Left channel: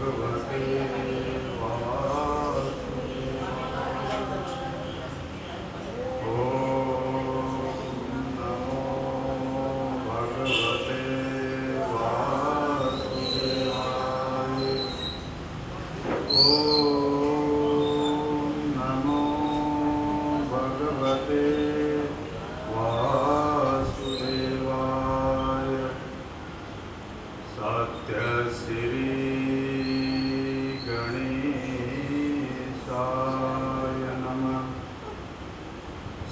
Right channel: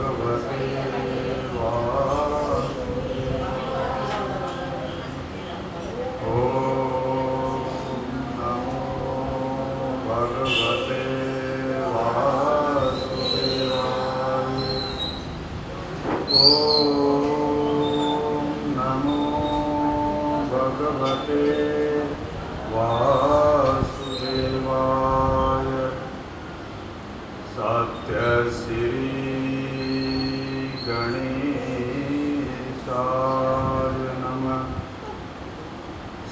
भगवते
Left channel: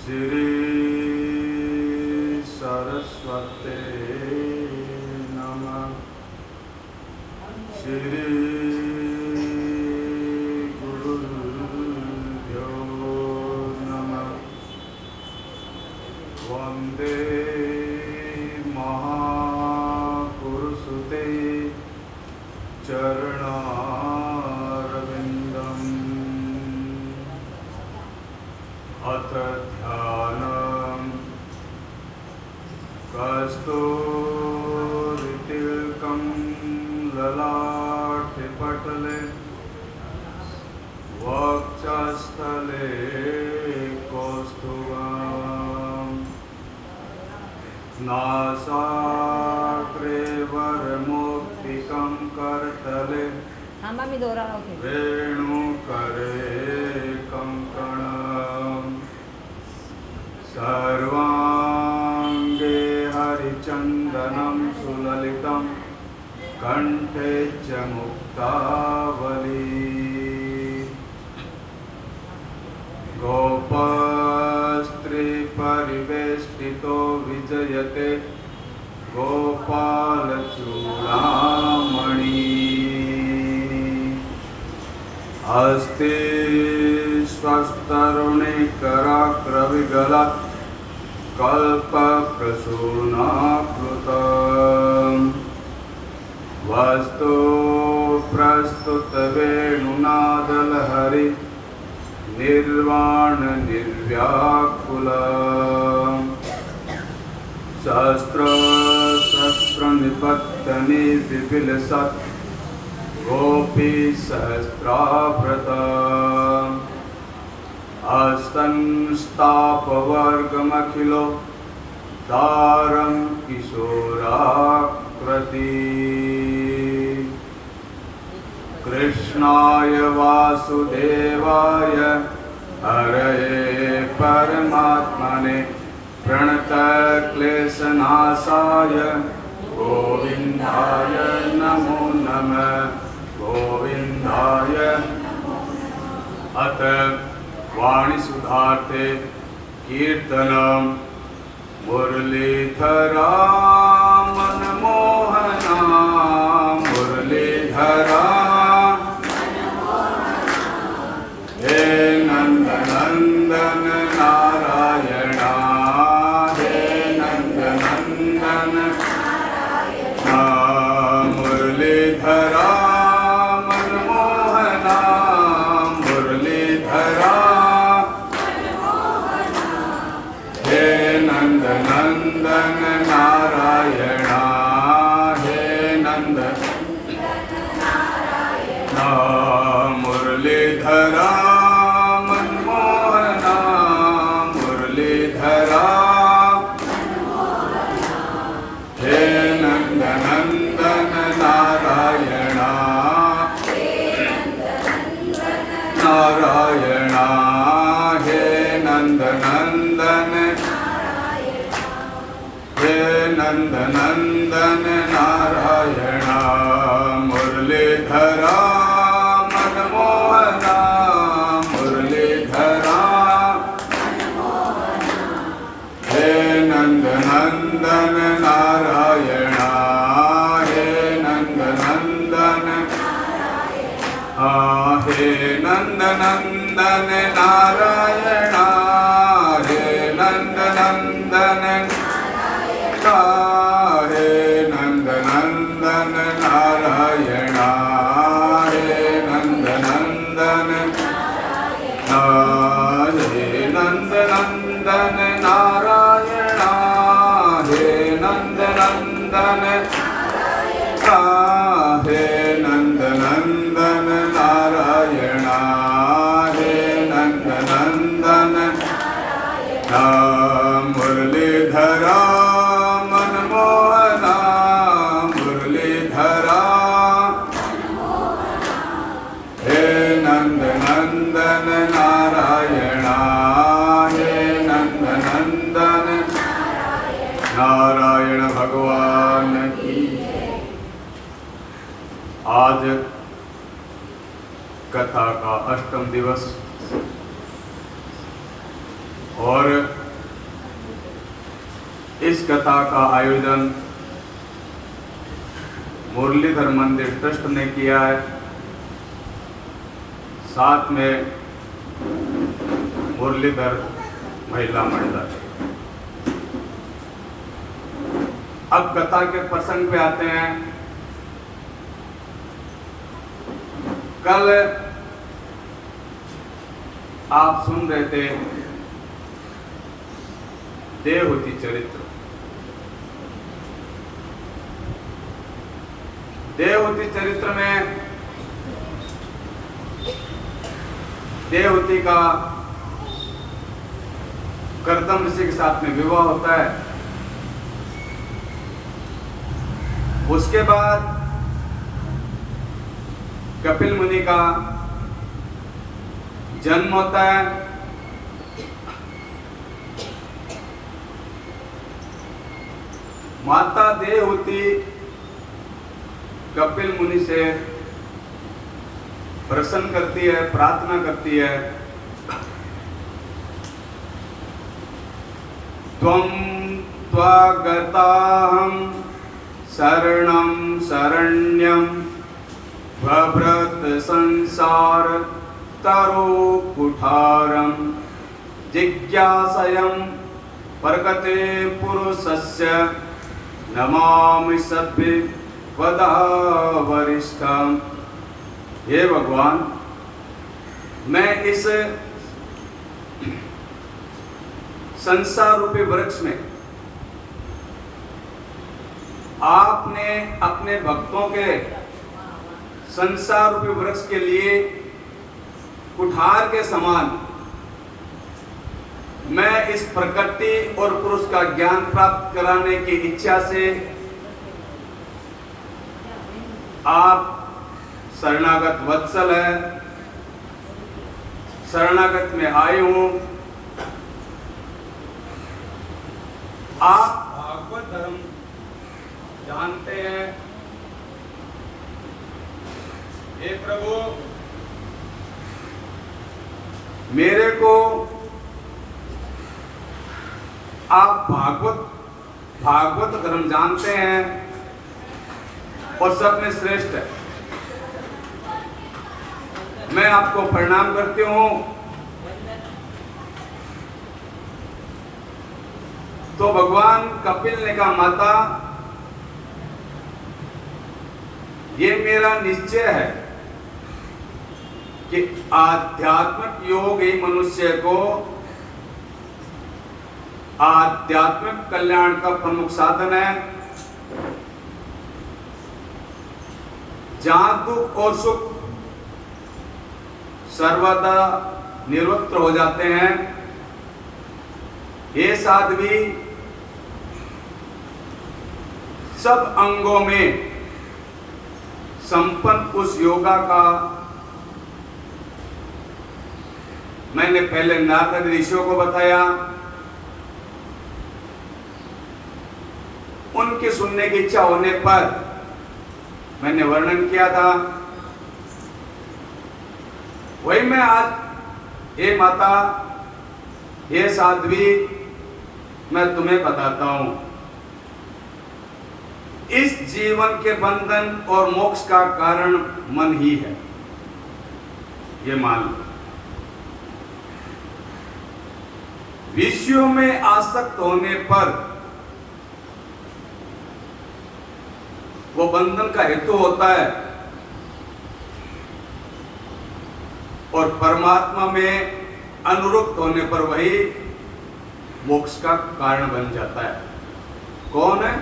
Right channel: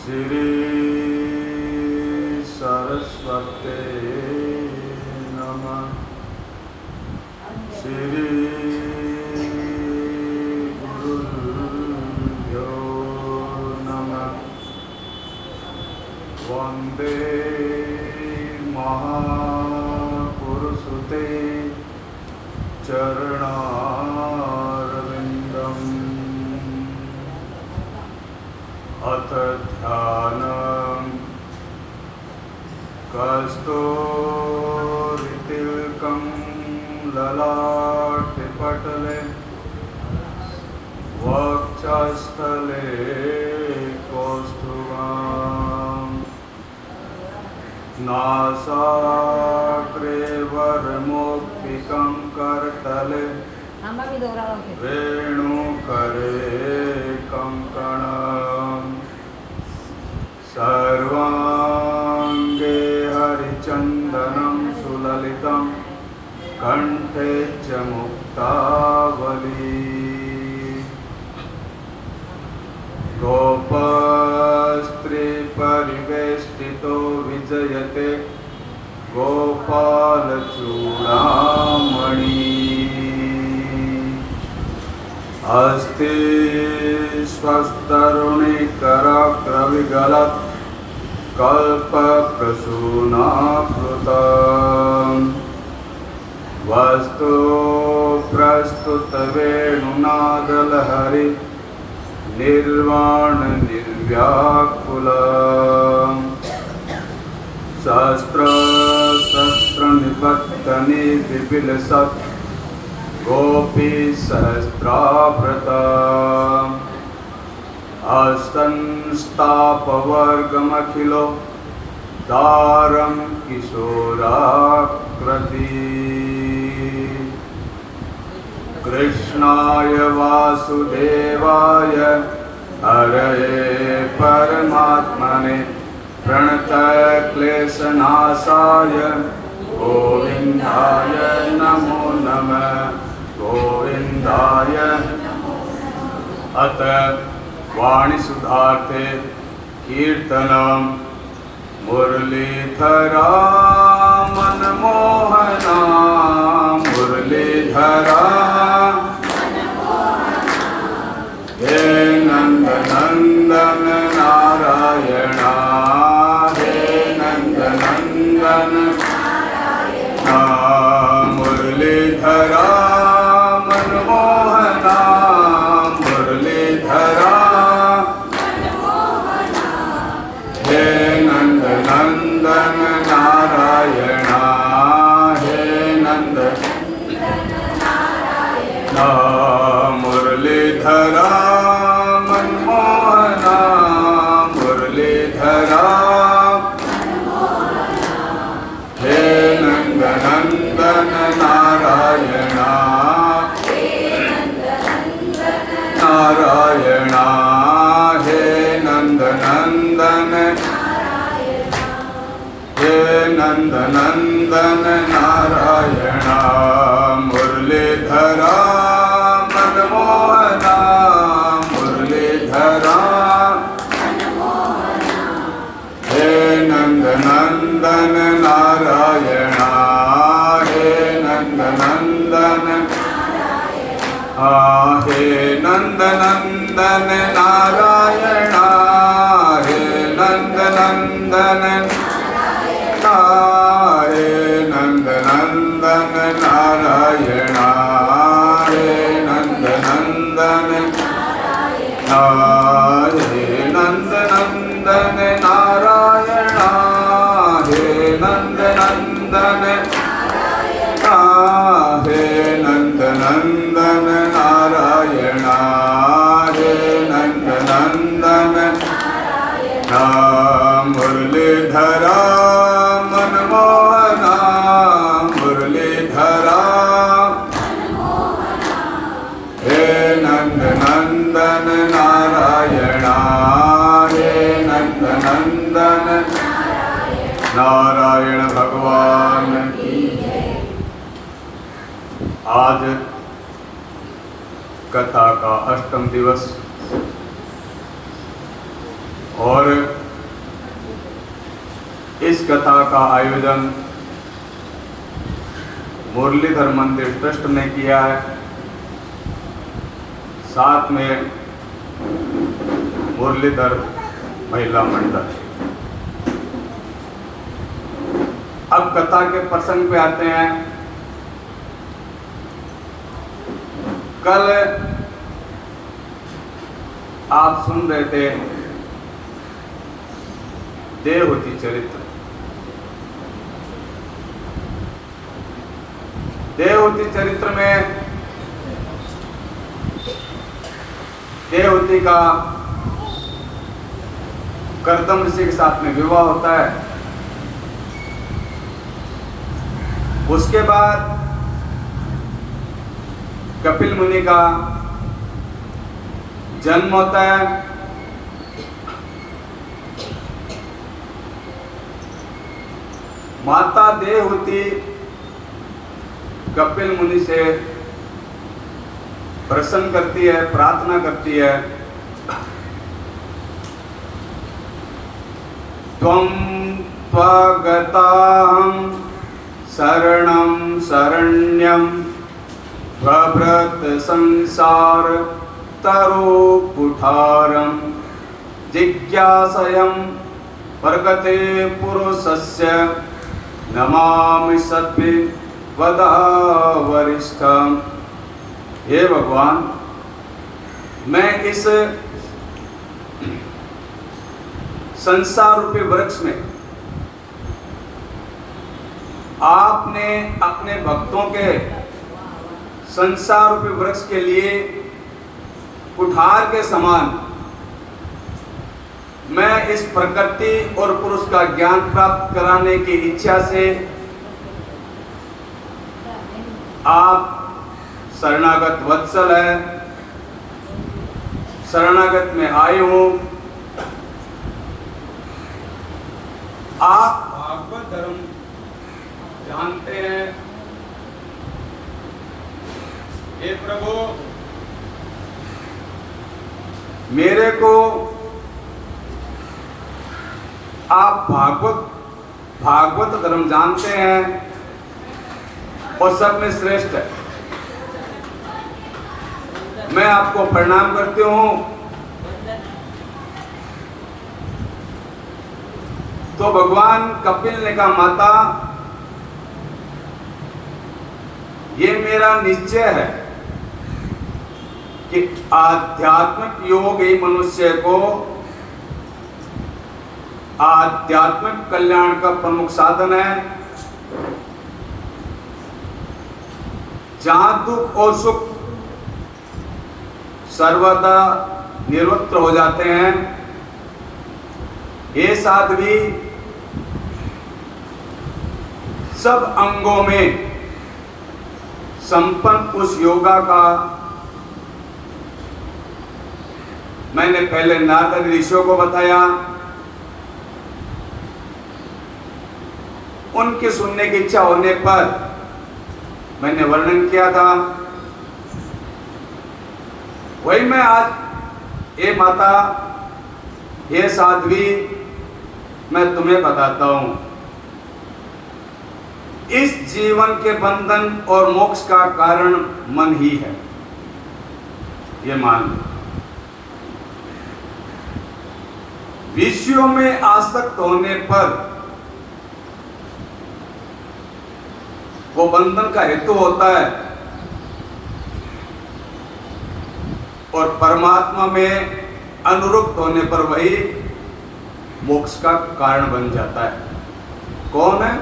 श्री सरस्वते नमः। श्री गुरुभ्यो नमः। वंदे महापुरुषते चरणारविन्दम्। अथ ध्यानम् कस्तूरितिलकं ललाटपटले वक्षस्थले कौस्तुभम्। नासाग्रे वरमौक्तिकं करतले वेणुकरे कंकणम्। सर्वांगे हरिचंदनं सुललितं कंठे च मुक्तावली। गोपस्त्री परिवेष्टितो विजयते गोपालचूडामणि। अस्ति स्वस्तरुणिकराग्रविगलत् कल्पप्रसूनाकृतम्। वस्तु प्रस्तुतवेणुनादलहरि निर्वाण निर्व्याकुलम्। सहस्रनिपत्तनि विपिलसत् गोपी सहस्राभृतम्। अस्तंस्तापवर्गमखिलो दारं किशोराकृति। कृष्णाय वासुदेवाय हरये परमात्मने प्रणतक्लेशनाशाय गोविन्दाय नमो नमः। गोविन्दाय अत वाणी सुधार्थे कीर्तनम मुरलीधरा मनमोहना। मुरलीधरा हे नंदनंदन नारायणा। हे नंदनंदन मुरलीधरा मनमोहना। मुरलीधरा हे नंदनंदन नारायणा। हे नंद मुरलीधरा मनमोहना। मुरलीधरा हे नंदनंदन नारायणा। नारायणा हे नंदनंदन। हे नंदनंदन नारायणा। मुरलीधरा मनमोहना। मुरलीधरा हे नंदनंदन नारायणा। हे नंदनंदन हे नंदनंदन नारायणा। हे नंदनंदन हे नंदनंदन नारायणा। हे नंदनंदन हे नंदनंदन नारायणा। हे नंदनंदन हे नंदनंदन आज कथा का 8वां दिवस और इस कथा का आयोजन मुरलीधर मंदिर ट्रस्ट ने किया है। साथ में मुरलीधर महिला मंडल। अब कथा के प्रसंग पे आते हैं। कल आप सुन रहे थे देवहूति चरित्र। देवहूति चरित्र में देवहूति का कर्दम ऋषि के साथ में विवाह होता है। उसके बाद कपिल मुनि का जन्म होता है। माता देवहूति कपिल मुनि से प्रसन्न करती है, प्रार्थना करती है, त्वं त्वगताहं शरणं शरण्यं भ्रभृत संसार तरो कुठारं जिज्ञासयं प्रगते पुरुषस्य नमामि सद्भि वदा वरिष्ठं। हे भगवान, मैं इस संसार रूपी वृक्ष में आपने अपने भक्तों के संसार रूपी वृक्ष के लिए कुठार के समान मैं इस प्रकृति और पुरुष का ज्ञान प्राप्त कराने की इच्छा से आप शरणागत वत्सल है, शरणागत में आए हो। आप भागवत धर्म जानते हैं। हे प्रभु, मेरे को आप भागवत धर्म जानते हैं और सब में श्रेष्ठ है। मैं आपको प्रणाम करती हूं। तो भगवान कपिल ने कहा, माता, ये मेरा निश्चय है कि आध्यात्मिक योग ही मनुष्य को आध्यात्मिक कल्याण का प्रमुख साधन है। जहां दुख और सुख सर्वदा निवृत्त हो जाते हैं, ये साध्वी सब अंगों में संपन्न उस योगा का मैंने पहले नारद ऋषियों को बताया। उनके सुनने की इच्छा होने पर मैंने वर्णन किया था। वही मैं आज, हे माता, हे साध्वी, मैं तुम्हें बताता हूं। इस जीवन के बंधन और मोक्ष का कारण मन ही है, ये मान लो। विषयों में आसक्त होने पर वो बंधन का हेतु होता है और परमात्मा में अनुरुक्त होने पर वही मोक्ष का कारण बन जाता है। कौन है?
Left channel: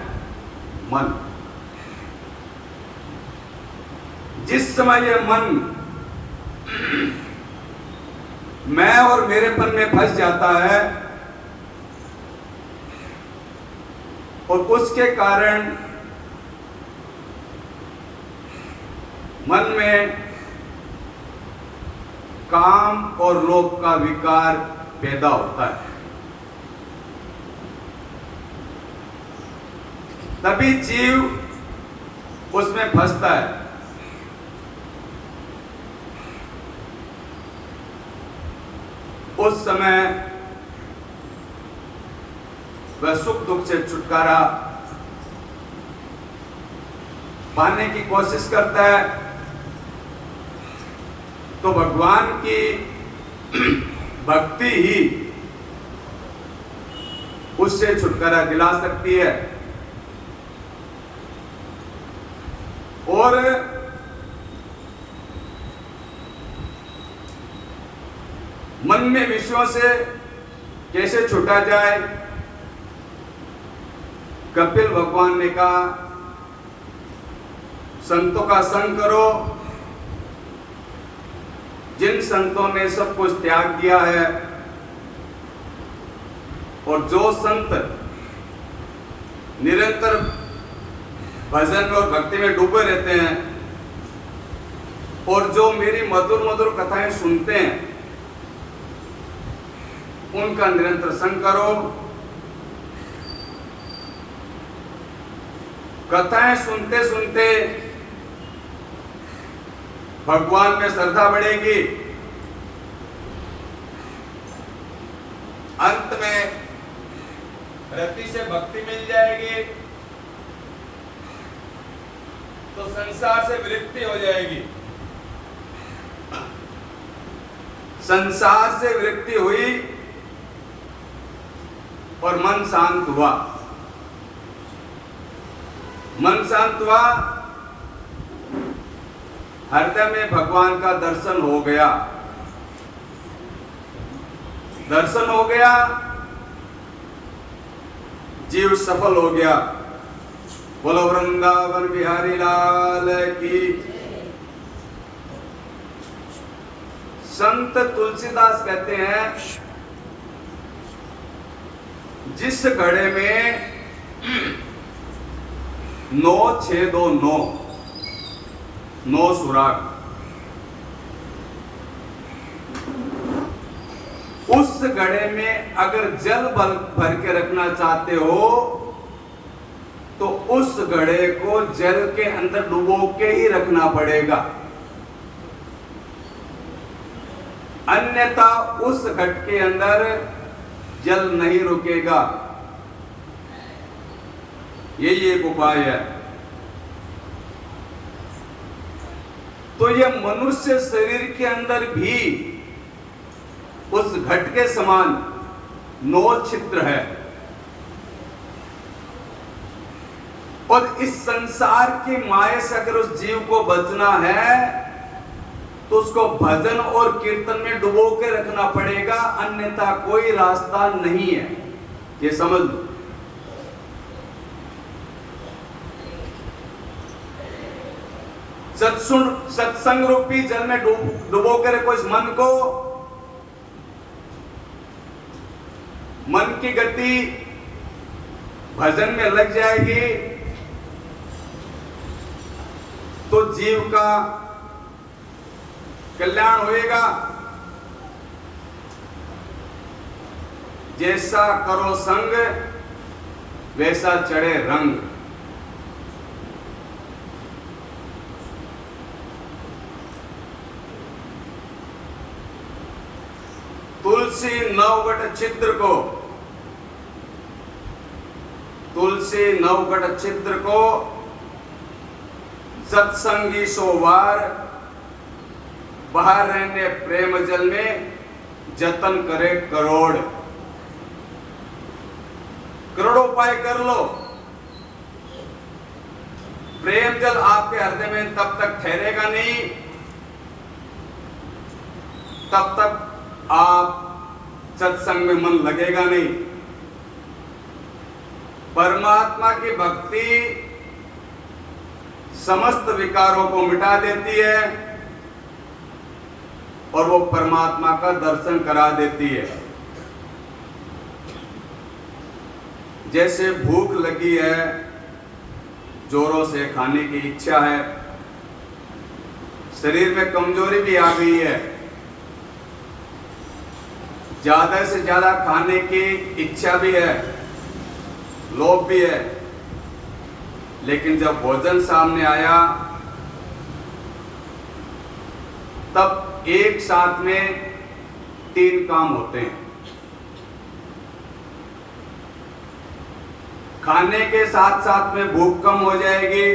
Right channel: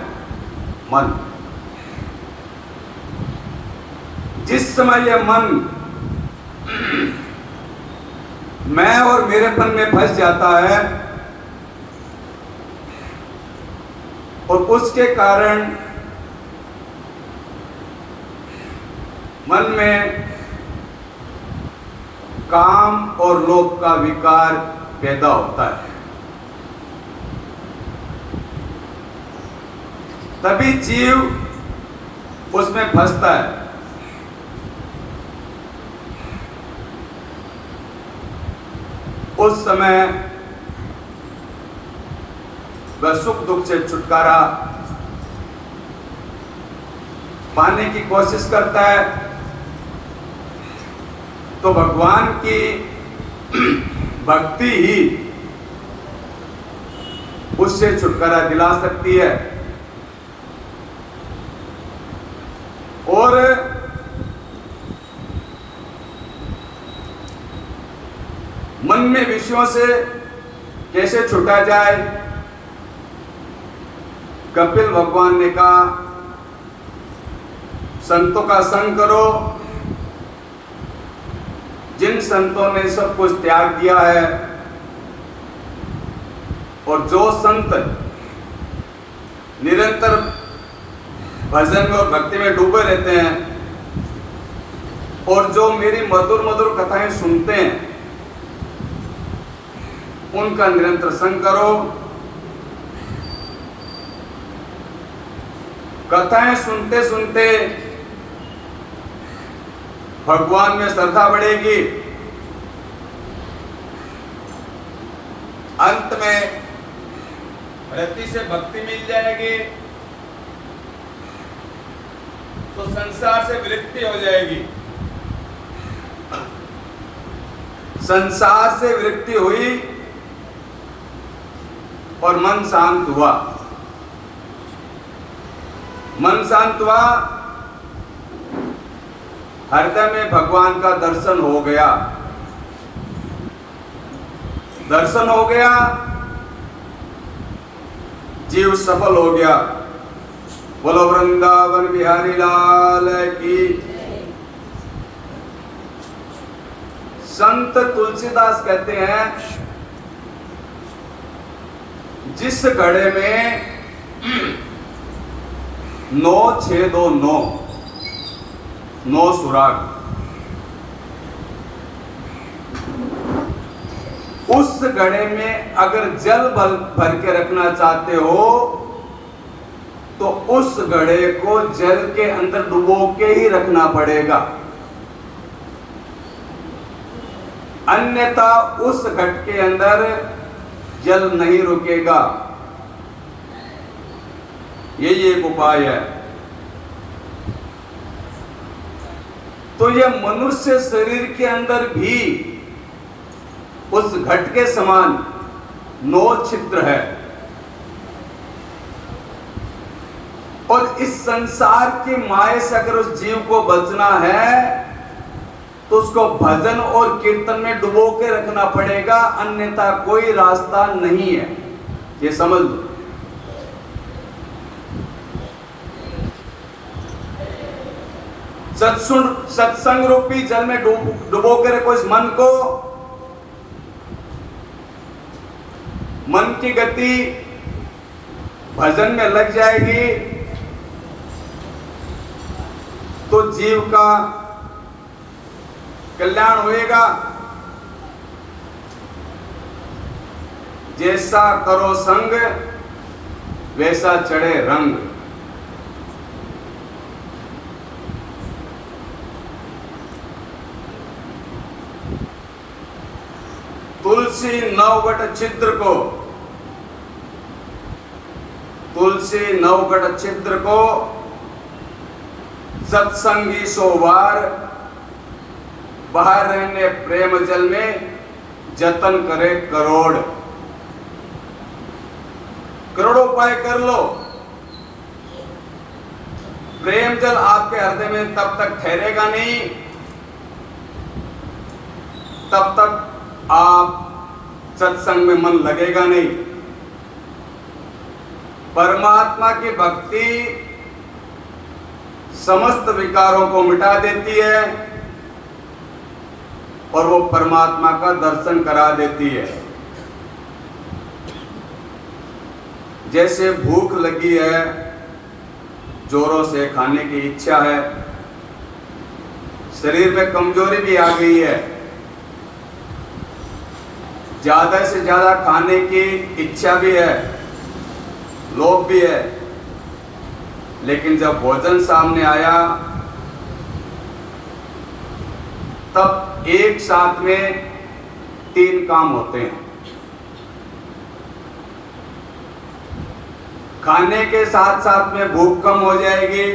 मन। जिस समय यह मन मैं और मेरेपन में फंस जाता है और उसके कारण मन में काम और लोभ का विकार पैदा होता है, तभी जीव उसमें फंसता है। उस समय वह सुख दुख से छुटकारा पाने की कोशिश करता है, तो भगवान की भक्ति ही उससे छुटकारा दिला सकती है। और मन में विषयों से कैसे छुटा जाए, कपिल भगवान ने कहा संतों का संग करो। जिन संतों ने सब कुछ त्याग दिया है और जो संत निरंतर भजन और भक्ति में डूबे रहते हैं और जो मेरी मधुर मधुर कथाएं सुनते हैं, उनका निरंतर संग करो। कथाएं सुनते सुनते भगवान में श्रद्धा बढ़ेगी, अंत में रति से भक्ति मिल जाएगी, तो संसार से विरक्ति हो जाएगी। संसार से विरक्ति हुई और मन शांत हुआ। मन शांत हुआ, हृदय में भगवान का दर्शन हो गया। दर्शन हो गया, जीव सफल हो गया। बोलो वृंदावन बिहारी लाल की। संत तुलसीदास कहते हैं, जिस घड़े में 9 6 2 9 सुराग, उस घड़े में अगर जल भर के रखना चाहते हो तो उस घड़े को जल के अंदर डुबो के ही रखना पड़ेगा, अन्यथा उस घट के अंदर जल नहीं रुकेगा। यही एक उपाय है। तो यह मनुष्य शरीर के अंदर भी उस घट के समान 9 छिद्र है, और इस संसार की माया से अगर उस जीव को बचना है तो उसको भजन और कीर्तन में डुबो के रखना पड़ेगा, अन्यथा कोई रास्ता नहीं है। ये समझ लो। सत्संग रूपी जल में डुबो के रखो इस मन को। मन की गति भजन में लग जाएगी तो जीव का कल्याण होएगा। जैसा करो संग वैसा चढ़े रंग। तुलसी नवगढ़ छिद्र को, तुलसी नवगढ़ छिद्र को सत्संगी सोवार, बाहर रहने प्रेम जल में जतन करे करोड़। करोड़ों उपाय कर लो, प्रेम जल आपके हृदय में तब तक ठहरेगा नहीं, तब तक आप सत्संग में मन लगेगा नहीं। परमात्मा की भक्ति समस्त विकारों को मिटा देती है और वो परमात्मा का दर्शन करा देती है। जैसे भूख लगी है, जोरों से खाने की इच्छा है, शरीर में कमजोरी भी आ गई है, ज्यादा से ज्यादा खाने की इच्छा भी है, लोभ भी है, लेकिन जब भोजन सामने आया तब एक साथ में 3 काम होते हैं। खाने के साथ साथ में भूख कम हो जाएगी,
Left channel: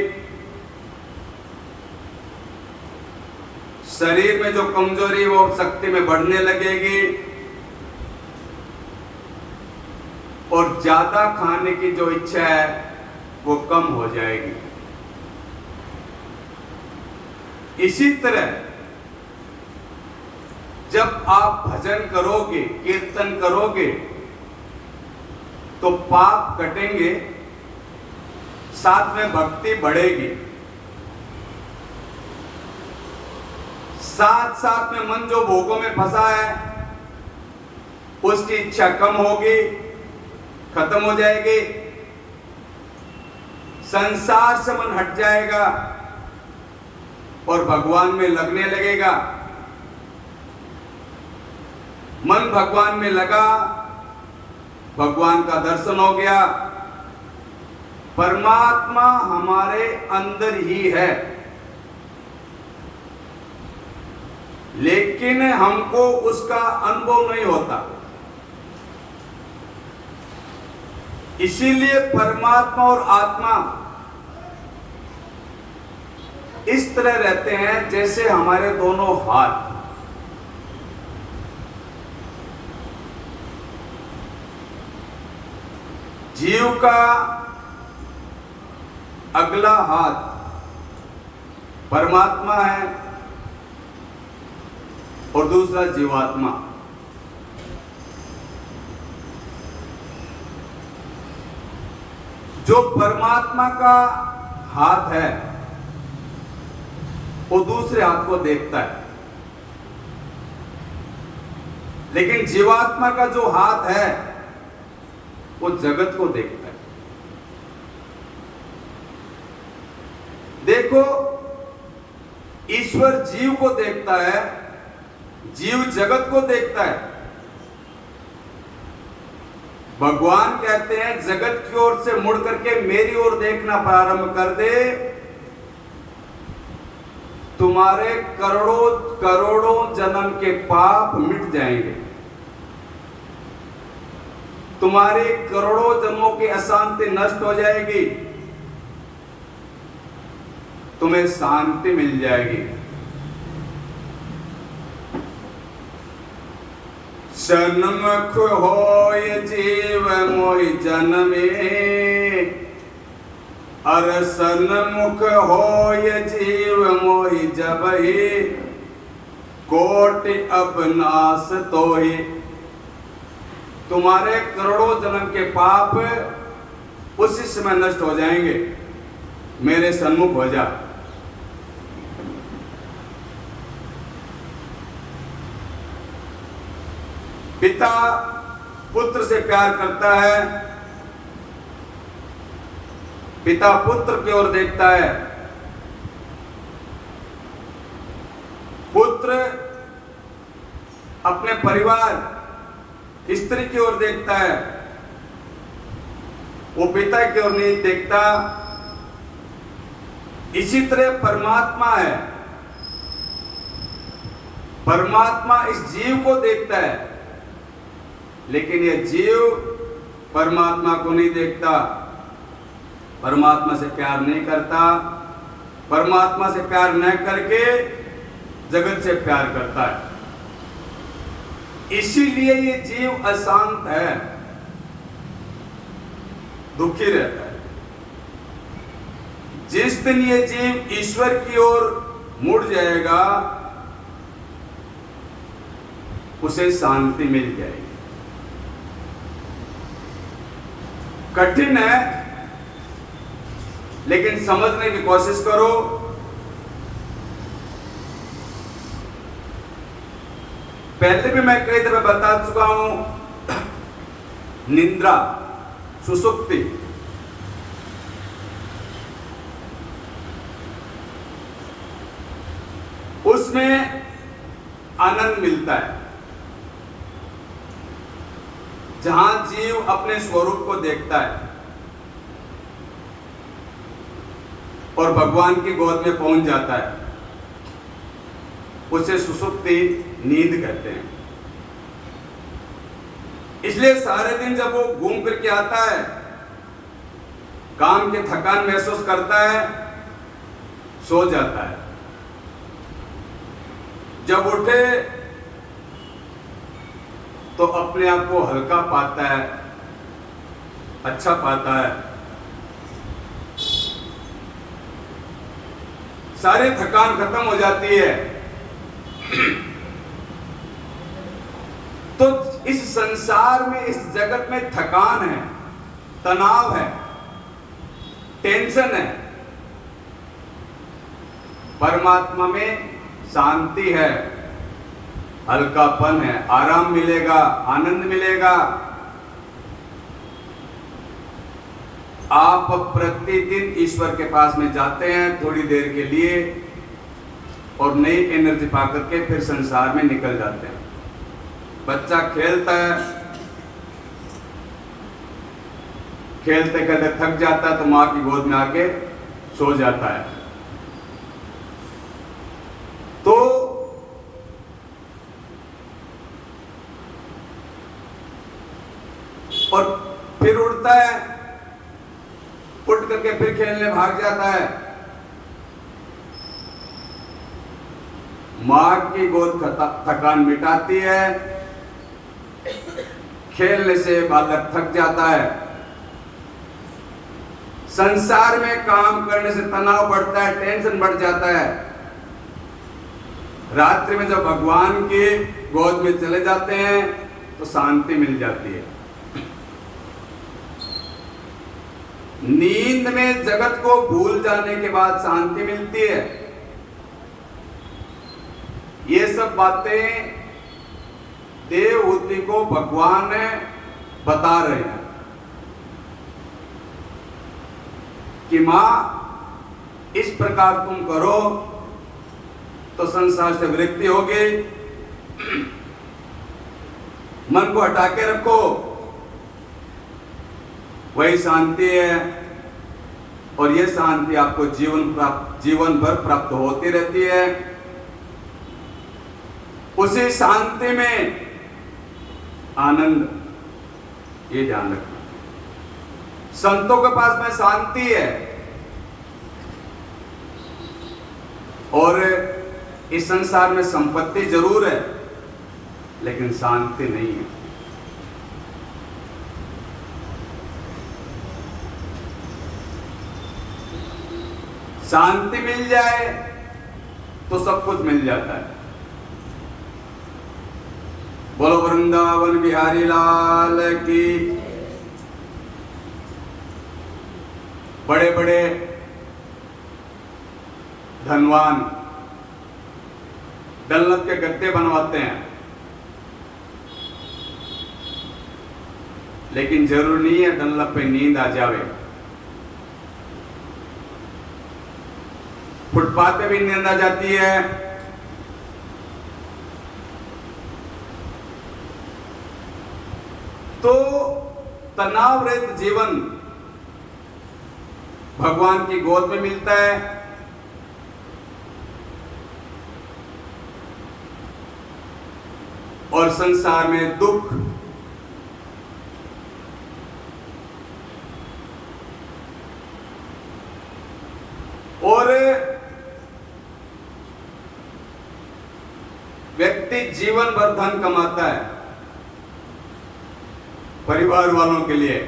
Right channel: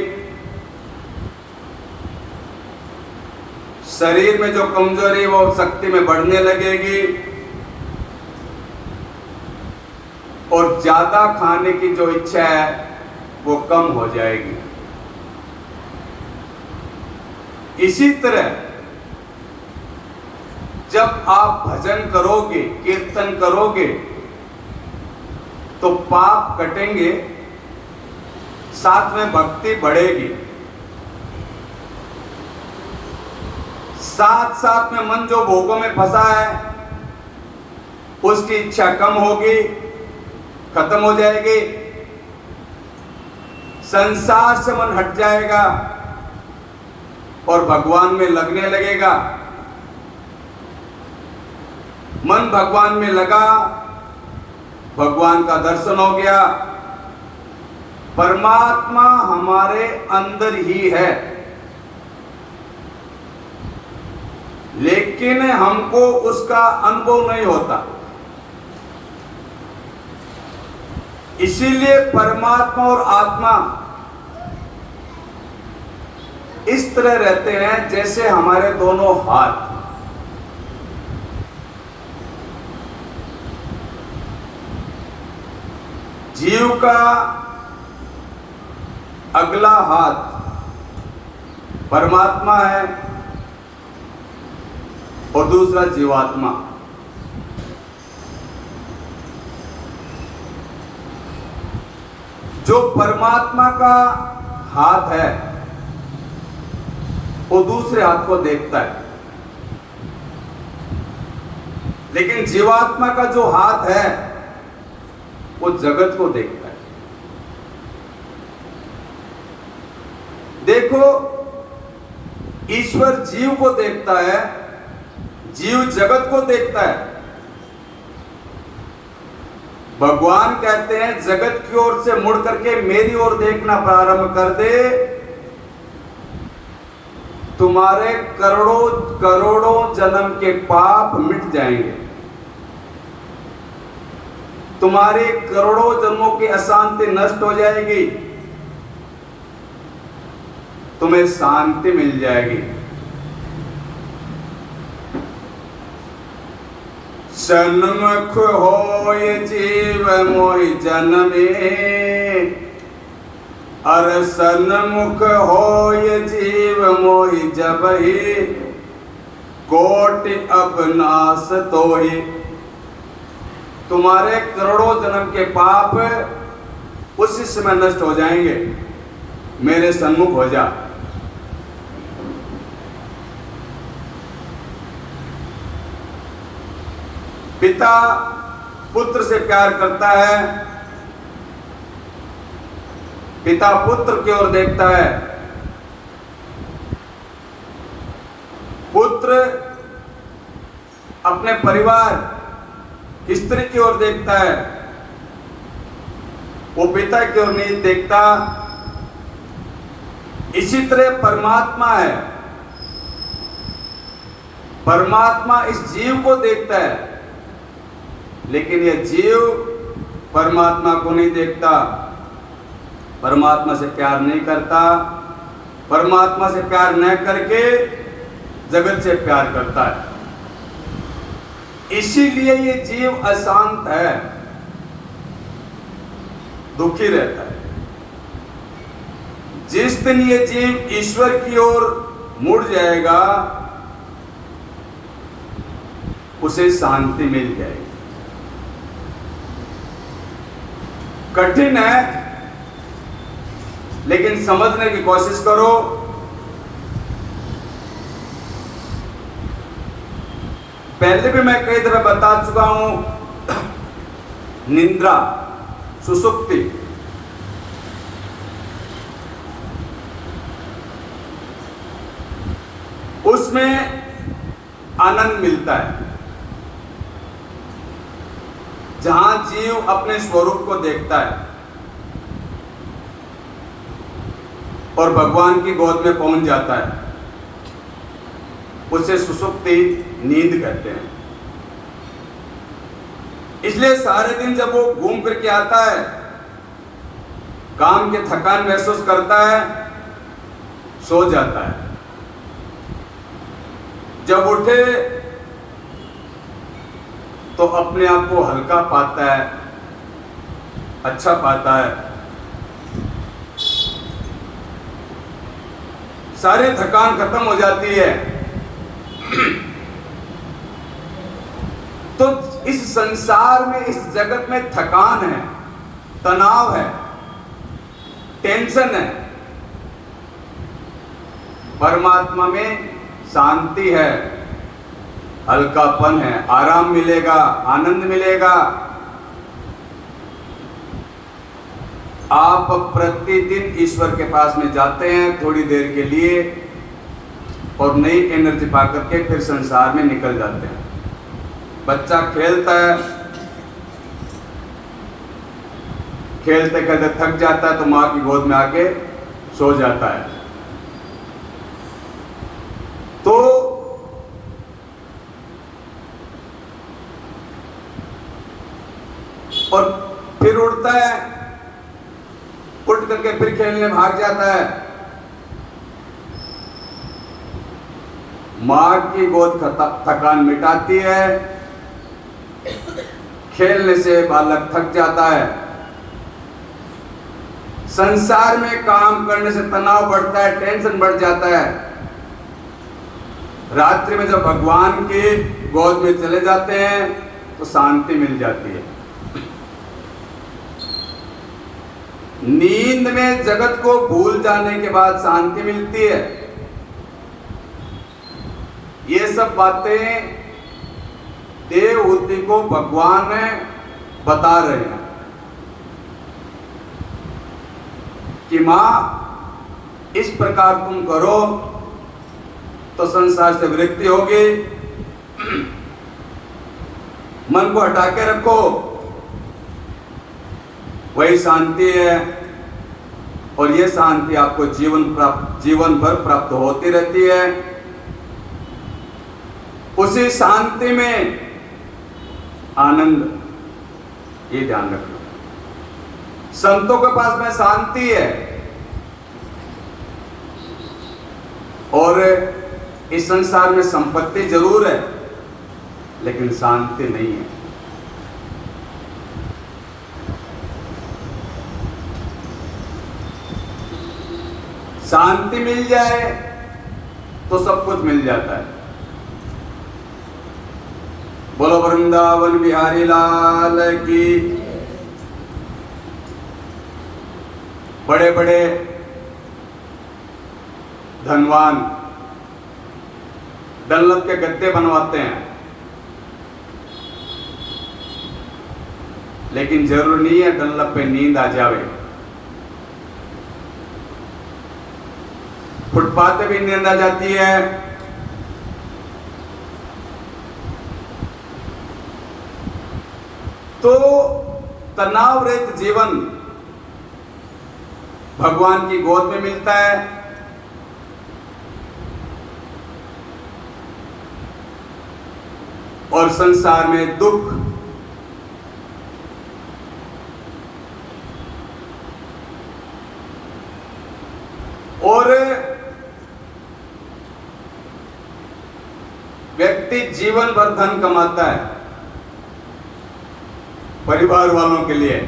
शरीर में जो कमजोरी वो शक्ति में बढ़ने लगेगी, और ज्यादा खाने की जो इच्छा है वो कम हो जाएगी। इसी तरह जब आप भजन करोगे, कीर्तन करोगे, तो पाप कटेंगे, साथ में भक्ति बढ़ेगी, साथ साथ में मन जो भोगों में फंसा है उसकी इच्छा कम होगी, खत्म हो जाएगी, संसार से मन हट जाएगा और भगवान में लगने लगेगा। मन भगवान में लगा, भगवान का दर्शन हो गया, परमात्मा हमारे अंदर ही है, लेकिन हमको उसका अनुभव नहीं होता। इसीलिए परमात्मा और आत्मा इस तरह रहते हैं जैसे हमारे दोनों हाथ। जीव का अगला हाथ परमात्मा है और दूसरा जीवात्मा। जो परमात्मा का हाथ है वो दूसरे हाथ को देखता है, लेकिन जीवात्मा का जो हाथ है वो जगत को देखता है। देखो, ईश्वर जीव को देखता है, जीव जगत को देखता है। भगवान कहते हैं जगत की ओर से मुड़ करके मेरी ओर देखना प्रारंभ कर दे, तुम्हारे करोड़ों करोड़ों जन्म के पाप मिट जाएंगे, तुम्हारे करोड़ों जन्मों की अशांति नष्ट हो जाएगी, तुम्हें शांति मिल जाएगी। सन्मुख होय जीव मोहि जन्मे, अर सन्मुख होय जीव मोहि जबहि, कोटि अबनाश तोहि। तुम्हारे करोड़ों जन्म के पाप उसी समय नष्ट हो जाएंगे, मेरे सन्मुख हो जा। पिता पुत्र से प्यार करता है, पिता पुत्र की ओर देखता है, पुत्र अपने परिवार स्त्री की ओर देखता है, वो पिता की ओर नहीं देखता। इसी तरह परमात्मा है, परमात्मा इस जीव को देखता है, लेकिन यह जीव परमात्मा को नहीं देखता, परमात्मा से प्यार नहीं करता, परमात्मा से प्यार न करके जगत से प्यार करता है। इसीलिए ये जीव अशांत है, दुखी रहता है। जिस दिन ये जीव ईश्वर की ओर मुड़ जाएगा, उसे शांति मिल जाएगी। कठिन है, लेकिन समझने की कोशिश करो। पहले भी मैं कई दफे बता चुका हूं, निद्रा, सुसुप्ति, उसमें आनंद मिलता है, जहां जीव अपने स्वरूप को देखता है और भगवान की गोद में पहुंच जाता है, उसे सुसुप्ति नींद कहते हैं। इसलिए सारे दिन जब वो घूम फिर के आता है, काम की थकान महसूस करता है, सो जाता है। जब उठे तो अपने आप को हल्का पाता है, अच्छा पाता है, सारी थकान खत्म हो जाती है। तो इस संसार में, इस जगत में थकान है, तनाव है, टेंशन है। परमात्मा में शांति है, हल्कापन है, आराम मिलेगा, आनंद मिलेगा। आप प्रतिदिन ईश्वर के पास में जाते हैं थोड़ी देर के लिए और नई एनर्जी पाकर के फिर संसार में निकल जाते हैं। बच्चा खेलता है, खेलते खेलते थक जाता है तो मां की गोद में आके सो जाता है। तो और फिर उठता है, उठ करके फिर खेलने भाग जाता है। मां की गोद थकान मिटाती है, खेलने से बालक थक जाता है। संसार में काम करने से तनाव बढ़ता है, टेंशन बढ़ जाता है। रात्रि में जब भगवान की गोद में चले जाते हैं तो शांति मिल जाती है। नींद में जगत को भूल जाने के बाद शांति मिलती है। ये सब बातें देवहूति को भगवान बता रहे हैं कि मां इस प्रकार तुम करो तो संसार से विरक्ति होगी। मन को हटा के रखो, वही शांति है। और ये शांति आपको जीवन भर प्राप्त होती रहती है। उसी शांति में आनंद, ये ध्यान रखना। संतों के पास में शांति है और इस संसार में संपत्ति जरूर है लेकिन शांति नहीं है। शांति मिल जाए तो सब कुछ मिल जाता है। बोलो वृंदावन बिहारी लाल की। बड़े बड़े धनवान डनलप के गद्दे बनवाते हैं, लेकिन जरूरी नहीं है डनलप पे नींद आ जावे। फुटपाथ पे भी नींद आ जाती है। तो तनाव रहित जीवन भगवान की गोद में मिलता है। और संसार में दुख, और व्यक्ति जीवन भर धन कमाता है परिवार वालों के लिए,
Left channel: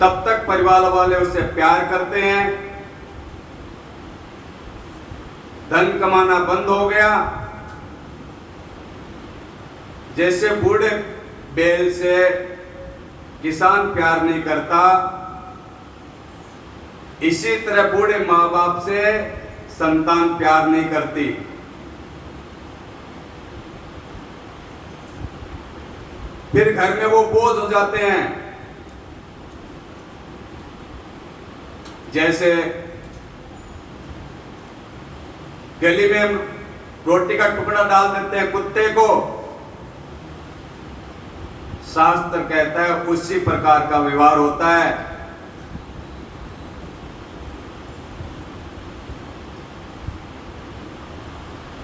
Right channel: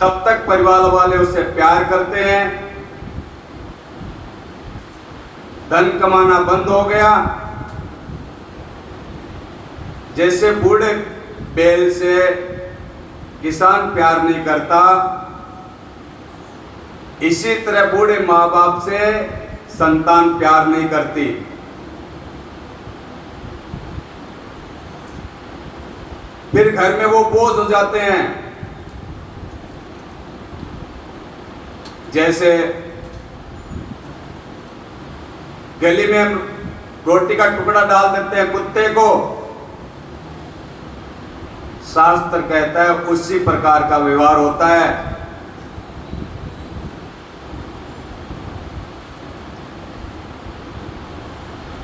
तब तक परिवार वाले उससे प्यार करते हैं। धन कमाना बंद हो गया, जैसे बूढ़े बैल से किसान प्यार नहीं करता, इसी तरह बूढ़े माँ बाप से संतान प्यार नहीं करती। फिर घर में वो बोझ हो जाते हैं। जैसे गली में हम रोटी का टुकड़ा डाल देते हैं कुत्ते को, शास्त्र कहता है उसी प्रकार का व्यवहार होता है।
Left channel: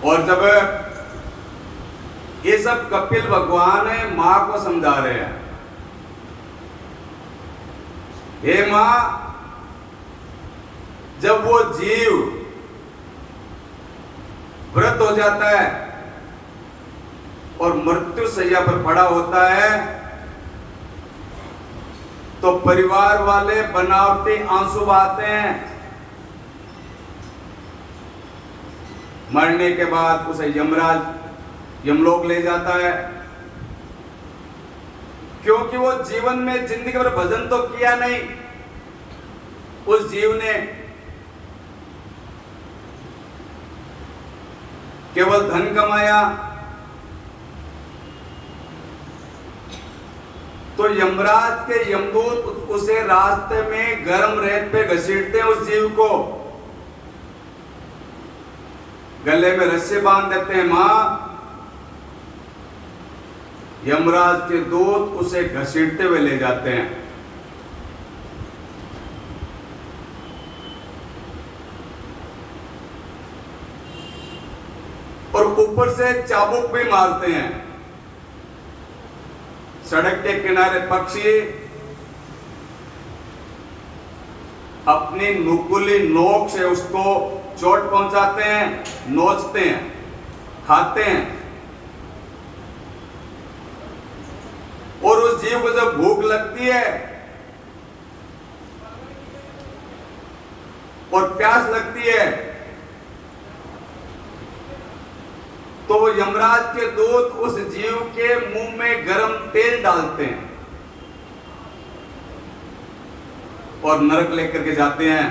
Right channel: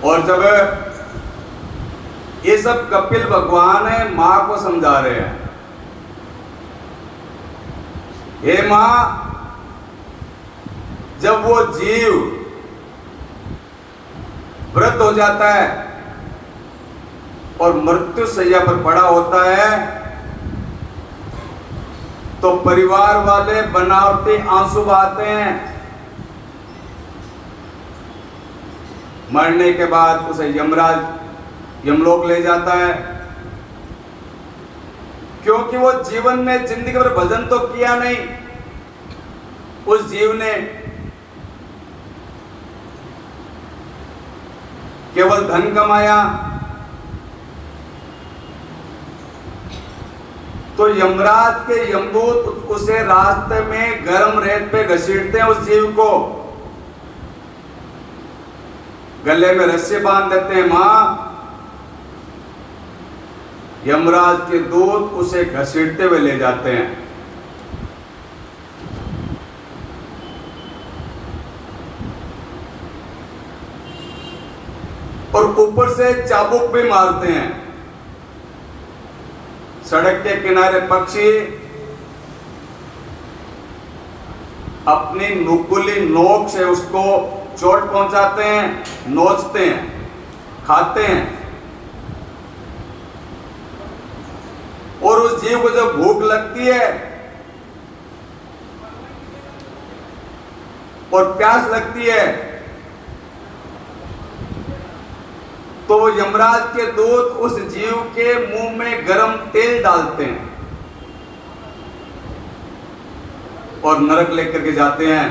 और जब ये सब कपिल भगवान है मां को समझा रहे हैं। हे मां, जब वो जीव वृद्ध हो जाता है और मृत्यु शैया पर पड़ा होता है, तो परिवार वाले बनावटी आंसू बहाते हैं। मरने के बाद उसे यमराज यमलोक ले जाता है, क्योंकि वो जीवन में जिंदगी भर भजन तो किया नहीं। उस जीव ने केवल धन कमाया, तो यमराज के यमदूत उसे रास्ते में गर्म रेत पे घसीटते हैं। उस जीव को गले में रस्सी बांध देते हैं। मां, यमराज के दूत उसे घसीटते हुए ले जाते हैं। और ऊपर से चाबुक भी मारते हैं। सड़क के किनारे पक्षी अपनी नुकीली नोक से उसको चोट पहुंचाते हैं, नोचते हैं, खाते हैं। और उस जीव को जब भूख लगती है और प्यास लगती है, तो यमराज के दूत उस जीव के मुंह में गरम तेल डालते हैं और नरक लेकर के जाते हैं।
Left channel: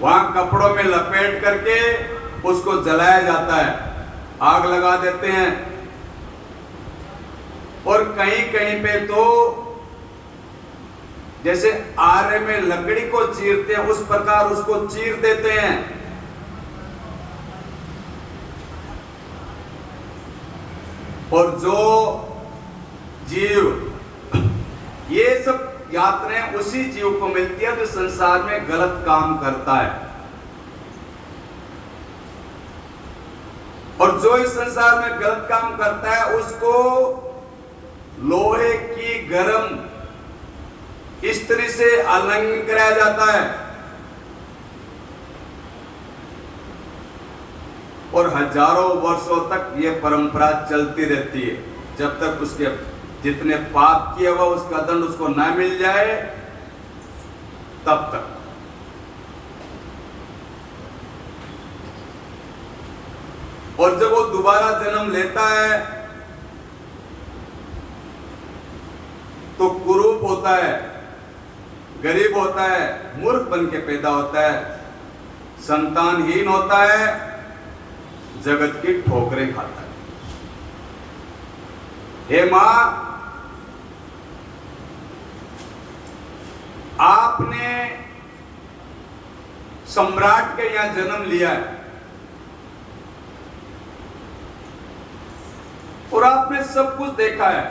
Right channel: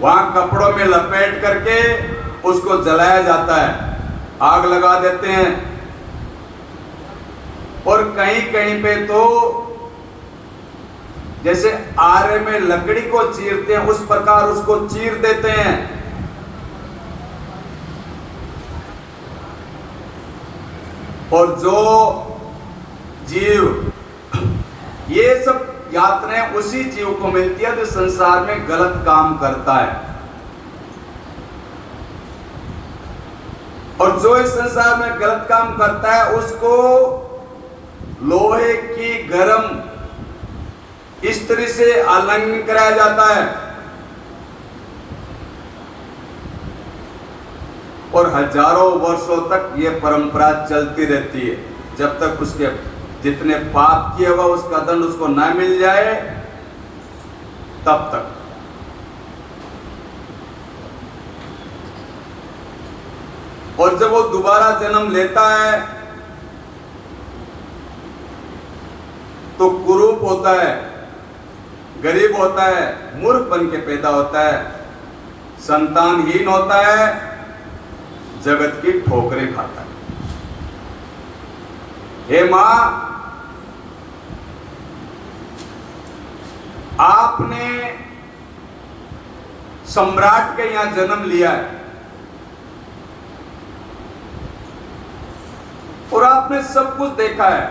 वहां कपड़ों में लपेट करके उसको जलाया जाता है, आग लगा देते हैं। और कहीं कहीं पे तो जैसे आरे में लकड़ी को चीरते हैं, उस प्रकार उसको चीर देते हैं। और जो जीव, ये सब यात्राएं उसी जीव को मिलती है जो संसार में गलत काम करता है। और जो इस संसार में गलत काम करता है उसको लोहे की गरम स्त्री से आलिंगन कराया जाता है। और हजारों वर्षों तक ये परंपरा चलती रहती है, जब तक उसके जितने पाप किए हुआ उसका दंड उसको न मिल जाए तब तक। और जब वो दोबारा जन्म लेता है तो कुरूप होता है, गरीब होता है, मूर्ख बन के पैदा होता है, संतानहीन होता है, जगत की ठोकरें खाता है। हे मां, आपने सम्राट के यहां जन्म लिया है और आपने सब कुछ देखा है,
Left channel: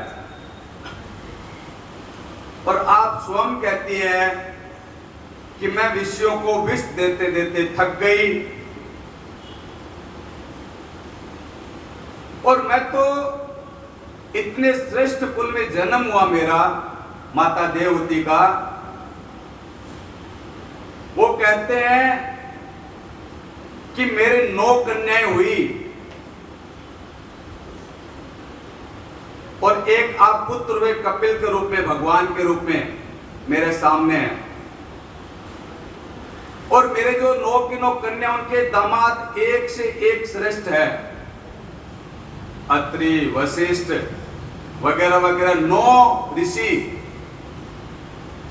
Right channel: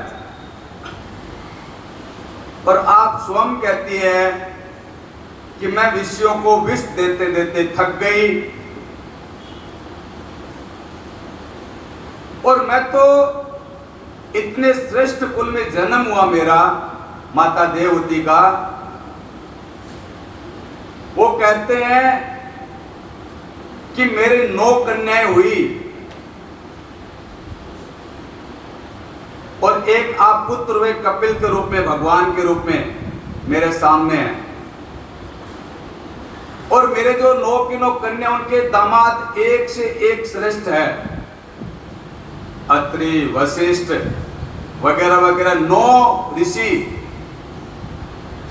और आप स्वयं कहती है कि मैं विषयों को विष देते देते थक गई, और मैं तो इतने श्रेष्ठ कुल में जन्म हुआ मेरा, माता देवहूति का। वो कहते हैं कि मेरे 9 कन्याएं हुई और एक आप पुत्र हुए कपिल के रूप में, भगवान के रूप में मेरे सामने है। और मेरे जो 9 की 9 कन्या, उनके दामाद एक से एक श्रेष्ठ है। अत्रि, वशिष्ठ वगैरह वगैरह 9 ऋषि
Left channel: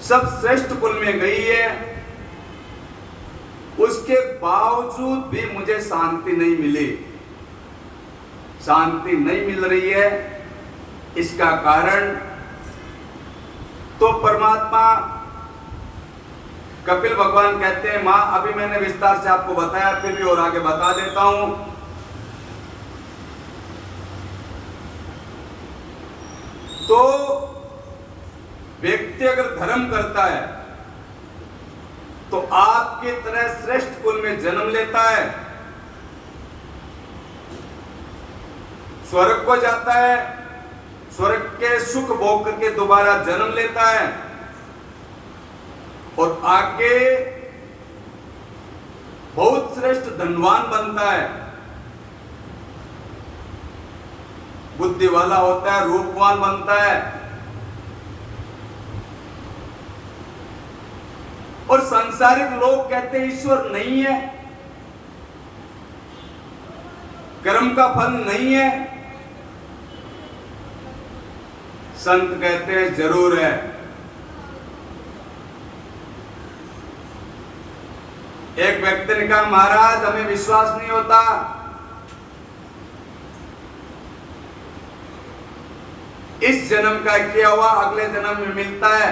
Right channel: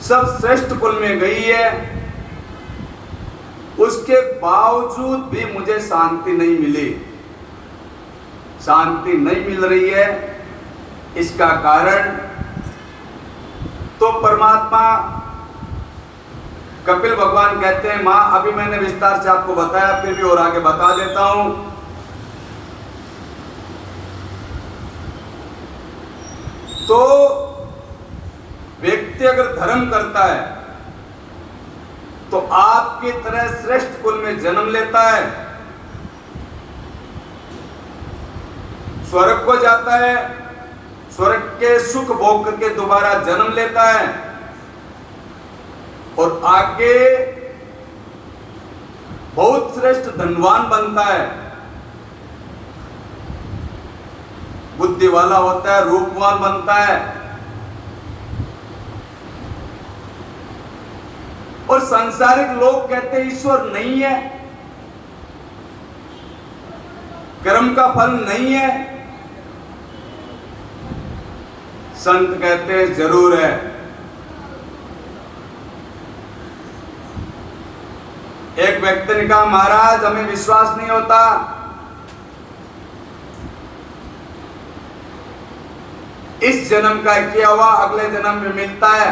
सब श्रेष्ठ कुल में गई है। उसके बावजूद भी मुझे शांति नहीं मिली, शांति नहीं मिल रही है। इसका कारण तो परमात्मा कपिल भगवान कहते हैं, मां अभी मैंने विस्तार से आपको बताया, फिर भी और आगे बता देता हूं। तो व्यक्ति अगर धर्म करता है तो आपकी तरह श्रेष्ठ कुल में जन्म लेता है, स्वर्ग को जाता है, स्वर्ग के सुख भोग करके दोबारा जन्म लेता है और आगे बहुत श्रेष्ठ धनवान बनता है, बुद्धि वाला होता है, रूपवान बनता है। और सांसारिक लोग कहते हैं ईश्वर नहीं है, कर्म का फल नहीं है। संत कहते हैं जरूर है। एक व्यक्ति ने कहा महाराज हमें विश्वास नहीं होता, इस जन्म का किया हुआ अगले जन्म में मिलता है।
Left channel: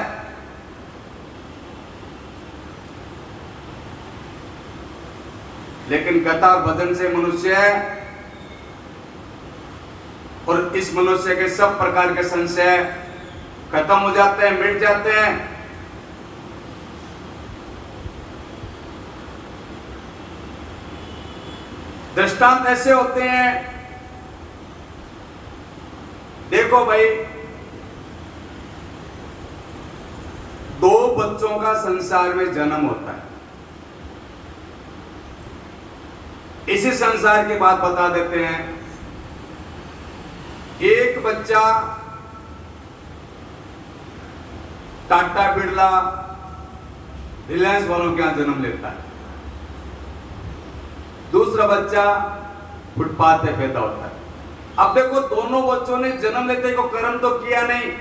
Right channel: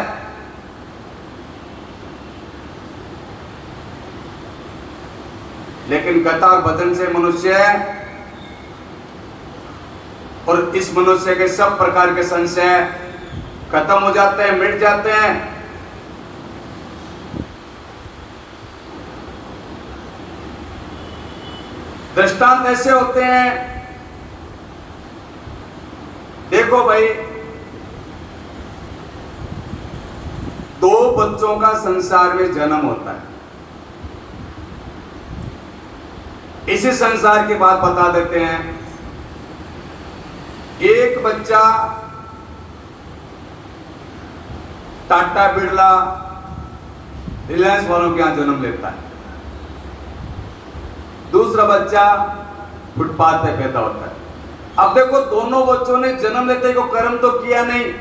लेकिन कथा और भजन से मनुष्य है और इस मनुष्य के सब प्रकार के संशय खत्म हो जाते हैं, मिट जाते हैं। दृष्टांत ऐसे होते हैं, देखो भाई, दो बच्चों का संसार में जन्म होता है। इसी संसार की बात बता देते हैं। एक बच्चा टाटा बिरला रिलायंस वालों के यहां जन्म लेता है, दूसरा बच्चा फुटपाथ पे पैदा होता है। अब देखो दोनों बच्चों ने जन्म लेते को कर्म तो किया नहीं,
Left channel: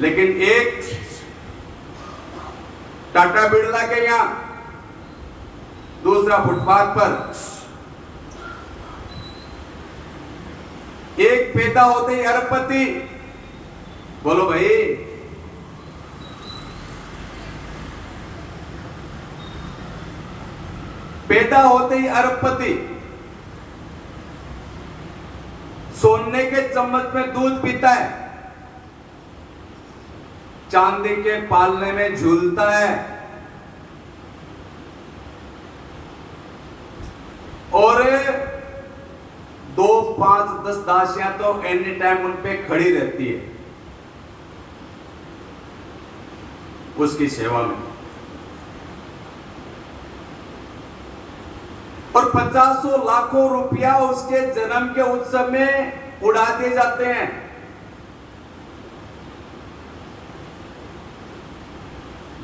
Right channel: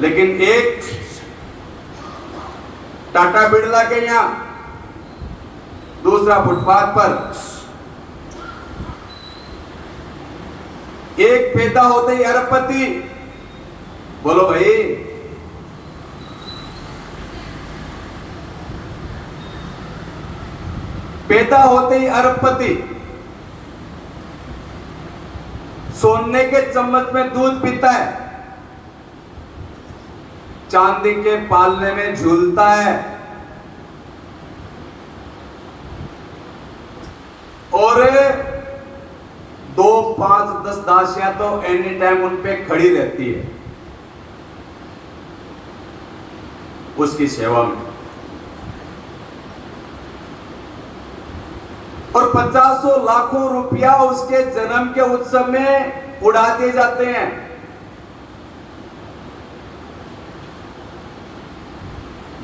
लेकिन एक टाटा बिरला के यहां, दूसरा फुटपाथ पर। एक पैदा होते ही अरबपति, बोलो भाई, पैदा होते ही अरबपति, सोने के चम्मच में दूध पीता है, चांदी के पालने में झूलता है और 2, 5, 10 दासियां तो एनी टाइम उन पे खड़ी रहती है उसकी सेवा में, और 50 लाखों रुपया उसके जन्म के उत्सव में उड़ा दिए जाते हैं।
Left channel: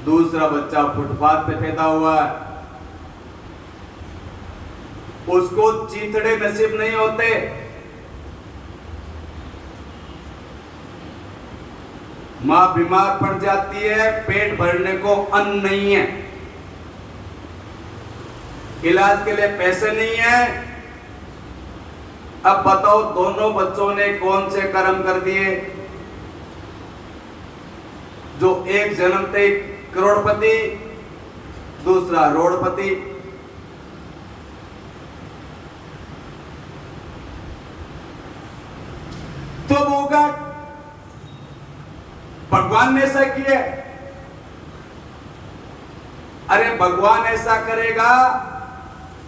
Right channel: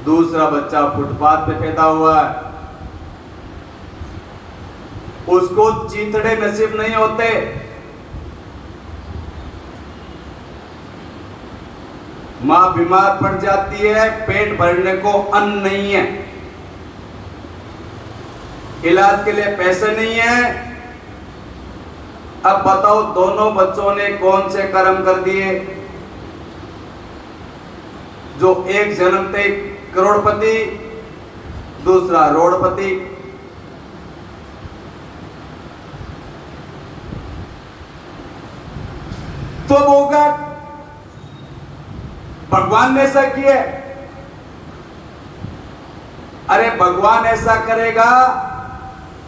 दूसरा बच्चा फुटपाथ पे पैदा हुआ है, उसको चीथड़े नसीब नहीं होते, मां बीमार पड़ जाती है, पेट भरने को अन्न नहीं है, इलाज के लिए पैसे नहीं है। अब बताओ दोनों बच्चों ने कौन से कर्म कर दिए? जो एक जन्मते करोड़पति, दूसरा रोड़पति। तो होगा भगवान ने ऐसा किया। अरे भगवान ऐसा करेगा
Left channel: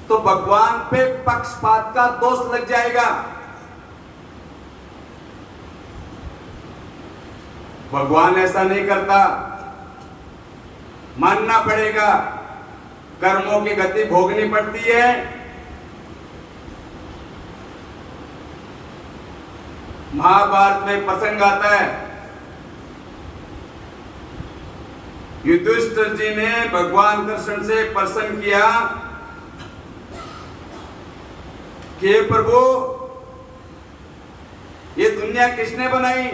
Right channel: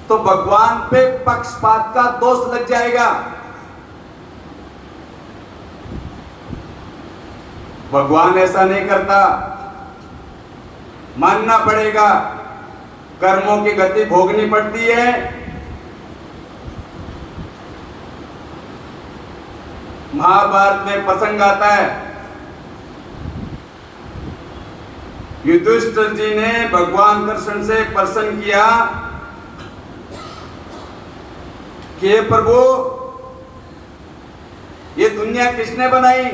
तो भगवान पे पक्षपात का दोष लग जाएगा। भगवान ऐसा नहीं करता, मानना पड़ेगा, कर्मों की गति भोगनी पड़ती है। महाभारत में प्रसंग आता है, युधिष्ठिर जी ने भगवान कृष्ण से प्रश्न किया कि हे प्रभु, ये दुनिया किसने बनाई?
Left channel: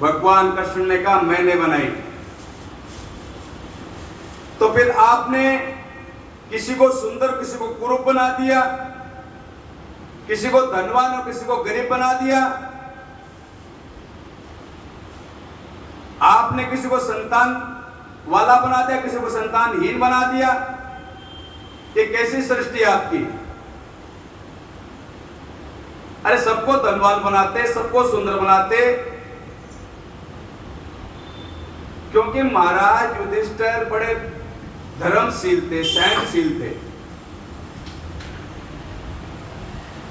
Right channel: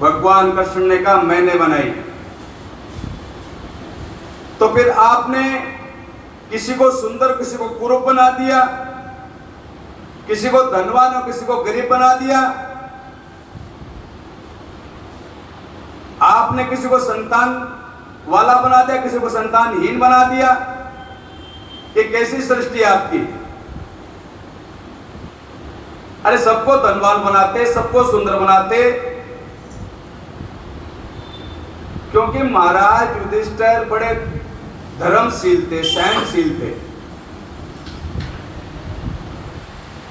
भगवान कृष्ण ने कहा मैंने बनाई। तो फिर आपने किसी को सुंदर, किसी को कुरूप बना दिया, किसी को धनवान और किसी को गरीब बना दिया, आपने किसी को संतान वाला बना दिया, किसी को संतानहीन बना दिया। ये कैसी सृष्टि है आपकी? अरे सबको धनवान बनाते, सबको सुंदर बनाते, क्योंकि महाराज युधिष्ठिर बड़े धर्मशील थे, सहनशील थे।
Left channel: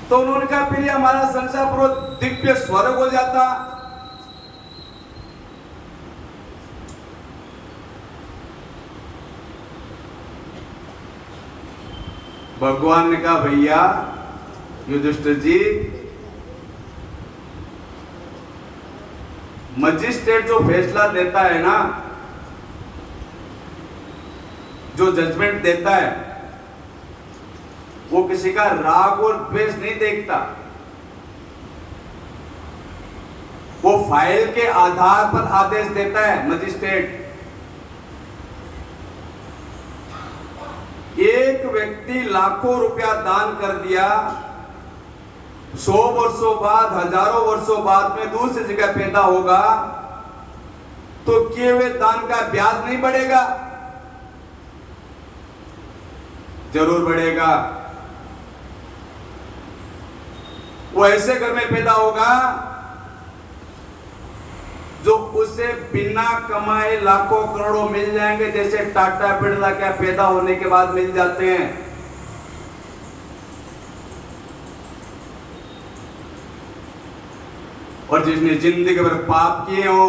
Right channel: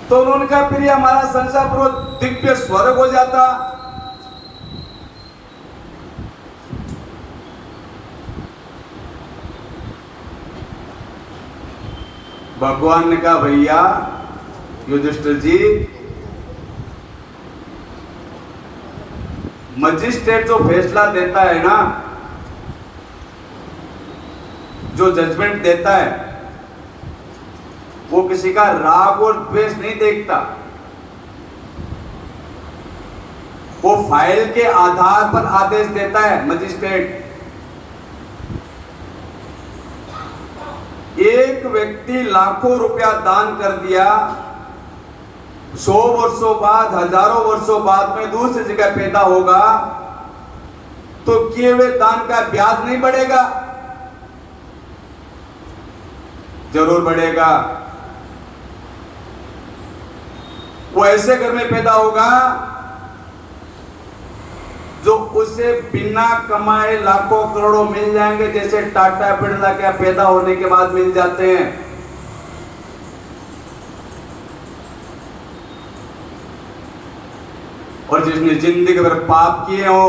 तो उन्होंने कहा फिर हमारा संसार पूरा दिव्य स्वर्ग हो जाता। भगवान ने कहा भैया युधिष्ठिर जी, मजिस्ट्रेट जो फैसला देता है ना, जो जजमेंट देता है, वो किसी का राग और द्वेष नहीं देखता। वो फाइल के आधार पर आदेश देता है मजिस्ट्रेट। एक व्यक्ति लाखों रुपया दान कर दिया, 100 वर्षों बाद, हजारों वर्षों बाद में दूसरी जगह पैदा होगा, तो किए हुए दान का ब्याज नहीं बढ़ेगा? जरूर बढ़ेगा। वो ऐसे घर में पैदा होगा जो उसे बिना कमाए लाखों करोड़ों मिल जाएंगे, जैसे टाटा बिरला क्या पैदा होने के बाद मिल जाते हैं। और जिसने जिंदगी भर पाप किए हो,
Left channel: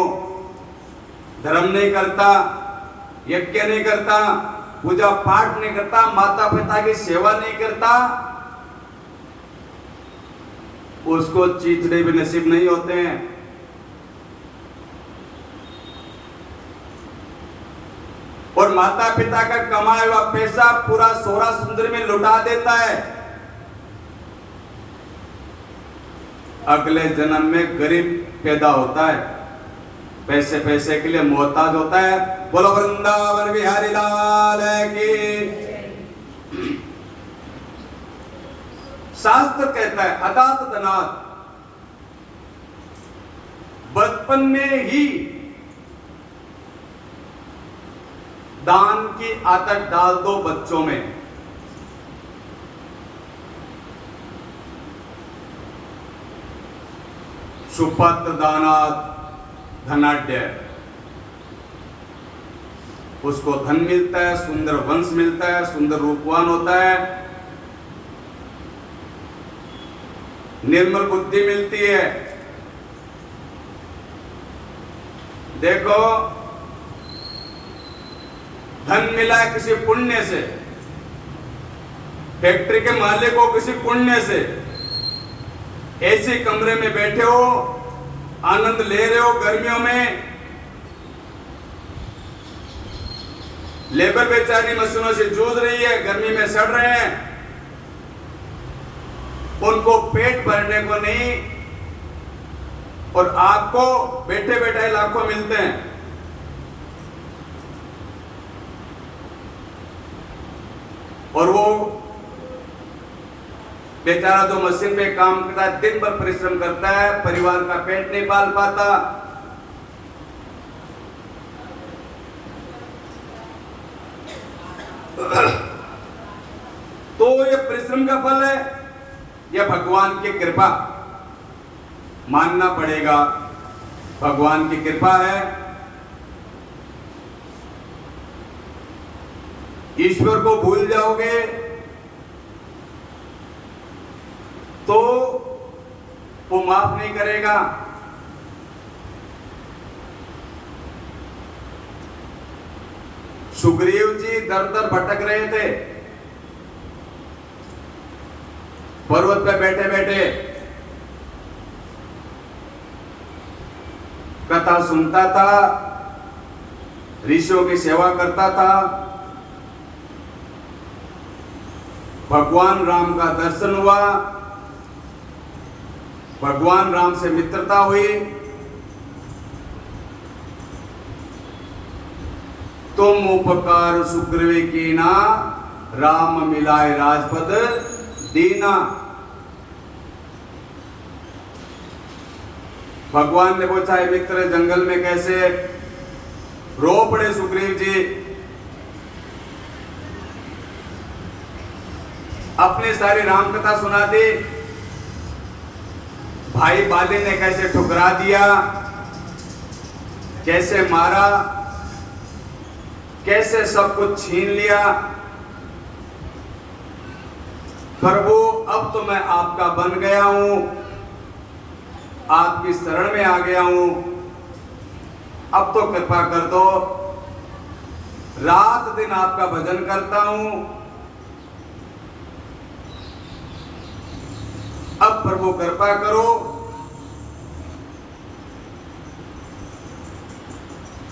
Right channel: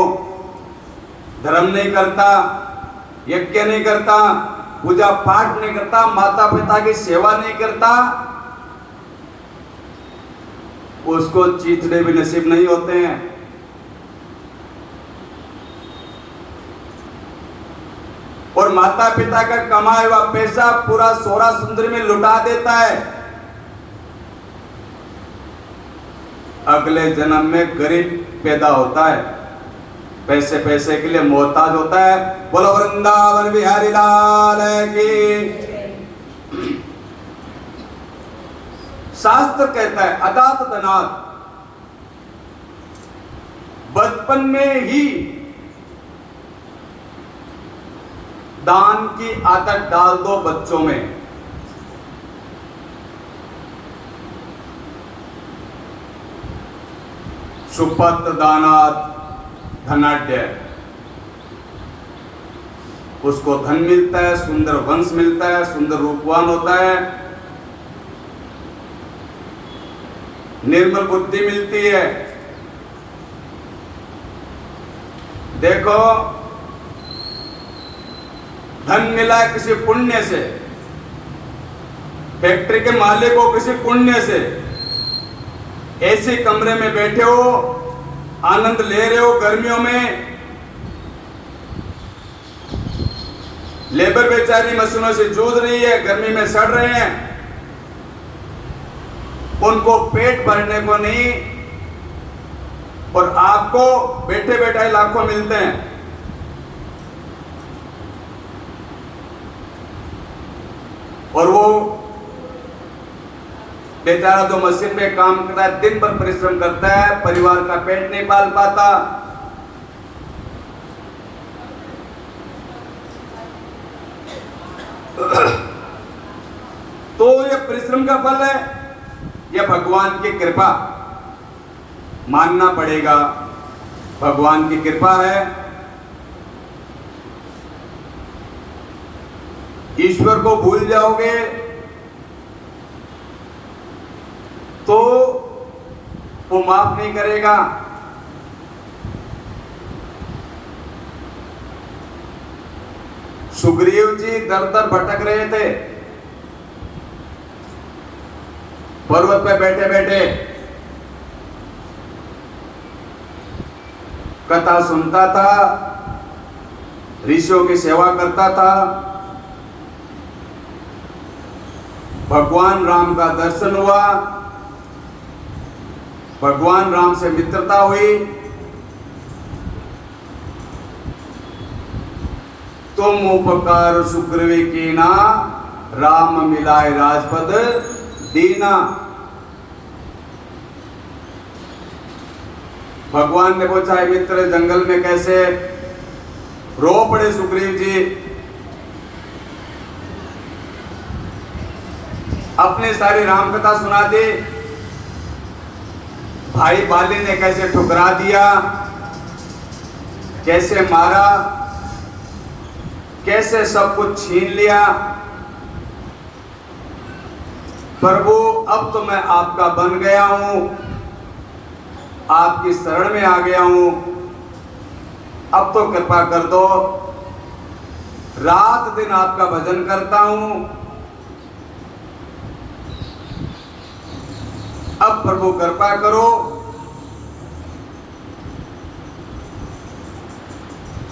धर्म नहीं करता, यज्ञ नहीं करता, पूजा पाठ नहीं करता, माता पिता की सेवा नहीं करता, उसको चीचड़े भी नसीब नहीं होते हैं। और माता पिता का कमाया हुआ पैसा पूरा सोरा सुंदरी में लुटा देता है, अगले जन्म में गरीब पैदा होता है, पैसे पैसे के लिए मोहताज होता है। बोलो वृंदावन बिहारी लाल की। शास्त्र कहता है अदात धनात, बचपन में ही दान की आदत डाल दो बच्चों में। सुपत दानात धनाढ्य, उसको धन मिलता है, सुंदर वंश मिलता है, सुंदर रूपवान होता है, निर्मल बुद्धि मिलती है। देखो, धन मिला है किसी पुण्य से, फैक्ट्री के मालिक को किसी पुण्य से, ऐसे कमरे में बैठे हो, आनंद ले रहे हो, गर्मियों में लेबर बेचारी मशीनों से जूझ रही है, गर्मी में सड़ रहे हैं, उनको पेट भरने को नहीं, और आपको बैठे बैठे लाखों मिलते हैं। और वो बेचारा जो मशीन में काम करता है, दिन भर परिश्रम करता है, परिवार का पेट नहीं पाल पाता। तो ये परिश्रम का फल है, यह भगवान की कृपा मानना पड़ेगा। भगवान की कृपा है। ईश्वर को भूल जाओगे तो वो माफ नहीं करेगा। सुग्रीव जी दर दर भटक रहे थे, पर्वत पे बैठे बैठे कथा सुनता था, ऋषियों की सेवा करता था, भगवान राम का दर्शन हुआ, भगवान राम से मित्रता हुई। तुम उपकार सुग्रीव कीना, राम मिलाए राजपद दीना। भगवान ने पूछा, मित्र जंगल में कैसे? रो पड़े सुग्रीव जी, अपनी सारी राम कथा सुना दी। भाई बाली ने कैसे ठुकरा दिया, कैसे मारा, कैसे सब कुछ छीन लिया। प्रभु अब तो मैं आपका बन गया हूं, आपकी शरण में आ गया हूं, अब तो कृपा कर दो, रात दिन आपका भजन करता हूं, अब प्रभु कृपा करो।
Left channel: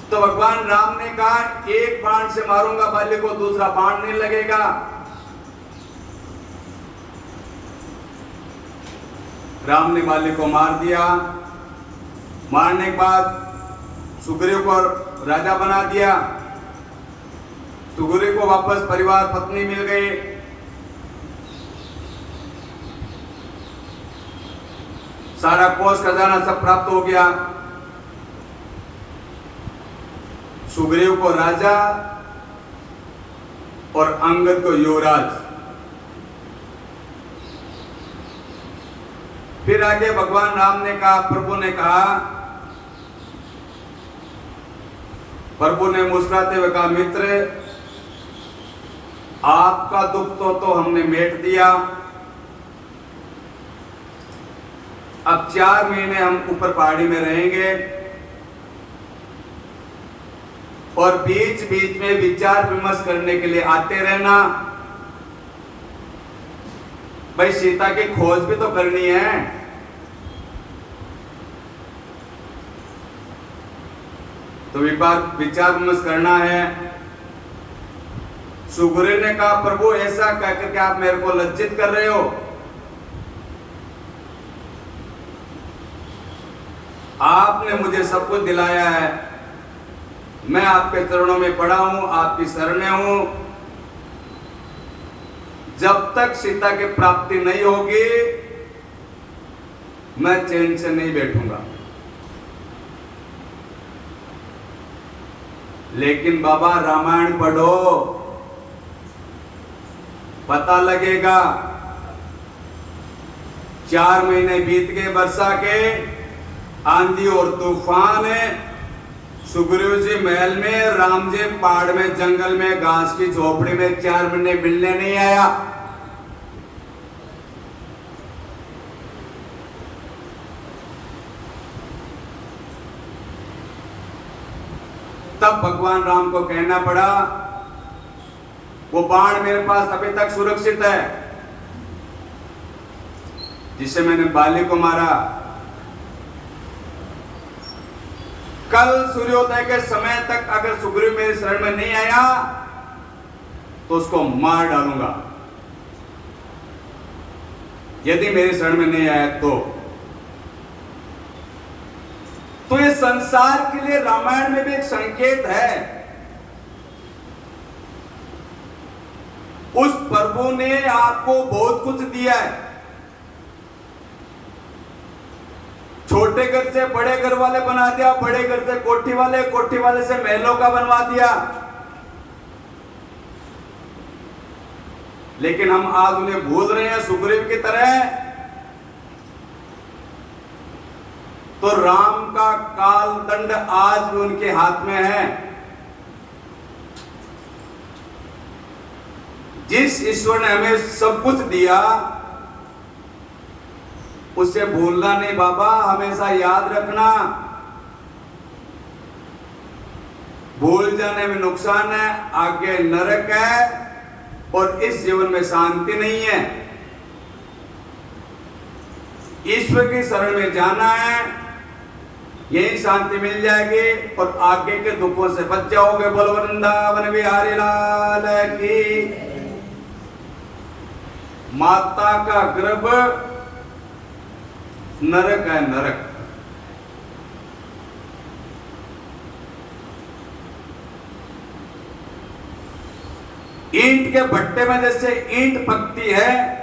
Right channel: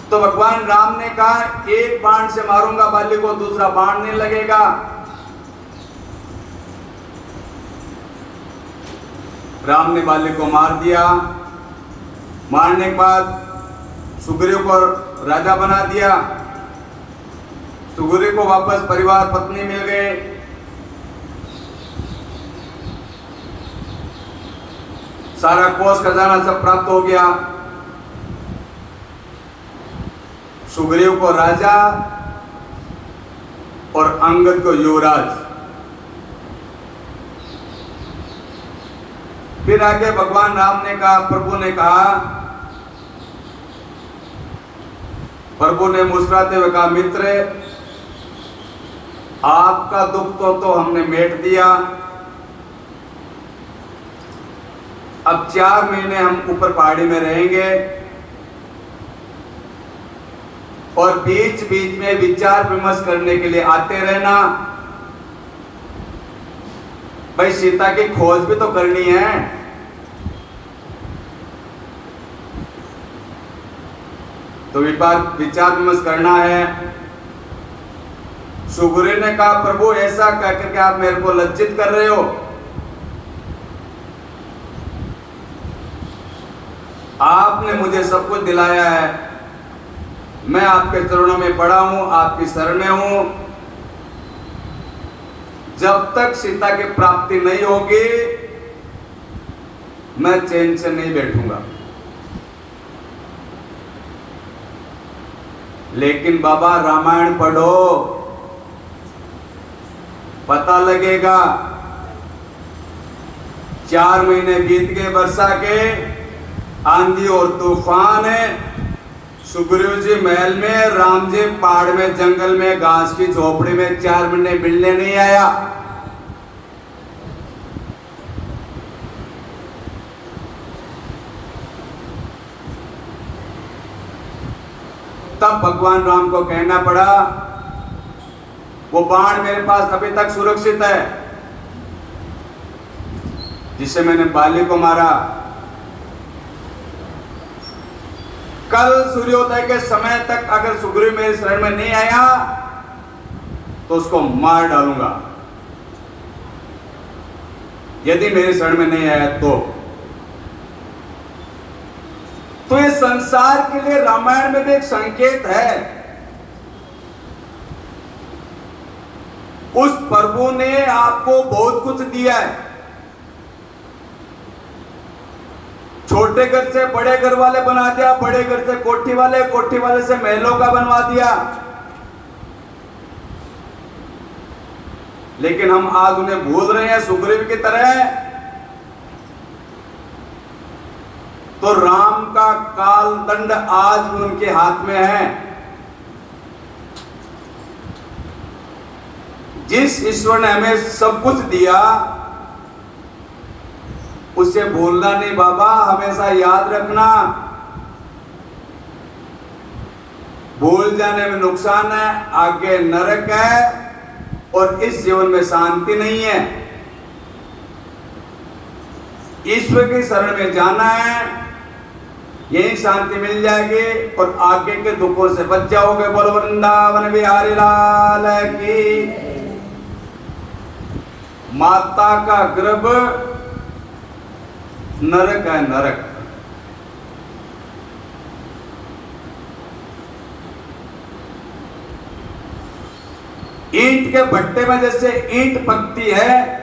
तो भगवान राम ने कहा, एक बाण से मारूंगा बाली को, दूसरा बाण नहीं लगेगा। राम ने बाली को मार दिया। मारने के बाद सुग्रीव को राजा बना दिया। सुग्रीव को वापस परिवार पत्नी मिल गए। सारा कोष खजाना सब प्राप्त हो गया। सुग्रीव को राजा और अंगद को युवराज। फिर आगे भगवान राम ने कहा, प्रभु ने कहा, प्रभु ने मुस्कुराते हुए कहा, मित्र आपका दुख तो हमने मेट दिया। अब 4 महीने हम ऊपर पहाड़ी में रहेंगे और बीच बीच में विचार विमर्श करने के लिए आते रहना। भाई सीता की खोज भी तो करनी है। तो विचार विमर्श करना है। सुग्रीव ने कहा, प्रभु ऐसा कहकर के आप मेरे को लज्जित कर रहे हो। आपने मुझे सब कुछ दिलाया है, मैं आपके चरणों में पड़ा हूं, आपकी शरण में हूं। जब तक सीता की प्राप्ति नहीं होगी मैं चैन से नहीं बैठूंगा। लेकिन बाबा रामायण पढ़ो, पता लगेगा। 4 महीने बीत गए वर्षा के, आंधी और तूफान है। सुग्रीव जी महल में, राम जी पहाड़ में, जंगल में, घास की झोपड़ी में 4 महीने मिलने नहीं आया। तब भगवान राम को कहना पड़ा, वो बाण मेरे पास अभी तक सुरक्षित है जिसे मैंने बाली को मारा। कल सूर्योदय के समय तक अगर सुग्रीव मेरे शरण में नहीं आया तो उसको मार डालूंगा, यदि मेरे शरण में नहीं आया तो ये संसार के लिए रामायण में भी एक संकेत है। उस प्रभु ने आपको बहुत कुछ दिया है। छोटे घर से बड़े घर वाले बना दिया, बड़े घर से कोठी वाले, कोठी वाले से महलों का बनवा दिया। लेकिन हम आज उन्हें भूल रहे हैं सुग्रीव की तरह। तो राम का काल दंड आज भी उनके हाथ में है। जिस ईश्वर ने हमें सब कुछ दिया उसे भूलना नहीं बाबा, हमेशा याद रखना। भूल जाने में नुकसान है, आगे नरक है और इस जीवन में शांति नहीं है। ईश्वर की शरण में जाना है, यही शांति मिल जाएगी और आगे के दुखों से बच जाओगे। बोलो वृंदावन बिहारी लाल की। माता का गर्भ नरक है, नरक। ईंट के भट्टे में जैसे ईंट पकती है,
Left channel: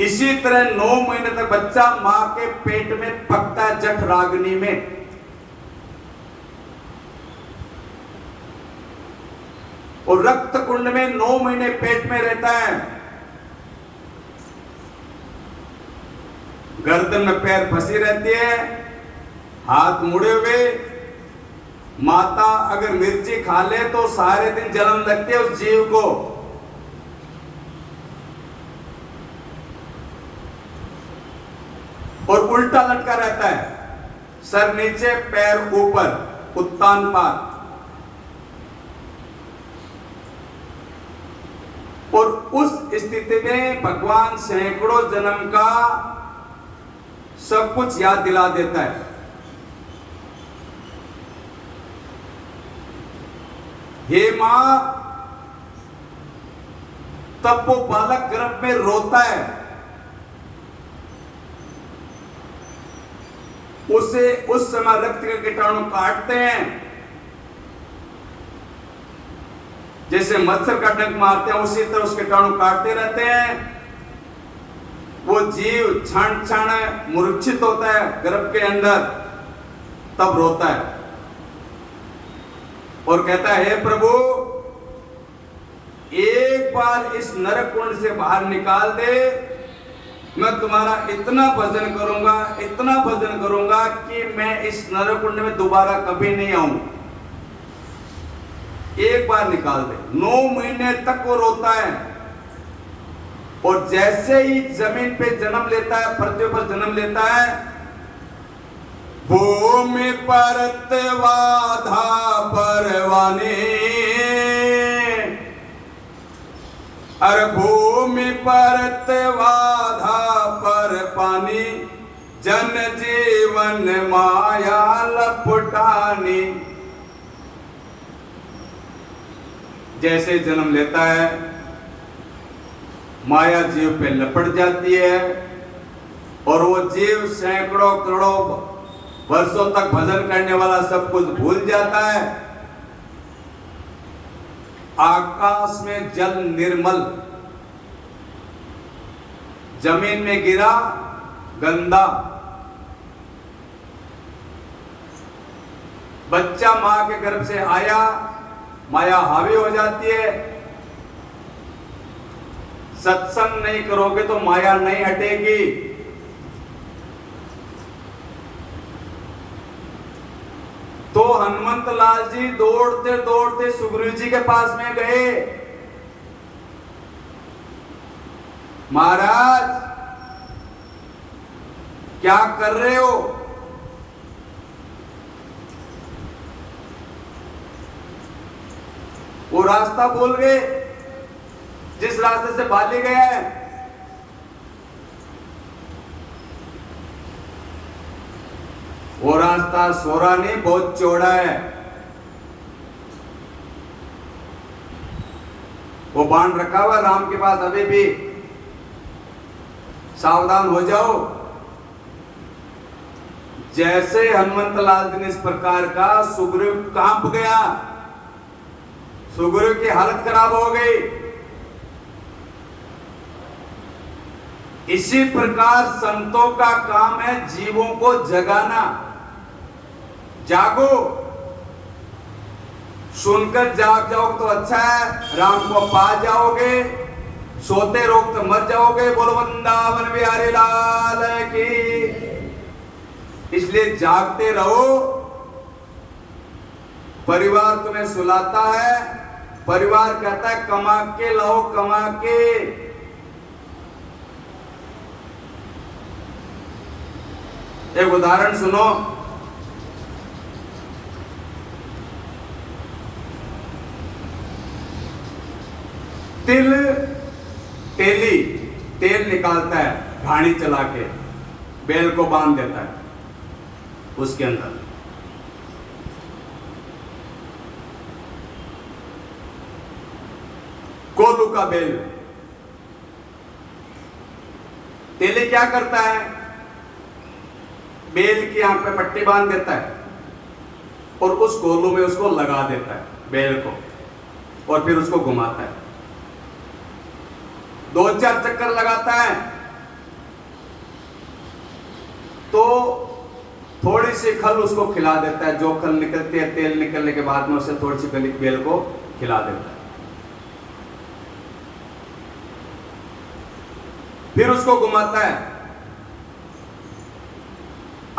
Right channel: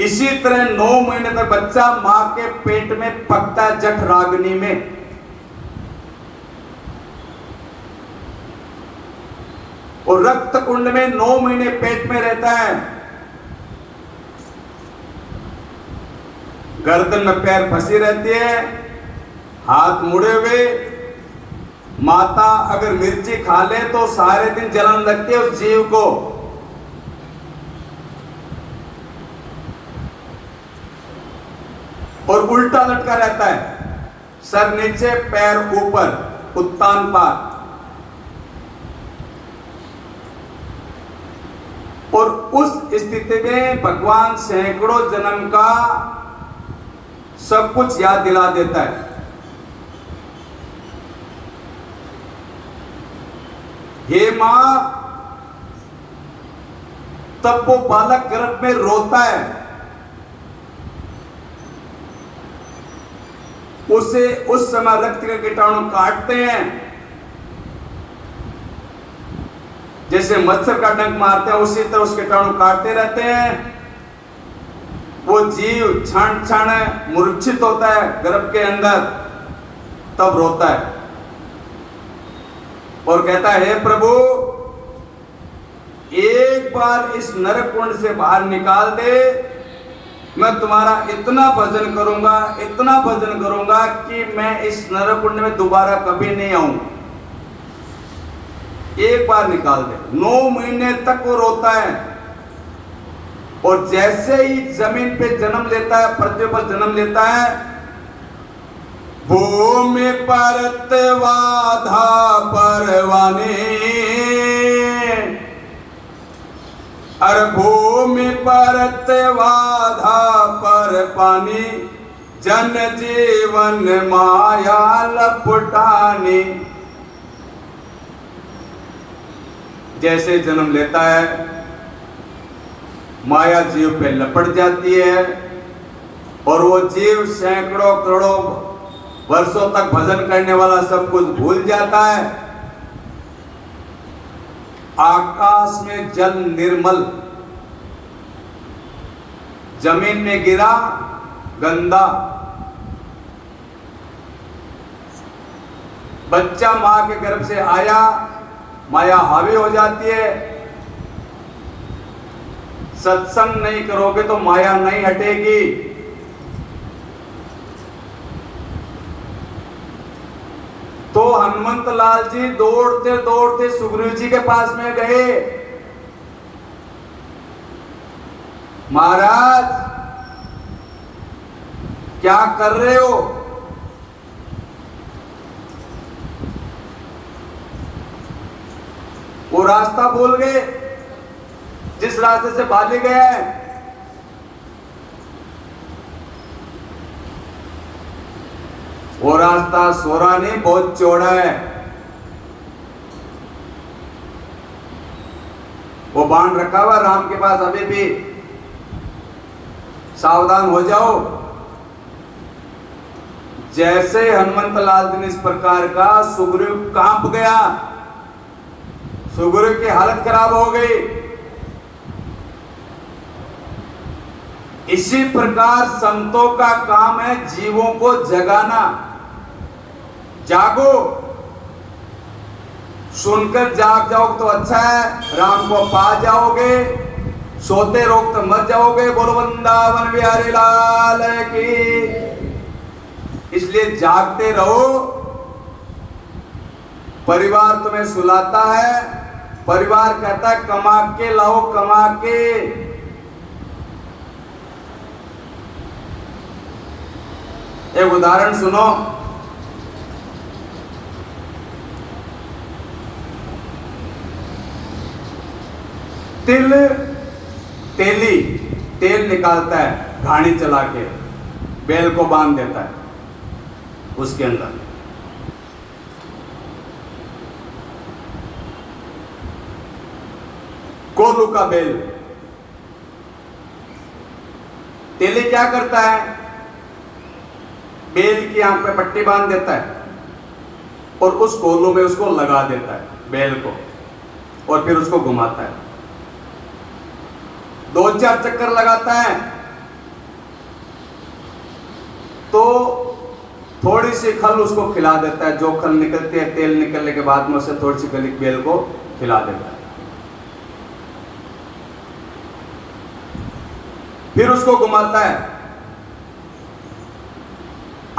इसी तरह 9 महीने तक बच्चा मां के पेट में पकता जठ रागनी में। और रक्त कुंड में 9 महीने पेट में रहता है। गर्दन में पैर फंसी रहती है, हाथ मुड़े हुए, माता अगर मिर्ची खा ले तो सारे दिन जलन लगती है उस जीव को। और उल्टा लटका रहता है, सर नीचे पैर ऊपर, उत्तान पात। और उस स्थिति में भगवान सैकड़ों जन्म का सब कुछ याद दिला देता है। हे मां, तब वो बालक गर्भ में रोता है, उसे उस समय रक्त के कीटाणु काटते हैं, जैसे मच्छर का डंक मारते हैं उसी तरह उस कीटाणु काटते रहते हैं। वो जीव क्षण क्षण मूर्छित होता है गर्भ के अंदर, तब रोता है और कहता है, हे प्रभु, एक बार इस नरक कुंड से बाहर निकाल दे, मैं तुम्हारा इतना भजन करूंगा, इतना भजन करूंगा कि मैं इस नरक कुंड में दोबारा कभी नहीं आऊं। एक बार निकाल दे। 9 महीने तक वो रोता है और जैसे ही जमीन पे जन्म लेता है, पृथ्वी पर जन्म लेता है, भूमि पर वाधा परवानी, अरे भूमि पर वाधा पर पानी, जन जीवन माया लपटानी। जैसे जन्म लेता है माया जीव पे लपट जाती है और वो जीव सैकड़ों करोड़ों वर्षों तक भजन करने वाला सब कुछ भूल जाता है। आकाश में जल निर्मल, जमीन में गिरा गंदा। बच्चा मां के गर्भ से आया, माया हावी हो जाती है। सत्संग नहीं करोगे तो माया नहीं हटेगी। तो हनुमंत लाल जी दौड़ते दौड़ते सुग्रीव जी के पास में गए, महाराज क्या कर रहे हो? वो रास्ता भूल गए जिस रास्ते से बाली गया है। वो रास्ता सोरा नहीं, बहुत चौड़ा है। वो बाण रखा हुआ राम के पास अभी भी, सावधान हो जाओ। जैसे हनुमंत लाल जी ने इस प्रकार का, सुग्रीव कांप गया, सुग्रीव की हालत खराब हो गई। इसी प्रकार संतों का काम है जीवों को जगाना। जागो, सुनकर जाग जाओ तो अच्छा है, राम को पा जाओगे। सोते रहो तो मर जाओगे। बोलो वृंदावन बिहारी लाल की। इसलिए जागते रहो। परिवार तुम्हें सुलाता है, परिवार कहता है कमा के लाओ, कमा के। एक उदाहरण सुनो। तेली तेल निकालता है, घानी चला के बैल को बांध देता है उसके अंदर। कोल्हू का बैल। तेली क्या करता है? बैल की आंख पे पट्टी बांध देता है और उस कोल्हू में उसको लगा देता है बैल को, और फिर उसको घुमाता है। 2-4 चक्कर लगाता है तो थोड़ी सी खल उसको खिला देता है। जो खल निकलती है तेल निकलने के बाद में उसे थोड़ी सी खल बैल को खिला देता है। फिर उसको घुमाता है।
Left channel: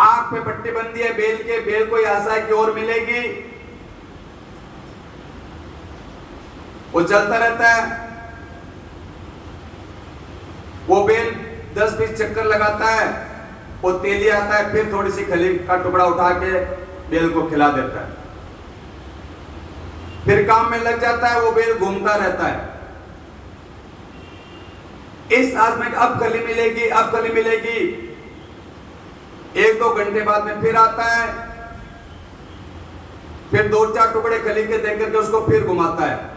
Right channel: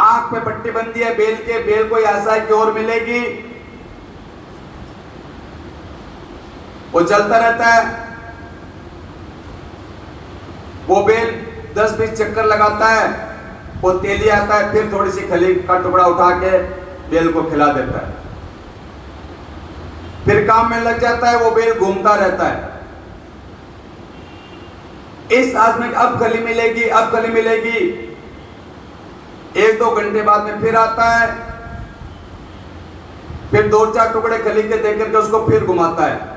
आंख पे पट्टी बंदी है बैल के, बैल को आशा की ओर मिलेगी, वो चलता रहता है। वो बेल 10-20 चक्कर लगाता है, वो तेली आता है, फिर थोड़ी सी खली का टुकड़ा उठा के बेल को खिला देता है, फिर काम में लग जाता है। वो बेल घूमता रहता है। इस आज में अब खली मिलेगी, अब खली मिलेगी। 1-2 घंटे बाद में फिर आता है, फिर 2-4 टुकड़े खली के देख करके उसको फिर घुमाता है।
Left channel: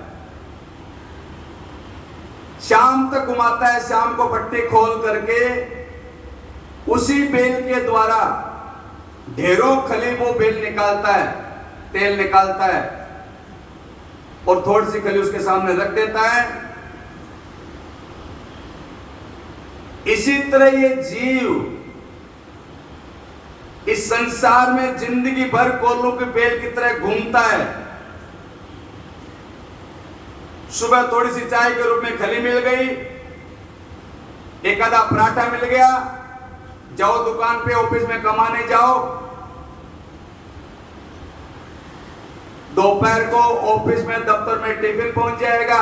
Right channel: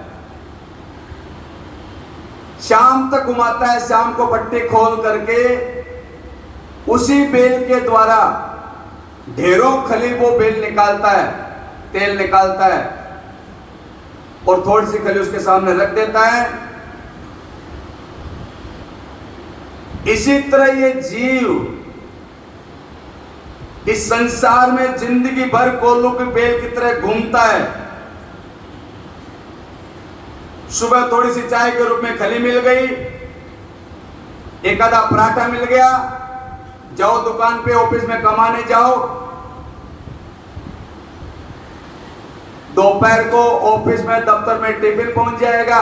शाम तक घुमाता है। शाम को पट्टी खोल करके उसी बेल के द्वारा ढेरों खली वो बेल निकालता है, तेल निकालता है, और थोड़ी सी खली उसके सामने रख देता है। इसी तरह ये जीव इस संसार में जिंदगी भर कोल्लू की बेल की तरह घूमता है। सुबह थोड़ी सी चाय के रूप में खली मिल गई, एक आधा पराठा मिल गया, जाओ दुकान पे, ऑफिस में कमाने जाओ। दोपहर को ऑफिस में, दफ्तर में टिफिन पहुंच जाएगा।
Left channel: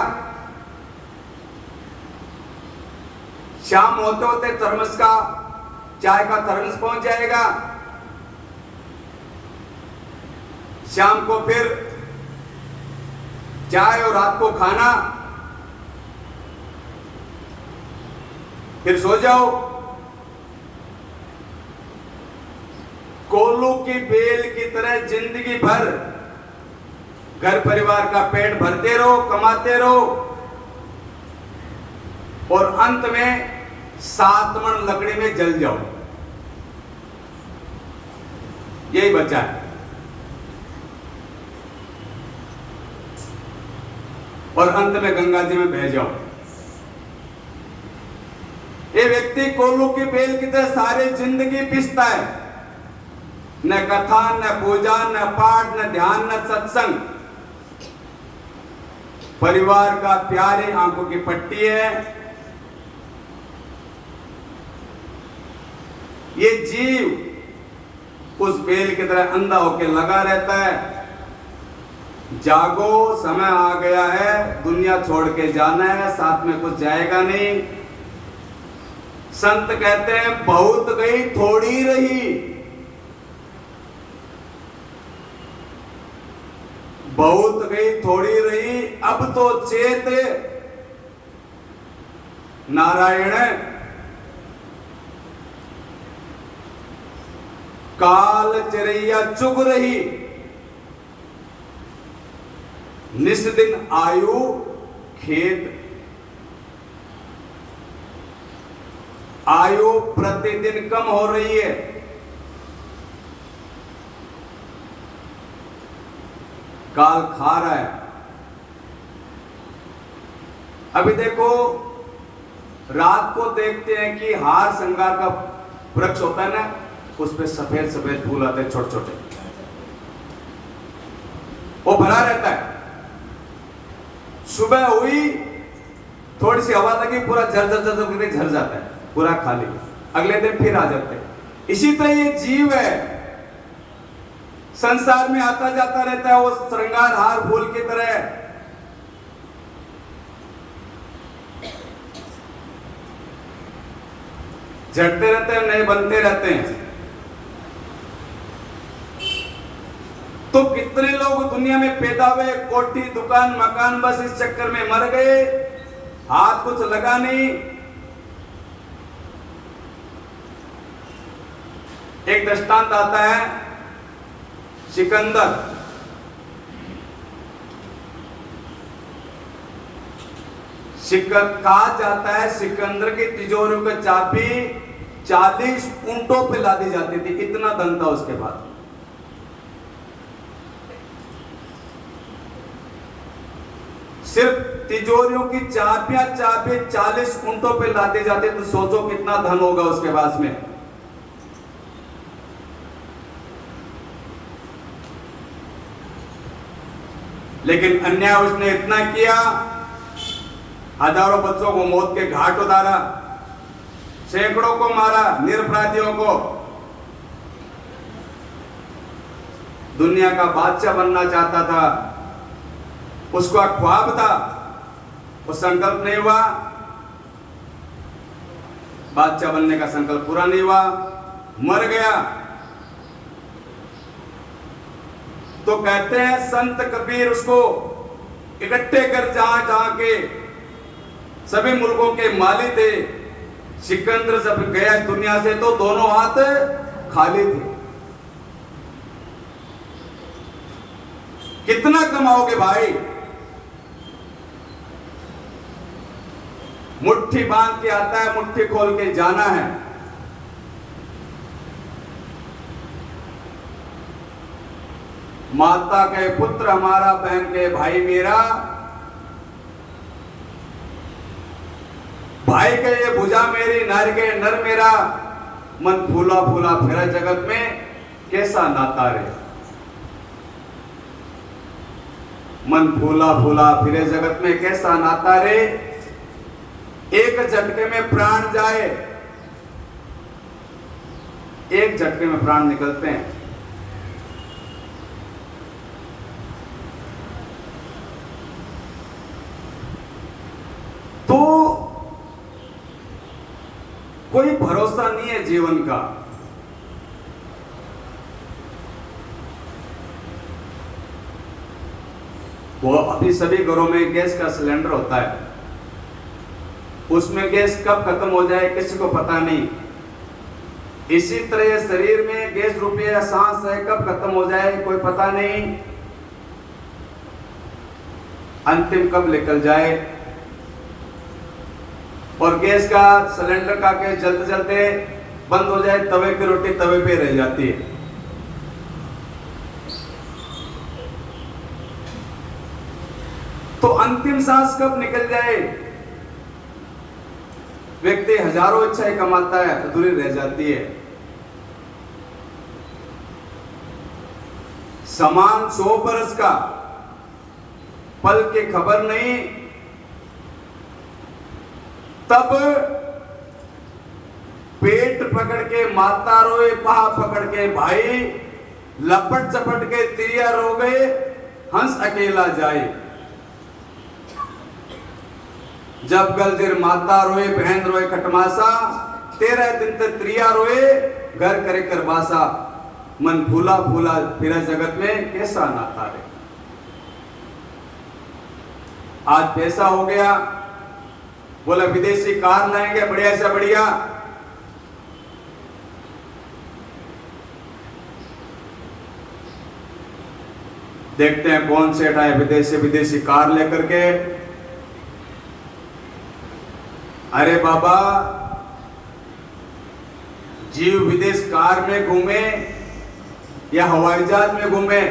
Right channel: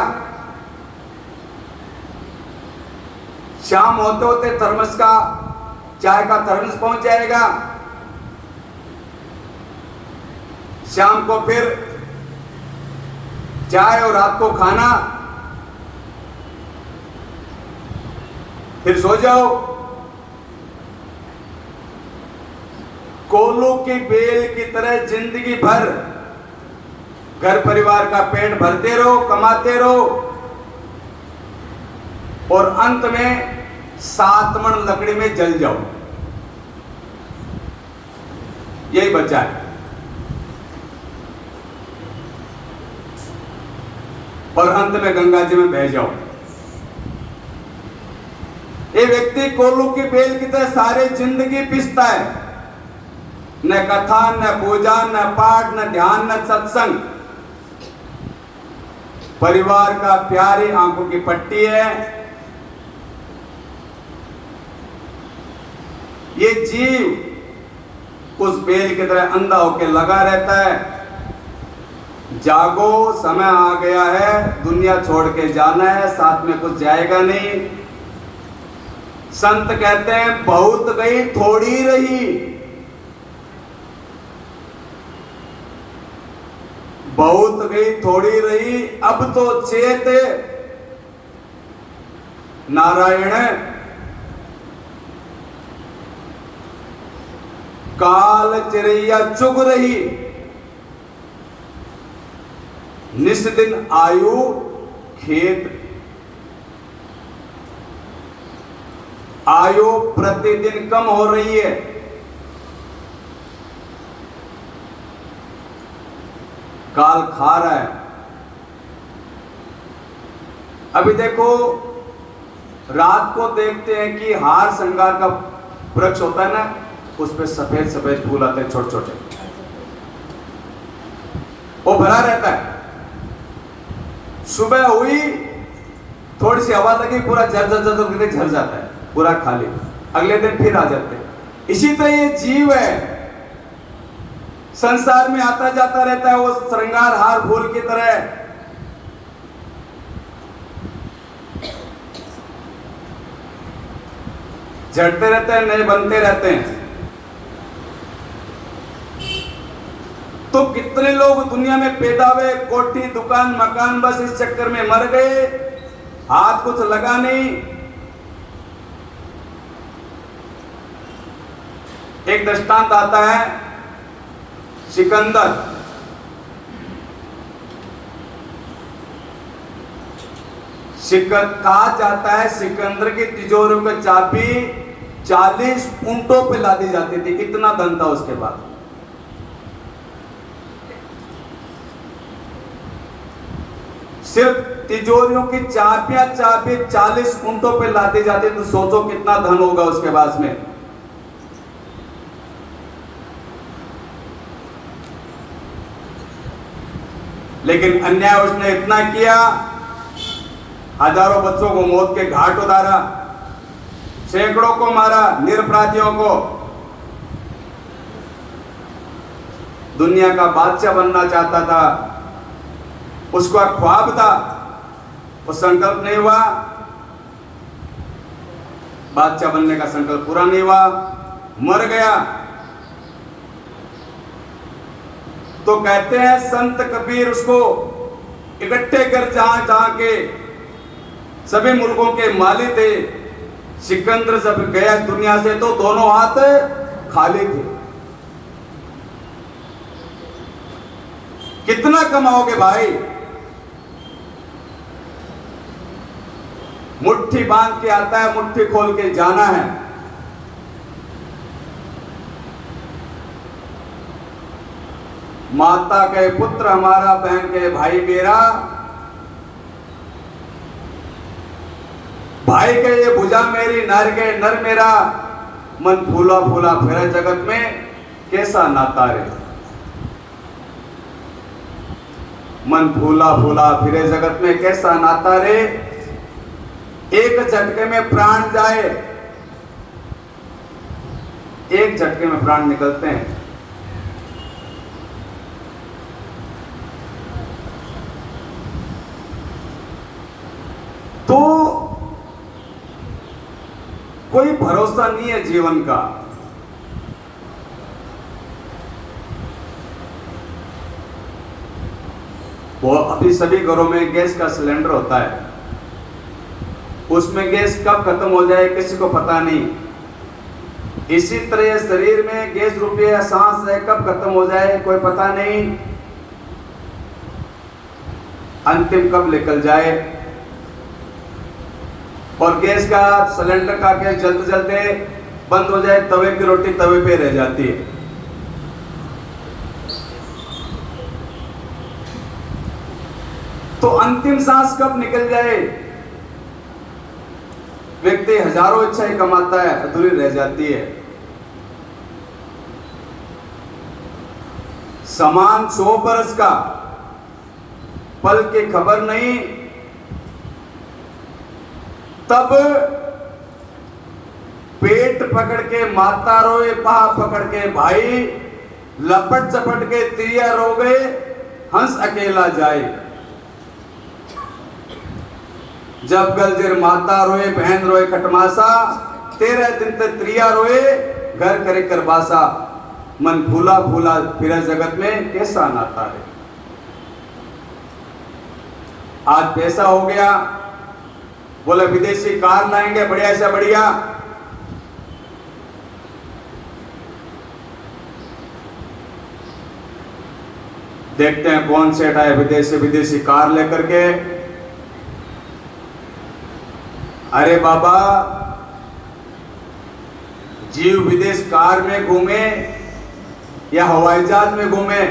शाम होते होते थर्मस का, चाय का थर्मस पहुंच जाएगा। शाम को फिर चाय और रात को खाना, फिर सो जाओ। कोल्लू की बेल की तरह जिंदगी भर घर परिवार का पेट भरते रहो, कमाते रहो, और अंत में 7 मन लकड़ी में जल जाओ। यही बचा है। और अंत में गंगा जी में बह जाओ। ये व्यक्ति कोल्लू की बेल की तरह सारे जिंदगी पिसता है। न कथा, न पूजा, न पाठ, न ध्यान, न सत्संग। परिवार का प्यारी आंखों की पट्टी है। ये जीव उस बेल की तरह अंधा होकर लगा रहता है। जागो, समय आ गया है, दुनिया छोड़ के जाना है, साथ में कुछ जाएगा नहीं। संत कहते हैं बहुत गई थोड़ी रही, बहुत गई थोड़ी रही, अब तो चेत नारायण काल चिरैया चुग रही, निस दिन आयु खेत, आयु प्रतिदिन कम हो रही है। काल खा रहा है। अभी देखो, रात को देखते हैं कि हार श्रृंगार का वृक्ष होता है ना, उस पे सफेद सफेद फूल आते हैं, छोटे छोटे, वो भरा रहता है। सुबह हुई, थोड़ी सी हवा लगी, पूरा झर झर झर करके झर जाता है, पूरा खाली। अगले दिन फिर आ जाते हैं। इसी तरह ये जीव है, संसार में आता जाता रहता है, वो श्रृंगार हार फूल की तरह। झड़ते रहते हैं, नए बनते रहते हैं। तो कितने लोग दुनिया में पैदा हुए, कोठी, दुकान, मकान, बस इस चक्कर में मर गए, हाथ कुछ लगा नहीं। एक दृष्टांत आता है, सिकंदर। कहा जाता है सिकंदर की तिजोरियों की चाबी 40 ऊंटों पे लादी जाती थी, इतना धन था उसके पास। सिर्फ तिजोरियों की चाबियां 40 ऊंटों पे लादी जाती, तो सोचो कितना धन होगा उसके पास में। लेकिन अन्याय उसने इतना किया, हजारों बच्चों को मौत के घाट उतारा, सैकड़ों को मारा, निरपराधियों को। दुनिया का बादशाह बनना चाहता था, उसका ख्वाब था वो संकल्प नहीं हुआ, बादशाह बनने का संकल्प पूरा नहीं हुआ, मर गया। तो कहते हैं संत कबीर उसको इकट्ठे कर जहां जहां के सभी मुल्कों के माली थे। सिकंदर जब गया दुनिया से तो दोनों हाथ खाली थे। कितना कमाओगे भाई? मुट्ठी बांध के आता है, मुट्ठी खोल के जाना है। माता के पुत्र हमारा, बहन के भाई मेरा, भाई के ये भुजा मेरी, नर के नर मेरा, मन फूला फूला फिरे जगत में कैसा नाता रे। मन फूला फूला फिरे जगत में कैसा नाता रे। एक झटके में प्राण जाए, एक झटके में प्राण निकलते हैं। तो कोई भरोसा नहीं है जीवन का। वो अभी सभी घरों में गैस का सिलेंडर होता है, उसमें गैस कब खत्म हो जाए किसी को पता नहीं। इसी तरह शरीर में गैस रूपी सांस है, कब खत्म हो जाए कोई पता नहीं, अंतिम कब निकल जाए। और गैस का सिलेंडर का गैस जलते जलते बंद हो जाए, तवे की रोटी तवे पे रह जाती है। तो अंतिम सांस कब निकल जाए, व्यक्ति हजारों इच्छाएं कमाता है, अधूरी रह जाती है। समान 100 बरस का, पल की खबर नहीं। तब पेट पकड़ के माता रोए, पाँव पकड़ के भाई, लपट चपट के तिरिया रोवे, हंस अकेला जाए। जब गलजिर माता रोए, बहन रोए खटमासा, 13 दिन तक त्रिया रोए, घर करे करबासा। मन फूला फूला फिरा जगत में कैसा नाता है। आज पैसा हो गया, बोले विदेशी कार लाएंगे बढ़िया से बढ़िया, देखते हैं कौन सेठ आए विदेशी कार लेकर के। अरे बाबा, जीव विदेश कार में घूमे या हवाई जहाज में घूमे,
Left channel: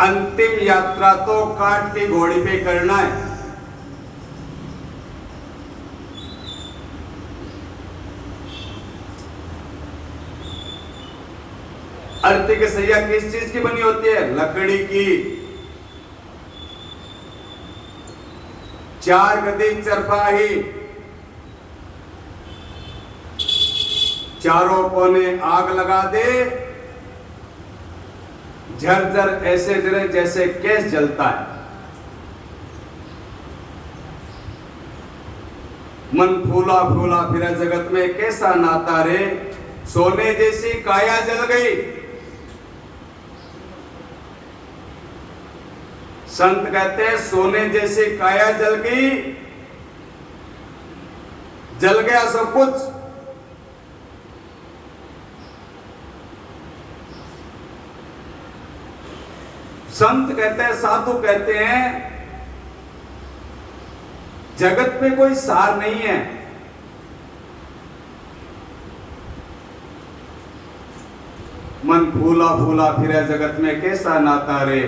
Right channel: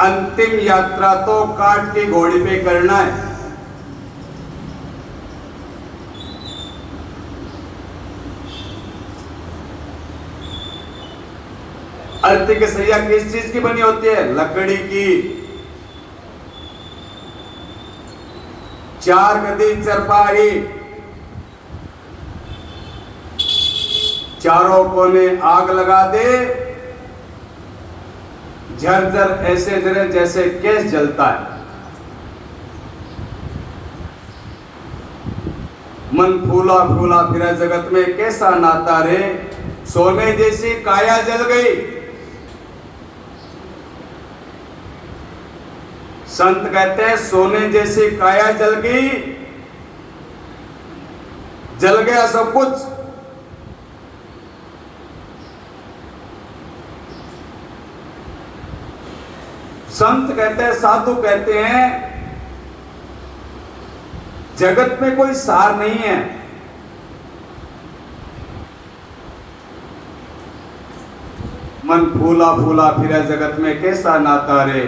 अंतिम यात्रा तो काट की घोड़ी पे करना है। अर्थी की सैया किस चीज की बनी होती है? लकड़ी की। 4 गदी चरपाही, चारों कोने आग लगा दे, झरझर ऐसे जले जैसे गैस जलता है। मन फूला फूला फिरा जगत में कैसा नाता रे। सोने जैसी काया जल गई। संत कहते हैं सोने जैसी काया जल गई, जल गया सब कुछ। संत कहते हैं, साधु कहते हैं, जगत में कोई सार नहीं है। मन फूला फूला फिरा जगत में कैसा नाता रे।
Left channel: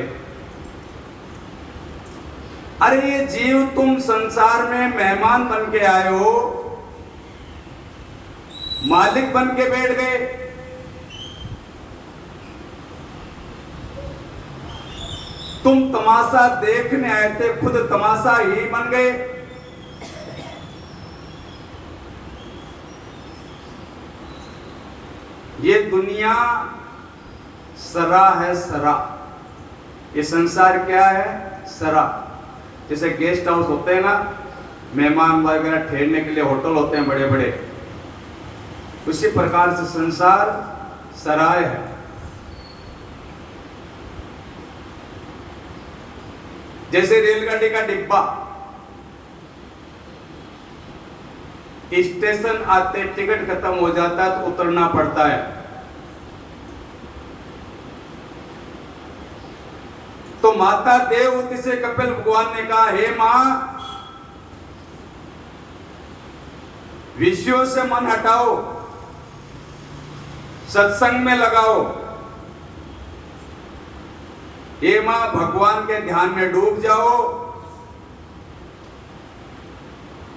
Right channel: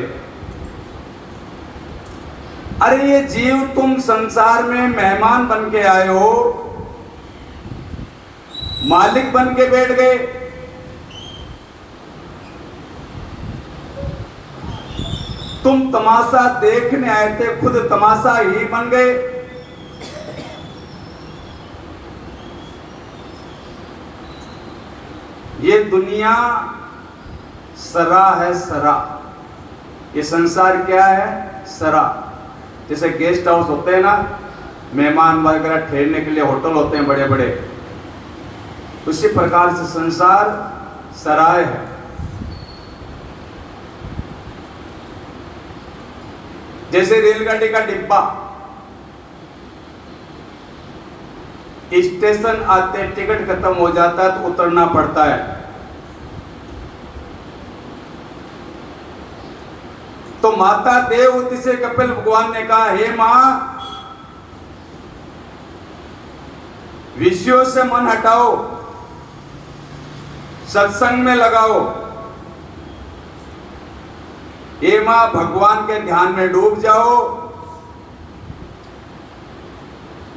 अरे ये जीव, तुम संसार में मेहमान बन के आए हो, मालिक बन के बैठ गए। तुम तमाशा देखने आए थे, खुद तमाशा ही बन गए। ये दुनिया सरा है, सरा। ये संसार क्या है? सरा। जैसे गेस्ट हाउस होते हैं ना, मेहमान वगैरह ठहरने के लिए होटल होते हैं बड़े बड़े, उसी प्रकार से संसार सराय है। जैसे रेलगाड़ी का डिब्बा, स्टेशन आते टिकट खत्म हो जाता है तो उतरना पड़ता है। तो माता देवहूति से कपिल भगवान ने कहा, हे मां, विषयों से मन हटाओ, सत्संग में लगाओ। हे मां, भगवान के ध्यान में डूब जाओ।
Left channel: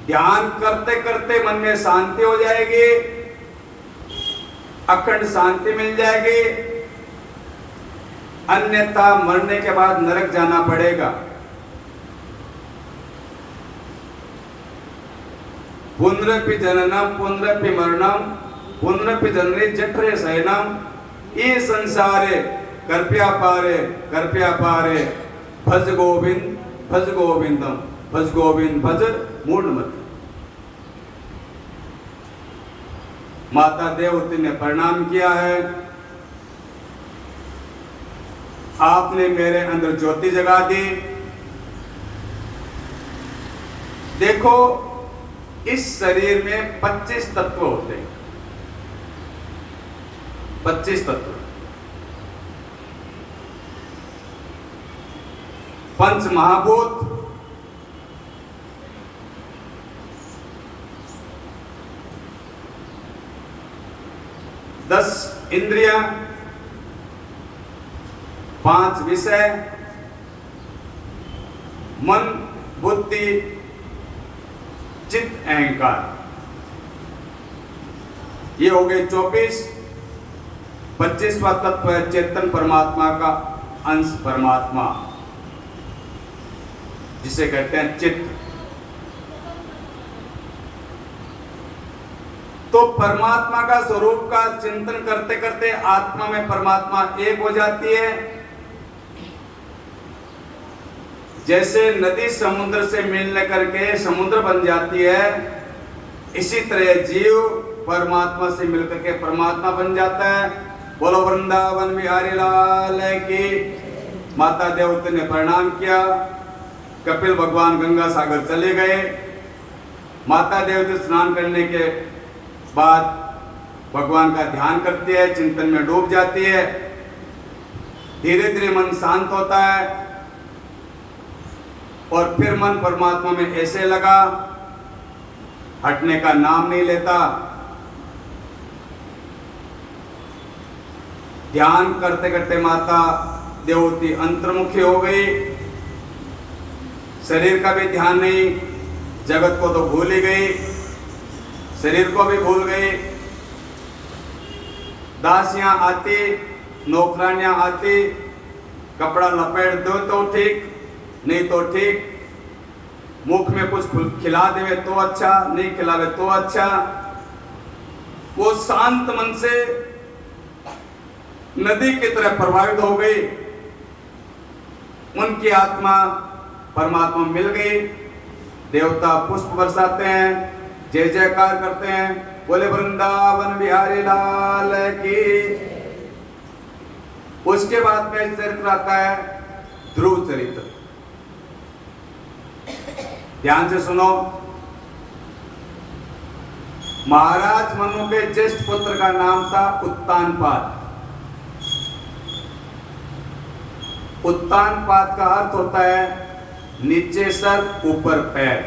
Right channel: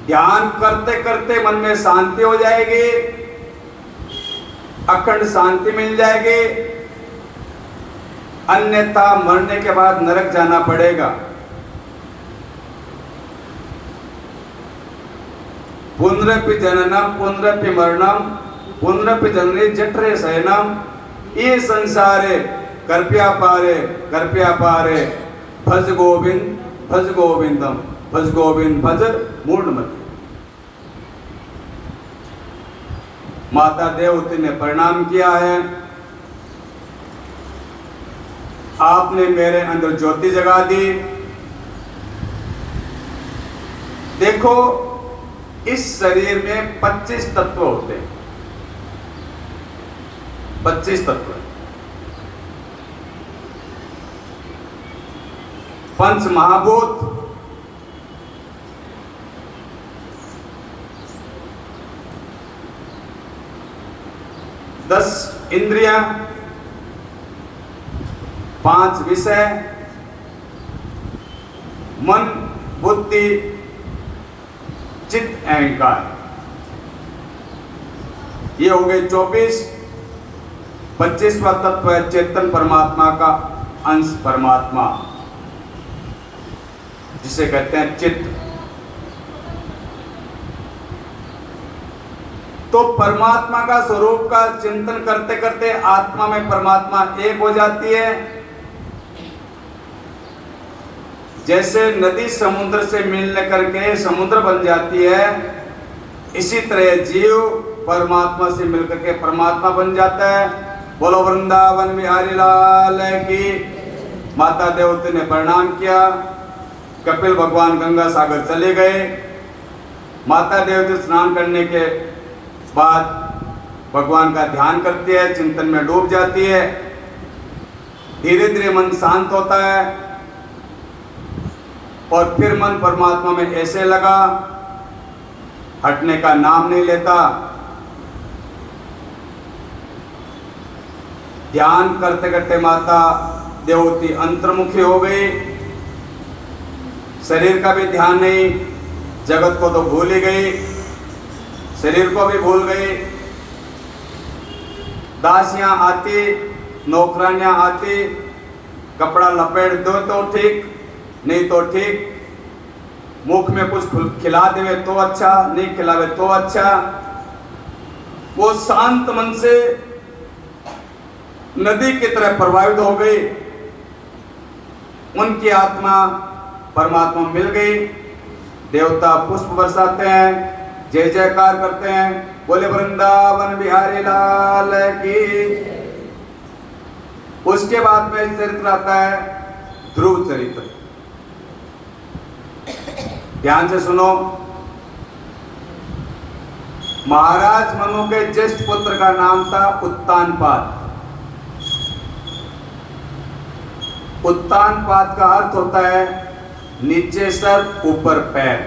ध्यान करते करते मन में शांति हो जाएगी, अखंड शांति मिल जाएगी, अन्यथा मरने के बाद नरक जाना पड़ेगा। पुनरपि जननम पुनरपि मरणम पुनरपि जननी जठरे शयनम, ये संसारे कृपया पारे भज गोविंदम भज गोविंद भज मूढ़मते। माता देवहूति ने प्रणाम किया है, आपने मेरे अंदर ज्योति जगा दी। देखो, इस शरीर में 25 तत्व होते हैं, 25 तत्व। पंच महाभूत, 10 इंद्रियां, 5 विषय, मन, बुद्धि, चित्त, अहंकार। ये हो गए 24। 25वां तत्व है चेतन परमात्मा का अंश परमात्मा, जिसे कहते हैं चित्त। तो परमात्मा का स्वरूप का चिंतन करते करते आत्मा में परमात्मा एक हो जाती है। जैसे नदी समुद्र से मिलने करके समुद्र बन जाती है, इसी तरह जीव परमात्मा से मिलकर के परमात्मा बन जाता है। बोलो वृंदावन बिहारी लाल की। माता देवहूति ने प्रणाम किया, कपिल भगवान गंगा सागर चले गए। माता देवहूति स्नान करने के बाद भगवान का ध्यान करती है, चिंतन में डूब जाती है। धीरे धीरे मन शांत होता है और फिर मन परमात्मा में ऐसे लगा, हटने का नाम नहीं लेता। ध्यान करते करते माता देवहूति अंतर्मुखी हो गई। शरीर का भी ध्यान नहीं, जगत को तो भूल ही गई, शरीर को भी भूल गई। दासियां आती, नौकरानियां आती, कपड़ा लपेट दो तो ठीक, नहीं तो ठीक। मुख में कुछ खिला देवे तो अच्छा, नहीं खिलावे तो अच्छा। वो शांत मन से नदी की तरह प्रवाहित हो गई। उनकी आत्मा परमात्मा मिल गई। देवता पुष्प बरसाते हैं, जय जयकार करते हैं, बोले वृंदावन बिहारी लाल की। उसके बाद में चरित्र आता है ध्रुव चरित्र। ध्यान से सुनो। महाराज मनु के ज्येष्ठ पुत्र का नाम था उत्तानपाद। उत्तानपाद का अर्थ होता है नीचे सर ऊपर पैर।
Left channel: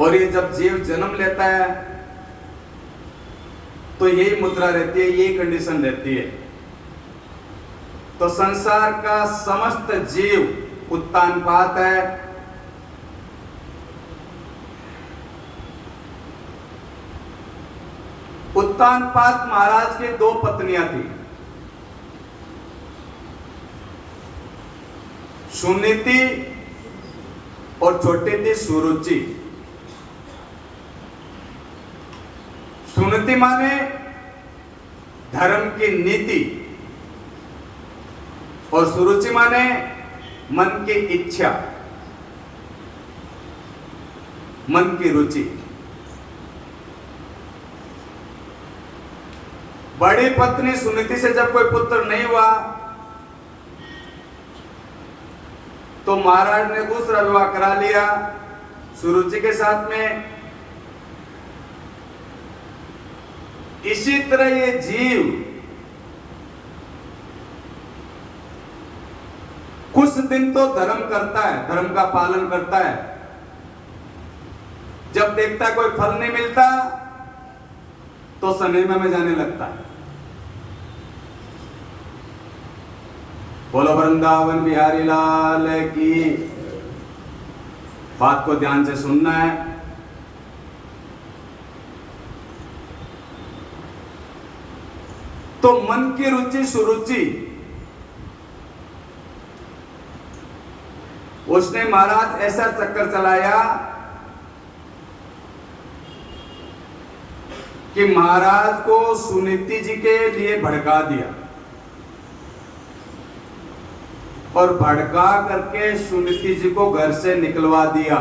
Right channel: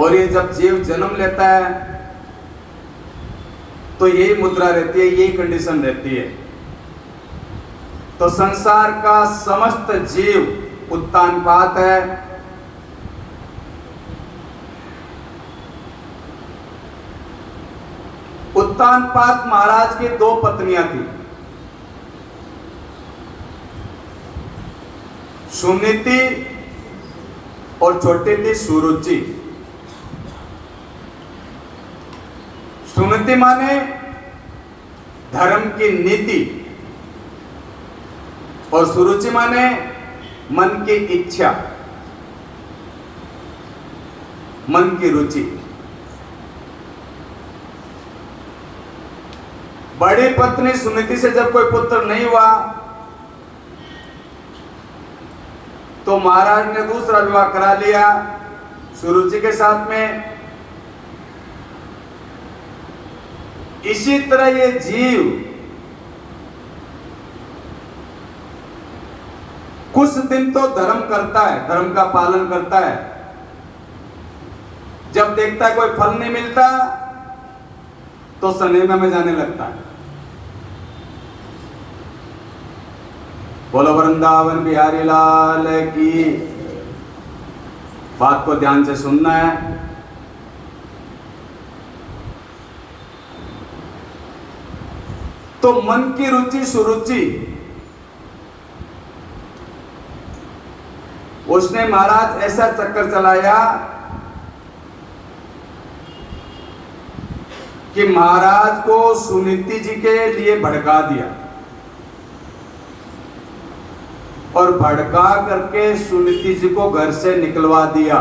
और ये जब जीव जन्म लेता है तो यही मुद्रा रहती है, यही कंडीशन रहती है। तो संसार का समस्त जीव उत्तानपाद है। उत्तानपाद महाराज की 2 पत्नियां थी, सुनीति और छोटी थी सुरुचि। सुनीति माने धर्म की नीति, और सुरुचि माने मन की इच्छा, मन की रुचि। बड़ी पत्नी सुनीति से जब कोई पुत्र नहीं हुआ तो महाराज ने दूसरा विवाह करा लिया सुरुचि के साथ में। इसी तरह ये जीव कुछ दिन तो धर्म करता है, धर्म का पालन करता है। जब देखता है कोई फल नहीं मिलता तो सिनेमा में जाने लगता है। बोलो वृंदावन बिहारी लाल की। बात को ध्यान से सुनना है। तो मन की रुचि सुरुचि, उसने महाराज ऐसा चक्कर चलाया कि महाराज को सुनीति जी के लिए भड़का दिया और भड़का करके सुनीति जी को घर से निकलवा दिया।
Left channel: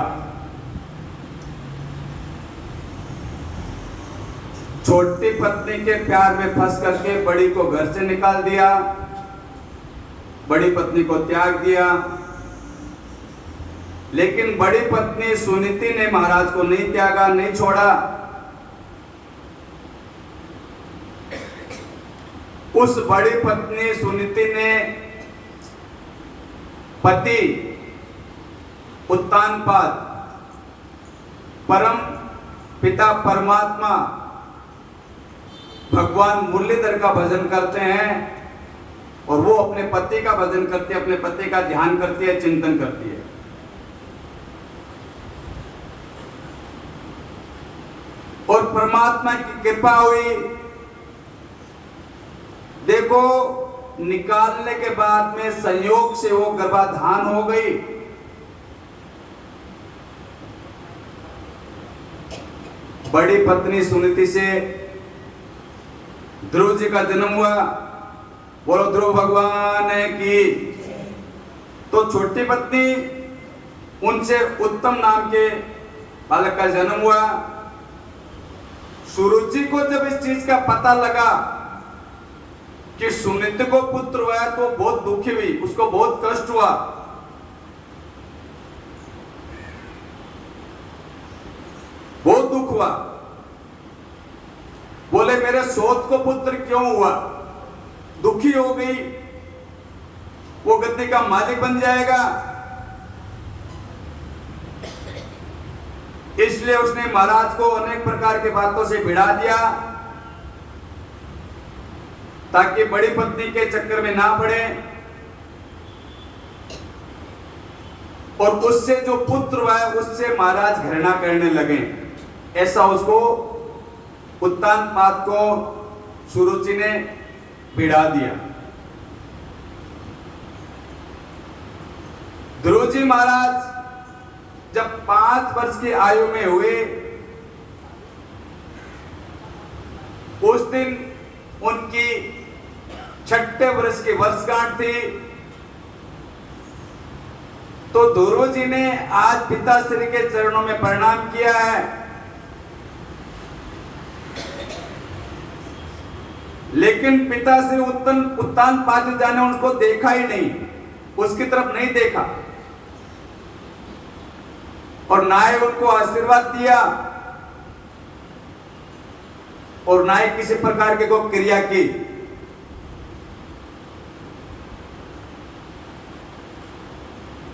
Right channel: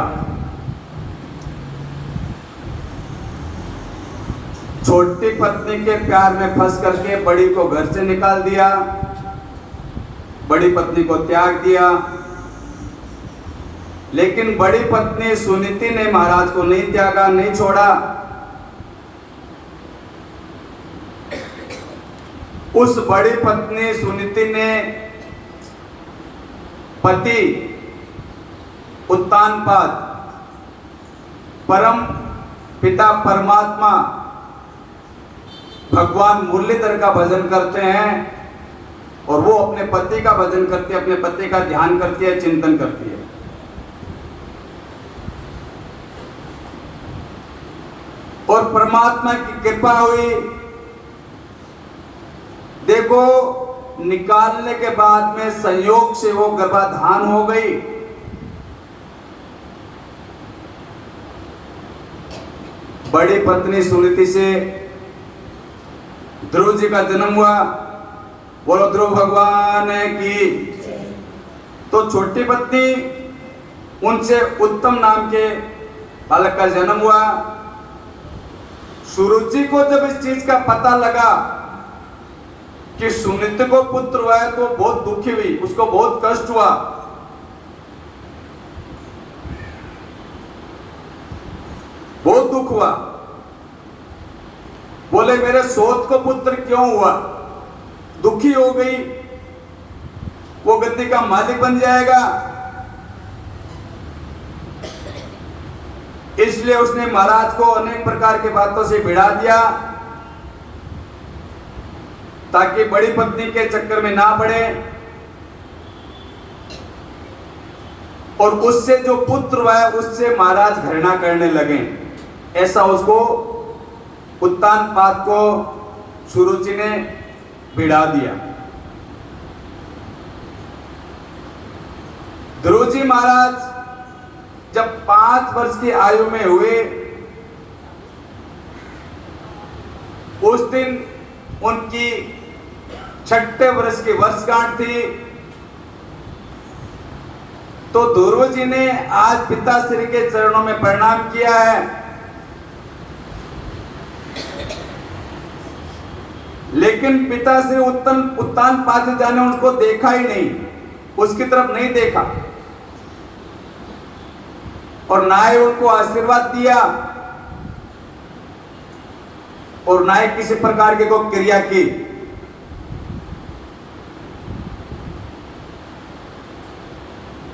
छोटी पत्नी के प्यार में फंस करके बड़ी को घर से निकाल दिया, बड़ी पत्नी को त्याग दिया। लेकिन बड़ी पत्नी सुनीति ने महाराज को नहीं त्यागा, नहीं छोड़ा। उस बड़ी पत्नी सुनीति ने पति उत्तानपाद परम पिता परमात्मा भगवान मुरलीधर का भजन करते हैं और वो अपने पति का भजन करती है, अपने पति का ध्यान करती है, चिंतन करती है। और परमात्मा की कृपा हुई। देखो, निकालने के बाद में संयोग से वो गर्भाधान हो गई। बड़ी पत्नी सुनीति से ध्रुव जी का जन्म हुआ। बोलो ध्रुव भगवान की। तो छोटी पत्नी, उनसे उत्तम नाम के बालक का जन्म हुआ। सुरुचि को जब इस चीज का पता लगा कि सुनीति को पुत्र हुआ है तो बहुत दुखी हुई, उसको बहुत कष्ट हुआ। बहुत दुख हुआ। बोले मेरे सोत को पुत्र क्यों हुआ? दुखी हो गई। वो गद्दी का मालिक बन जाएगा। इसलिए उसने महाराज को अनेक प्रकार के बातों से भिड़ा दिया ताकि बड़ी पत्नी के चक्कर में ना पड़े। और उससे जो पुत्र हुआ है उससे महाराज घृणा करने लगे। ऐसा उसको उत्तानपाद को सुरुचि ने भिड़ा दिया। ध्रुव जी महाराज जब 5 वर्ष की आयु में हुए, उस दिन उनकी 6ठे वर्ष की वर्षगांठ थी। तो ध्रुव जी ने आज पिताश्री के चरणों में प्रणाम किया है। लेकिन पिताश्री उत्तानपाद जाने उनको देखा ही नहीं, उसकी तरफ नहीं देखा और ना ही उनको आशीर्वाद दिया और ना ही किसी प्रकार की कोई क्रिया की।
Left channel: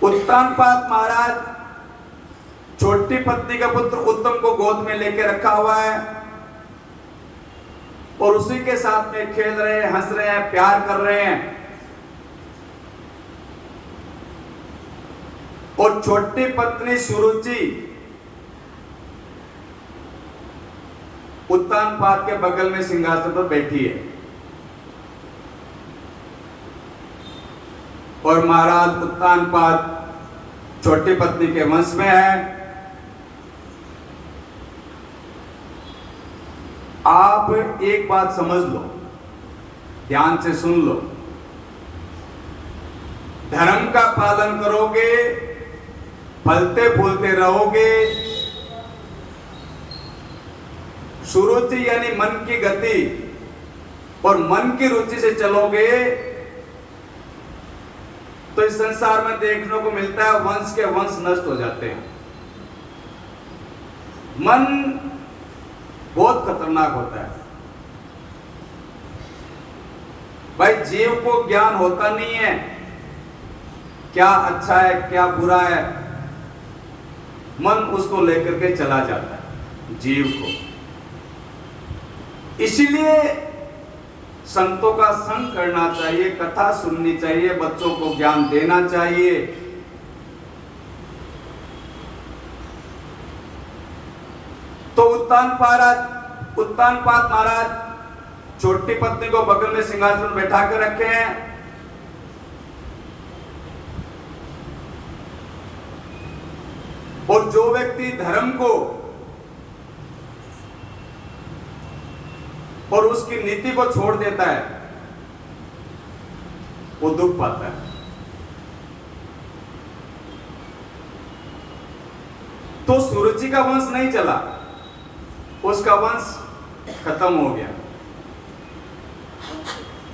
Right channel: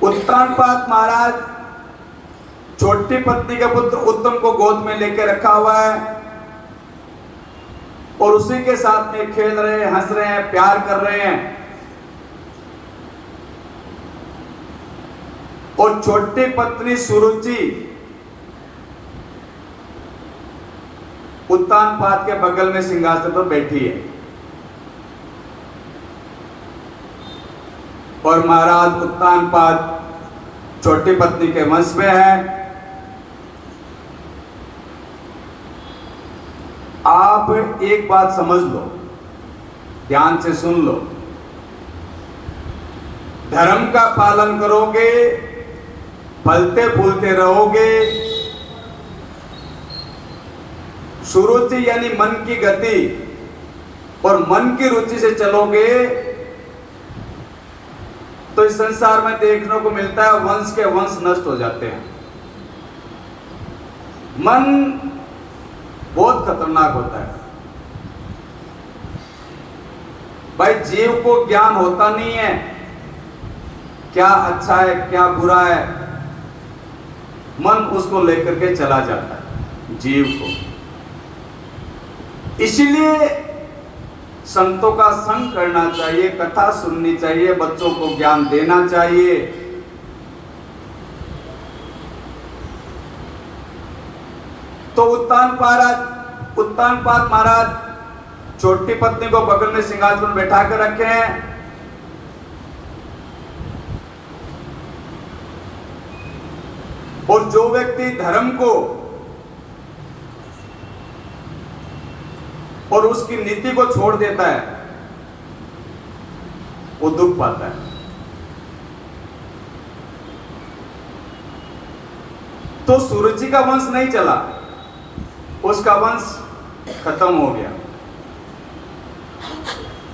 उत्तानपाद महाराज छोटी पत्नी का पुत्र उत्तम को गोद में लेके रखा हुआ है और उसी के साथ में खेल रहे हैं, हंस रहे हैं, प्यार कर रहे हैं। और छोटी पत्नी सुरुचि उत्तानपाद के बगल में सिंहासन पर बैठी है और महाराज उत्तानपाद छोटी पत्नी के वंश में है। आप एक बात समझ लो, ध्यान से सुन लो। धर्म का पालन करोगे, फलते फूलते रहोगे, सुरुचि यानी मन की गति और मन की रुचि से चलोगे, तो इस संसार में देखने को मिलता है वंश के वंश नष्ट हो जाते हैं। मन बहुत खतरनाक होता है भाई। जीव को ज्ञान होता नहीं है क्या अच्छा है क्या बुरा है, मन उसको लेकर के चला जाता है जीव को। इसीलिए संतों का संग करना चाहिए, कथा सुननी चाहिए, बच्चों को ज्ञान देना चाहिए। तो उत्तानपाद महाराज छोटी पत्नी को बगल में सिंहासन में बैठा कर रखे हैं। और जो व्यक्ति धर्म को और उसकी नीति को छोड़ देता है वो दुख पाता है। तो सुरुचि का वंश नहीं चला, उसका वंश खत्म हो गया।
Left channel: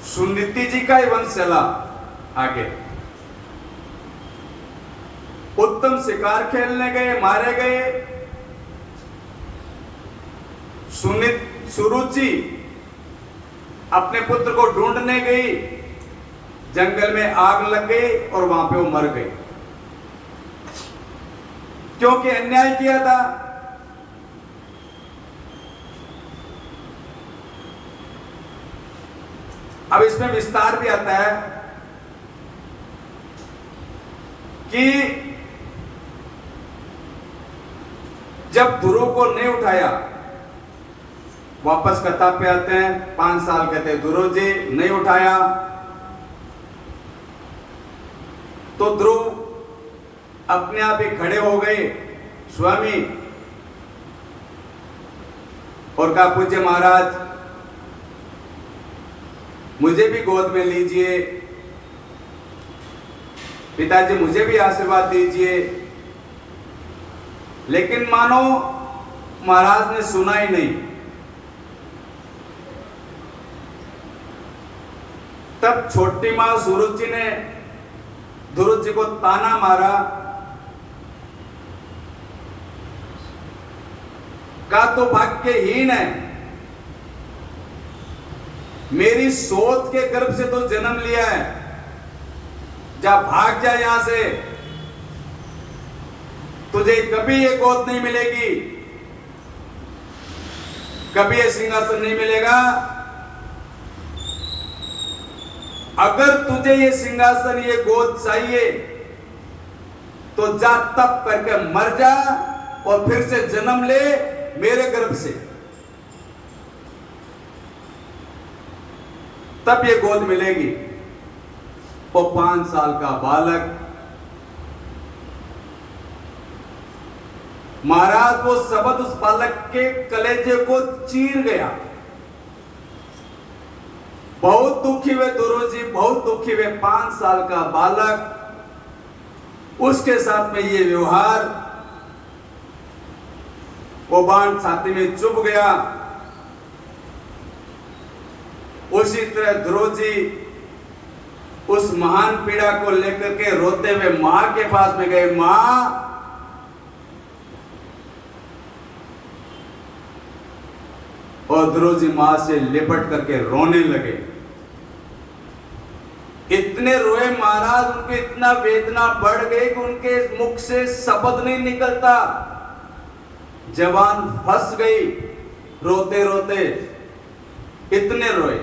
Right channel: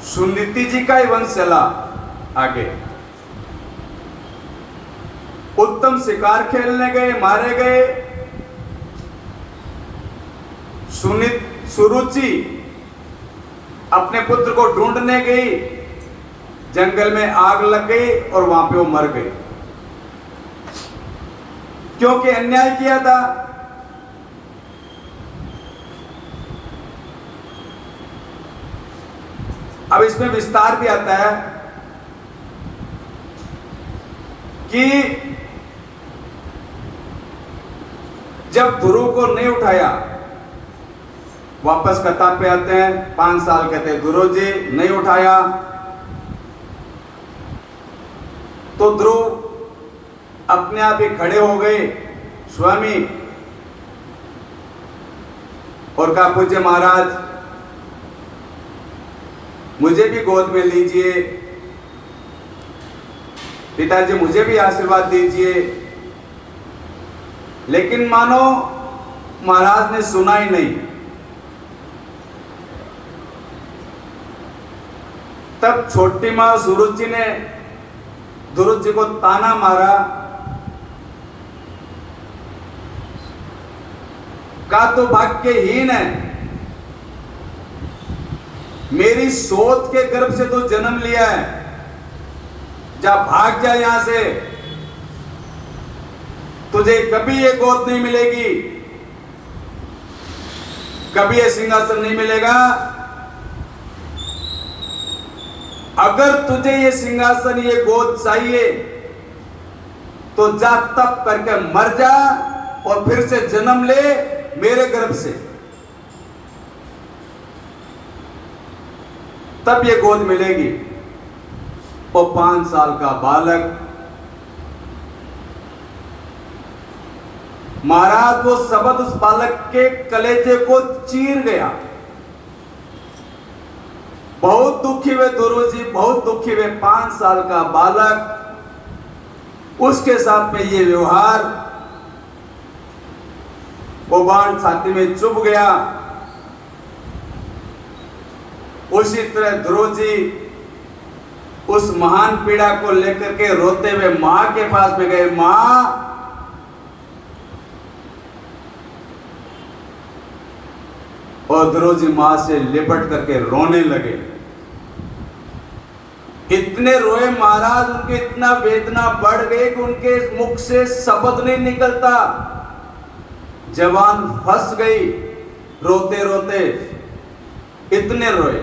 सुनीति जी का ही वंश चला आगे। उत्तम शिकार खेलने गए, मारे गए। सुरुचि अपने पुत्र को ढूंढने गई, जंगल में आग लग गई और वहां पे वो मर गई, क्योंकि अन्याय किया था। अब इसमें विस्तार भी आता है कि जब ध्रुव को नहीं उठाया, वापस कथा पे आते हैं, 5 साल कहते ध्रुव जी नहीं उठाया, तो ध्रुव अपने आप ही खड़े हो गए स्वामी और कहा पूज्य महाराज मुझे भी गोद में लीजिए, पिताजी मुझे भी आशीर्वाद दीजिए। लेकिन मानो महाराज ने सुना ही नहीं। तब छोटी मां सुरुचि ने ध्रुव जी को ताना मारा, कहा तो भाग्यहीन है, मेरी सोच के गर्भ से तो जन्म लिया है, जा भाग जा यहां से, तुझे कभी ये गोद नहीं मिलेगी, कभी ये सिंहासन नहीं मिलेगा। अगर तुझे ये सिंहासन ये गोद चाहिए तो जा तप करके मर जा और फिर से जन्म ले मेरे गर्भ से, तब ये गोद मिलेगी। वो 5 साल का बालक, महाराज वो शब्द उस बालक के कलेजे को चीर गया। बहुत दुखी हुए ध्रुव जी, बहुत दुखी हुए। 5 साल का बालक, उसके साथ में ये व्यवहार, वो बाण छाती में चुभ गया। उसी तरह ध्रुव जी उस महान पीड़ा को लेकर के रोते हुए मां के पास में गए। मां, और ध्रुव जी मां से लिपट करके रोने लगे। इतने रोए महाराज, उनके इतना वेदना बढ़ गई कि उनके मुख से शब्द नहीं निकलता, जवान फंस गई रोते रोते, इतने रोए।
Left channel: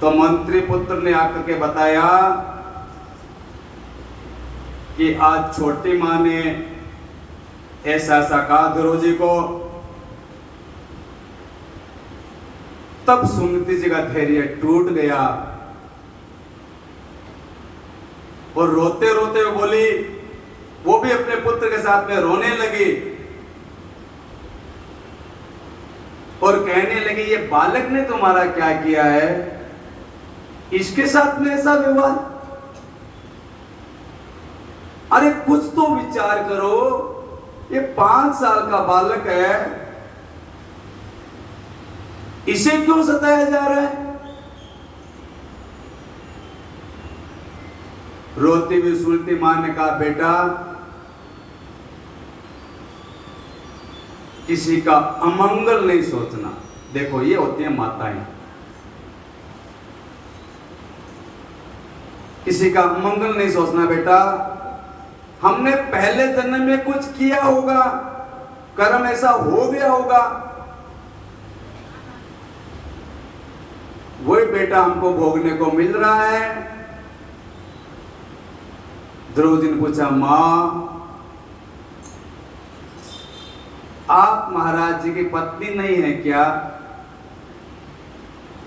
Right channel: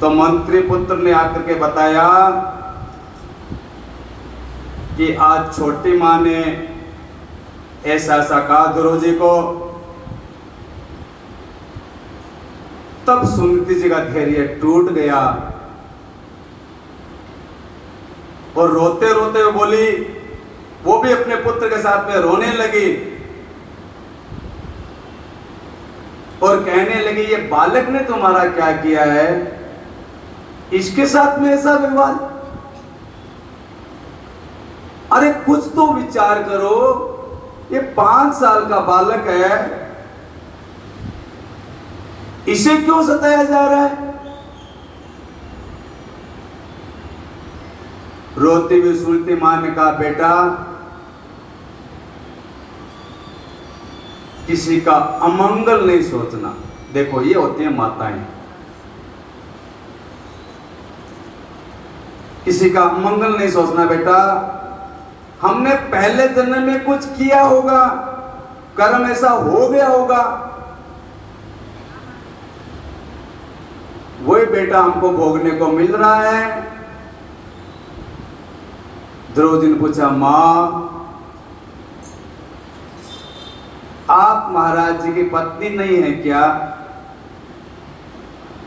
तो मंत्री पुत्र ने आकर के बताया कि आज छोटी मां ने ऐसा ऐसा कहा ध्रुव जी को। तब सुनीति जी का धैर्य टूट गया और रोते रोते हुए बोली, वो भी अपने पुत्र के साथ में रोने लगी और कहने लगे ये बालक ने तुम्हारा क्या किया है, इसके साथ में ऐसा व्यवहार। अरे कुछ तो विचार करो, ये 5 साल का बालक है, इसे क्यों सताया जा रहा है। रोती हुई सुनती मां ने कहा, बेटा किसी का अमंगल नहीं सोचना। देखो ये होती है माताएं, किसी का अमंगल नहीं सोचना बेटा। हमने पहले जन्म में कुछ किया होगा, कर्म ऐसा हो गया होगा, वही बेटा हमको भोगने को मिल रहा है। द्रौपदी ने पूछा, मां आप महाराज जी की पत्नी नहीं है क्या?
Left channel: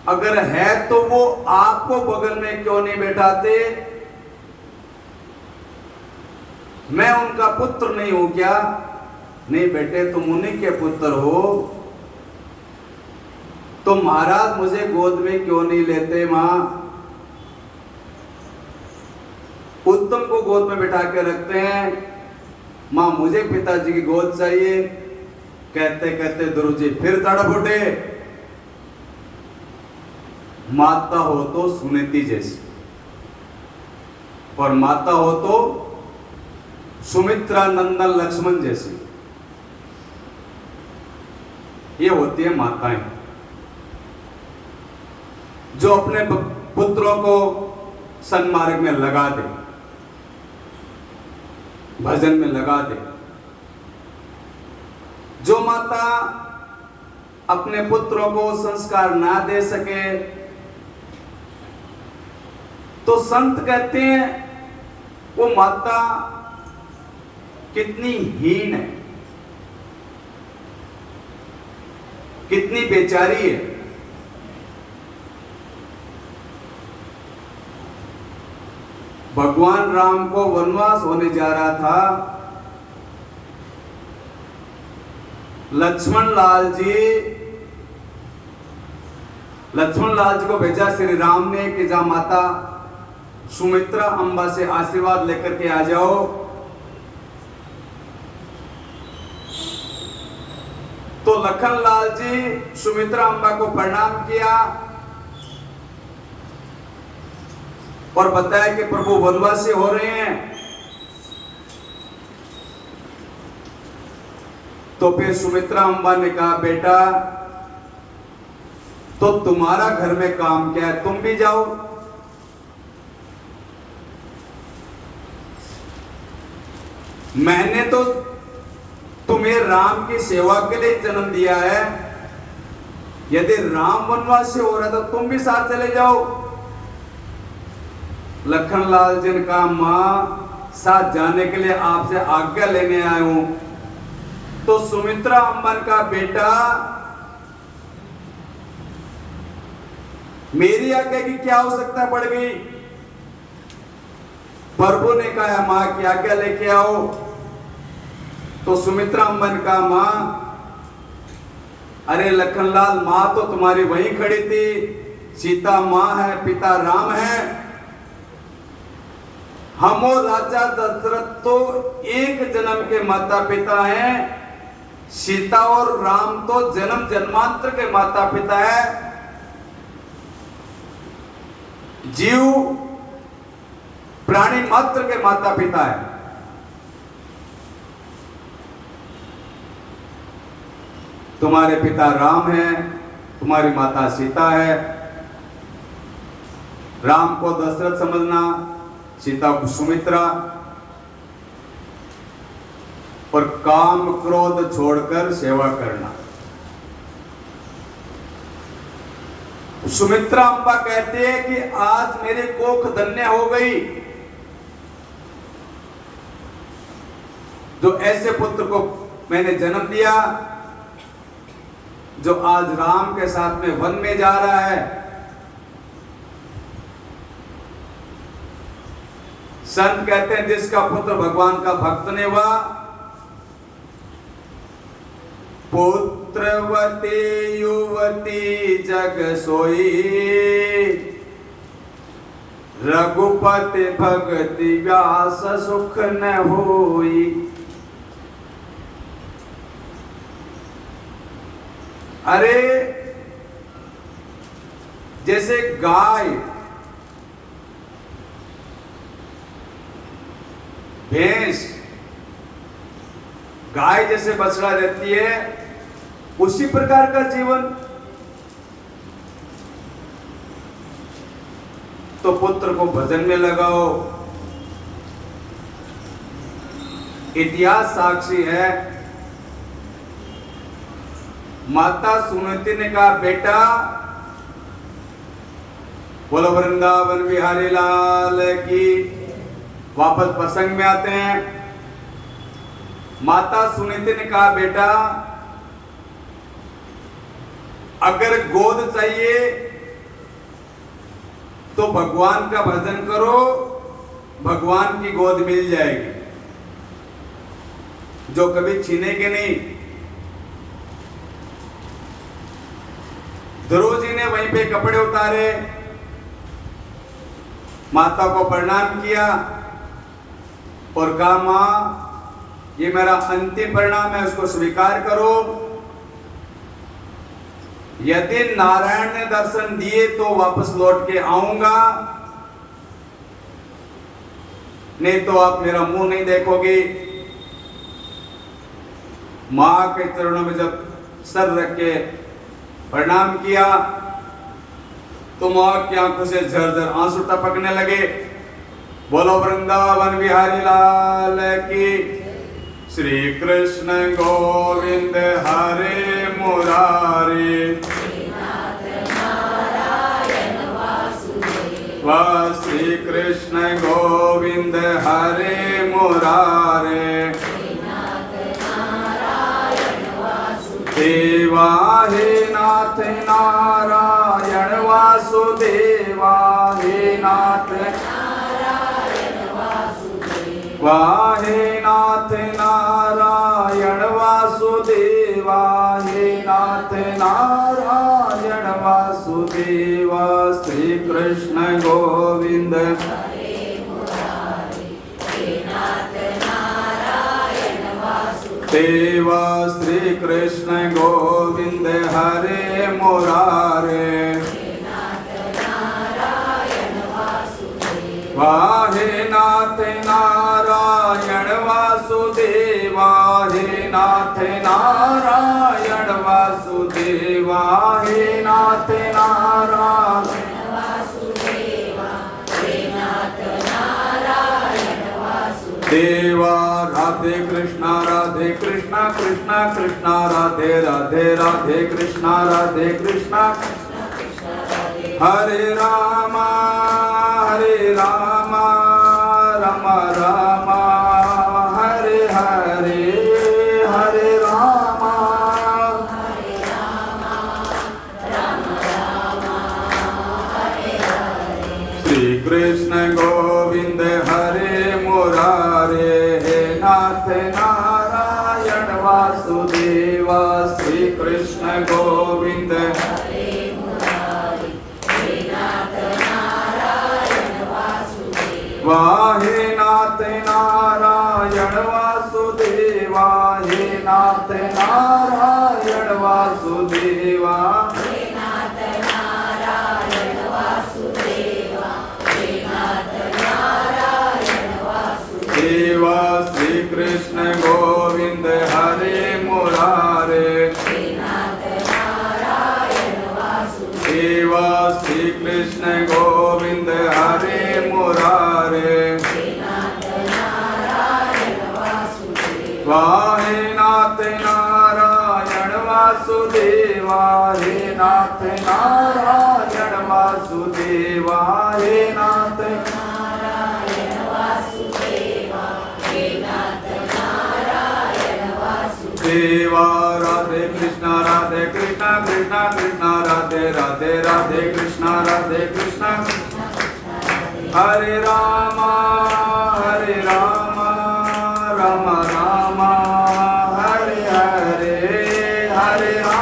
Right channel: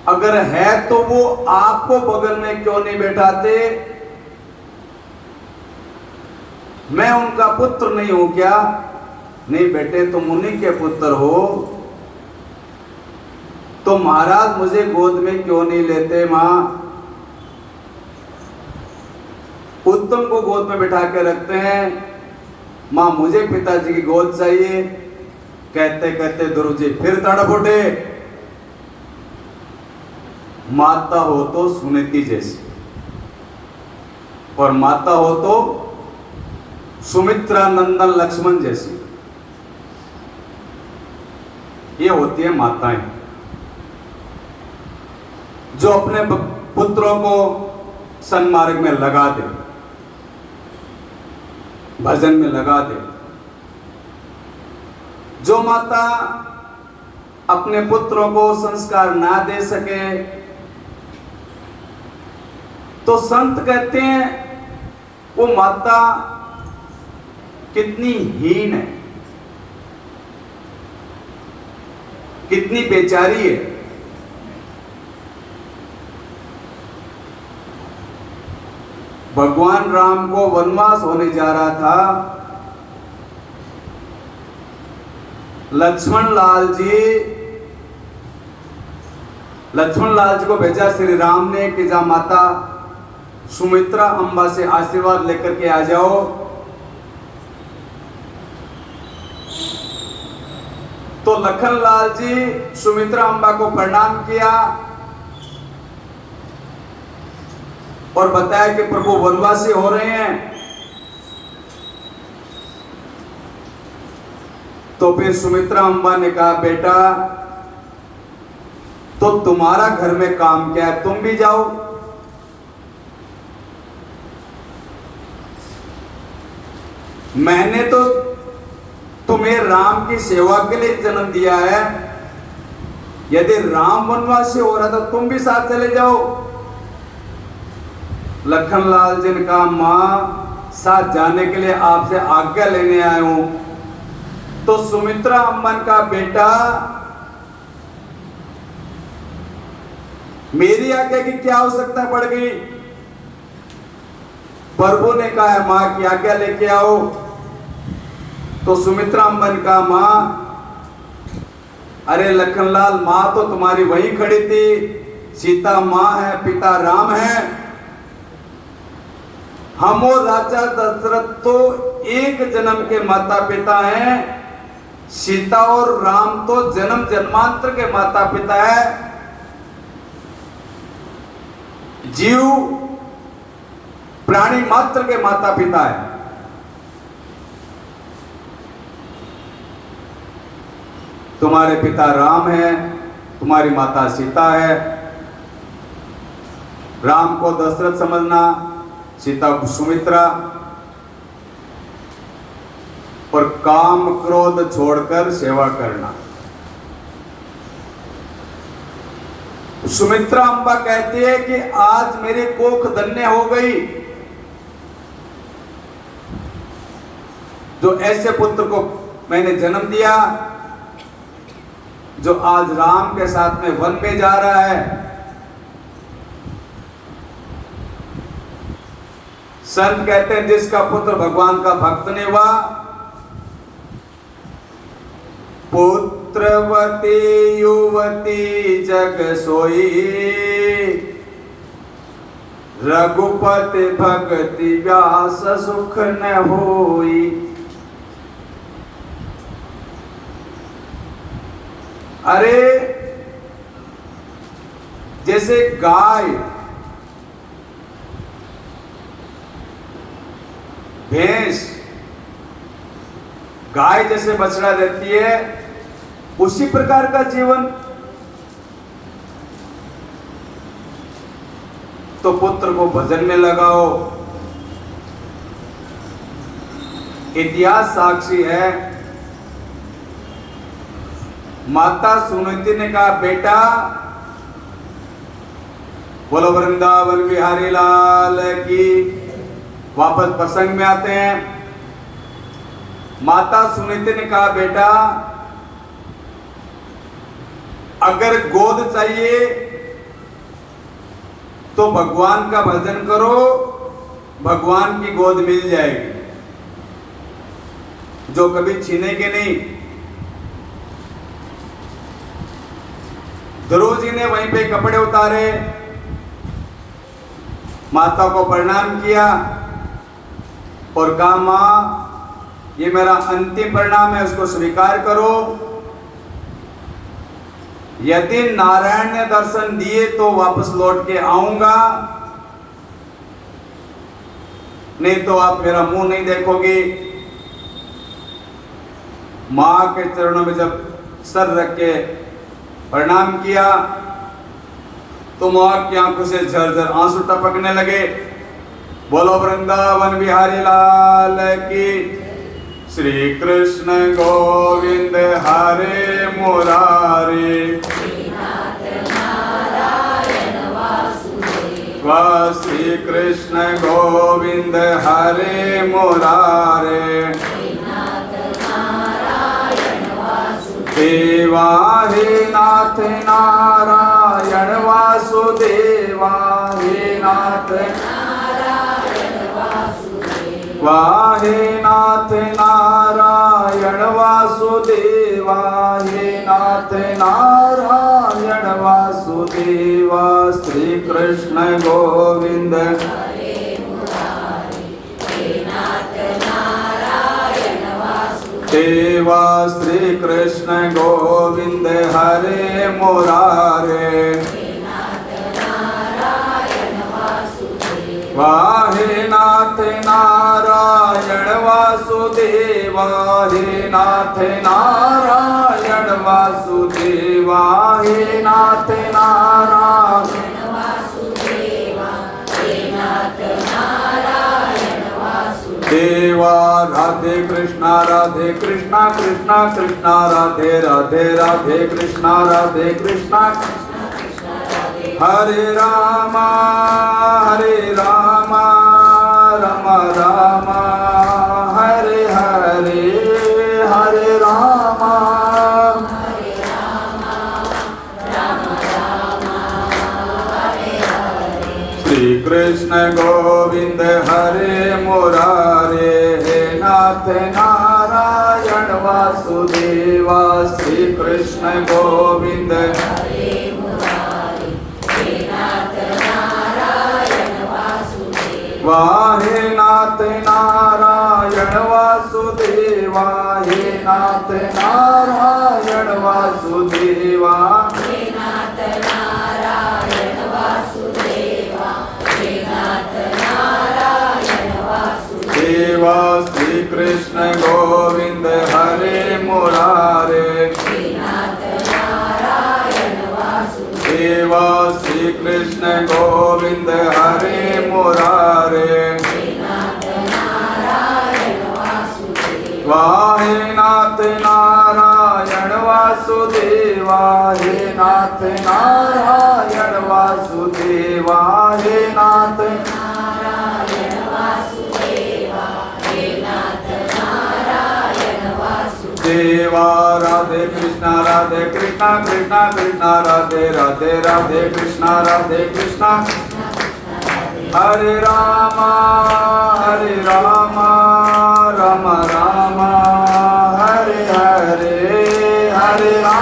अगर है तो वो आपको बगल में क्यों नहीं बैठाते? मैं उनका पुत्र नहीं हूं क्या? नहीं बेटे, तुम उन्हीं के पुत्र हो, तो महाराज मुझे गोद में क्यों नहीं लेते? मां उत्तम को गोद में बिठा के रखते हैं, मां मुझे पिताजी की गोद चाहिए। कहते कहते गुरुजी फिर तड़प उठे। माता हो तो सुनीति जैसी, और माता हो तो सुमित्रा नंदन लक्ष्मण जैसी, ये होती है माताएं जो अपने पुत्रों को सन्मार्ग में लगा दे, भजन में लगा दे। जो माता अपने पुत्रों को संस्कार ना दे सके, तो संत कहते हैं वो माता कितनी हीन है, कितनी बेचारी है। भगवान राम को वनवास होने जा रहा था, लक्ष्मण लाल जी को भेजा श्री राम ने कि जा माता सुमित्रा अम्बा से आशीर्वाद लेकर के आ जाओ। तो लखन लाल जी सुमित्रा अम्बा को प्रणाम किया और बताया कि प्रभु वनवासी हो रहे हैं। तो फिर सुमित्रा अम्बा ने कहा, बेटा तो तुम्हारा घर में काम क्या है, तुम भी जाओ। मैंने तो तुम्हें राम की सेवा के लिए जन्म दिया है, यदि राम वनवासी हो रहा था तुम भी साथ चले जाओ। लखन लाल जी ने कहा, मां साथ जाने के लिए आपसे आज्ञा लेने आया हूं। तो सुमित्रा अम्बन का बेटा, मेरी आज्ञा की क्या आवश्यकता पड़ गई? प्रभु ने कहा मां की आज्ञा लेके आओ। तो सुमित्रा अम्बन का, मां अरे लखनलाल, मां तो तुम्हारी वहीं खड़ी थी, सीता मां है, पिता राम है। हम और राजा दशरथ तो एक जन्म के माता पिता हैं, सीता और राम तो जन्म जन्मांतर के माता पिता है। जीव प्राणी मात्र के माता पिता है। तुम्हारे पिता राम है, तुम्हारी माता सीता है। राम को दशरथ समझना, सीता को सुमित्रा, और काम क्रोध छोड़कर सेवा करना। सुमित्रा अम्बा कहती है कि आज मेरे कोख धन्य हो गई, जो ऐसे पुत्र को मैंने जन्म दिया, जो आज राम के साथ में वन में जा रहा है। संत कहते हैं जिसका पुत्र भगवान का भक्त नहीं हुआ, पुत्र पुत्रवती युवती जग सोई, रघुपति भगति व्यास सुख न होई। अरे जैसे गाय भैंस, गाय जैसे बछड़ा रहती है, उसी प्रकार का जीवन। तो पुत्र को भजन में लगाओ। इतिहास साक्षी है, माता सुनीति ने कहा, बेटा, बोलो वृंदावन बिहारी लाल की। वापस प्रसंग में आते हैं। माता सुनीति ने कहा, बेटा, अगर गोद चाहिए तो भगवान का भजन करो, भगवान की गोद मिल जाएगी, जो कभी छीनेगी नहीं। ध्रुव जी ने वहीं पे कपड़े उतारे, माता को प्रणाम किया और कहा, मां, ये मेरा अंतिम परिणाम है, उसको स्वीकार करो। यदि नारायण ने दर्शन दिए तो वापस लौट के आऊंगा, नहीं तो आप मेरा मुंह नहीं देखोगे। मां के चरणों में जब सर रख के प्रणाम किया तो मां की आंखों से झरझर आंसू टपकने लगे। बोलो वृंदावन बिहारी लाल की। श्री कृष्ण गोविंद हरे मुरारे, श्री कृष्ण गोविंद हरे मुरारे, देवा हे नाथ नारायण वासुदेवा, हे नाथ वाहे नाथ नारायण वासुदेवा, हे नाथ नारायण वासुदेवा। श्री कृष्ण गोविंद देवा, श्री कृष्ण गोविंद हरे मुरारे, वाहे नाथ नारायण वासुदेवा, हे नाथ नारायण वासुदेवा, हे नाथ नारायण वासुदेवा, हे नाथ नारायण वासुदेवा। राधे कृष्णा कृष्णा कृष्णा राधे राधे, राधे कृष्णा हरे रामा राम राम हरे हरे, हरे रामा श्री कृष्ण गोविंद हरे मुरारे, हे नाथ नारायण वासुदेवा। श्री कृष्ण गोविंद वाहे नाथ नारायण वासुदेवा, हे नाथ नारायण वासुदेवा, हे नाथ नारायण वासुदेवा, हे नाथ नारायण वासुदेवा। श्री कृष्ण गोविंद हरे मुरारे, हे नाथ नारायण वासुदेवा। श्री कृष्ण गोविंद हरे मुरारे, वाहे नाथ नारायण वासुदेवा, हे नाथ नारायण वासुदेवा, हे नाथ नारायण वासुदेवा, हे नाथ नारायण वासुदेवा। राधे कृष्णा कृष्णा कृष्णा राधे राधे, राधे कृष्णा हरे रामा राम राम हरे हरे, हरे राम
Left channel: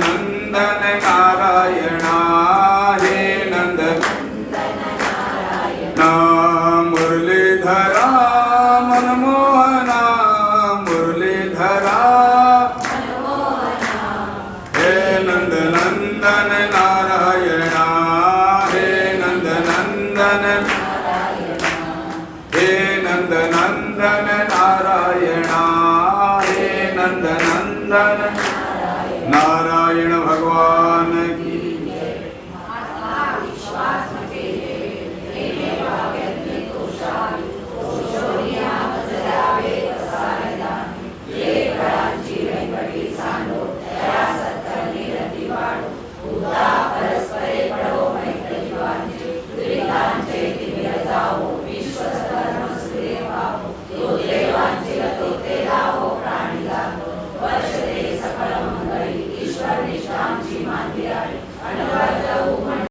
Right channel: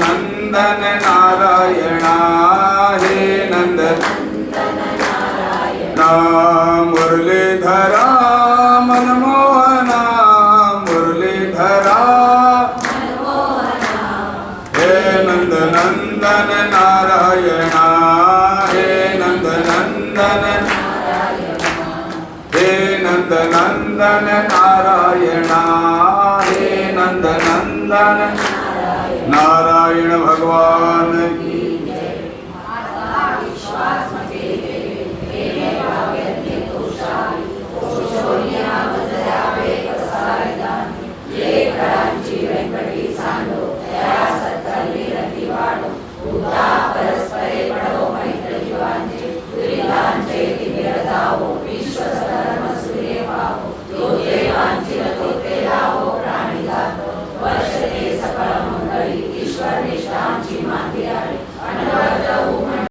नंदन नारायण हे नंद मुरलीधरा मनमोहना मुरलीधरा हे नंद नंदन नारायण हे नंद नंदन हे नंद नंदन नारायण हे नंद नंदन नारायण भगवान की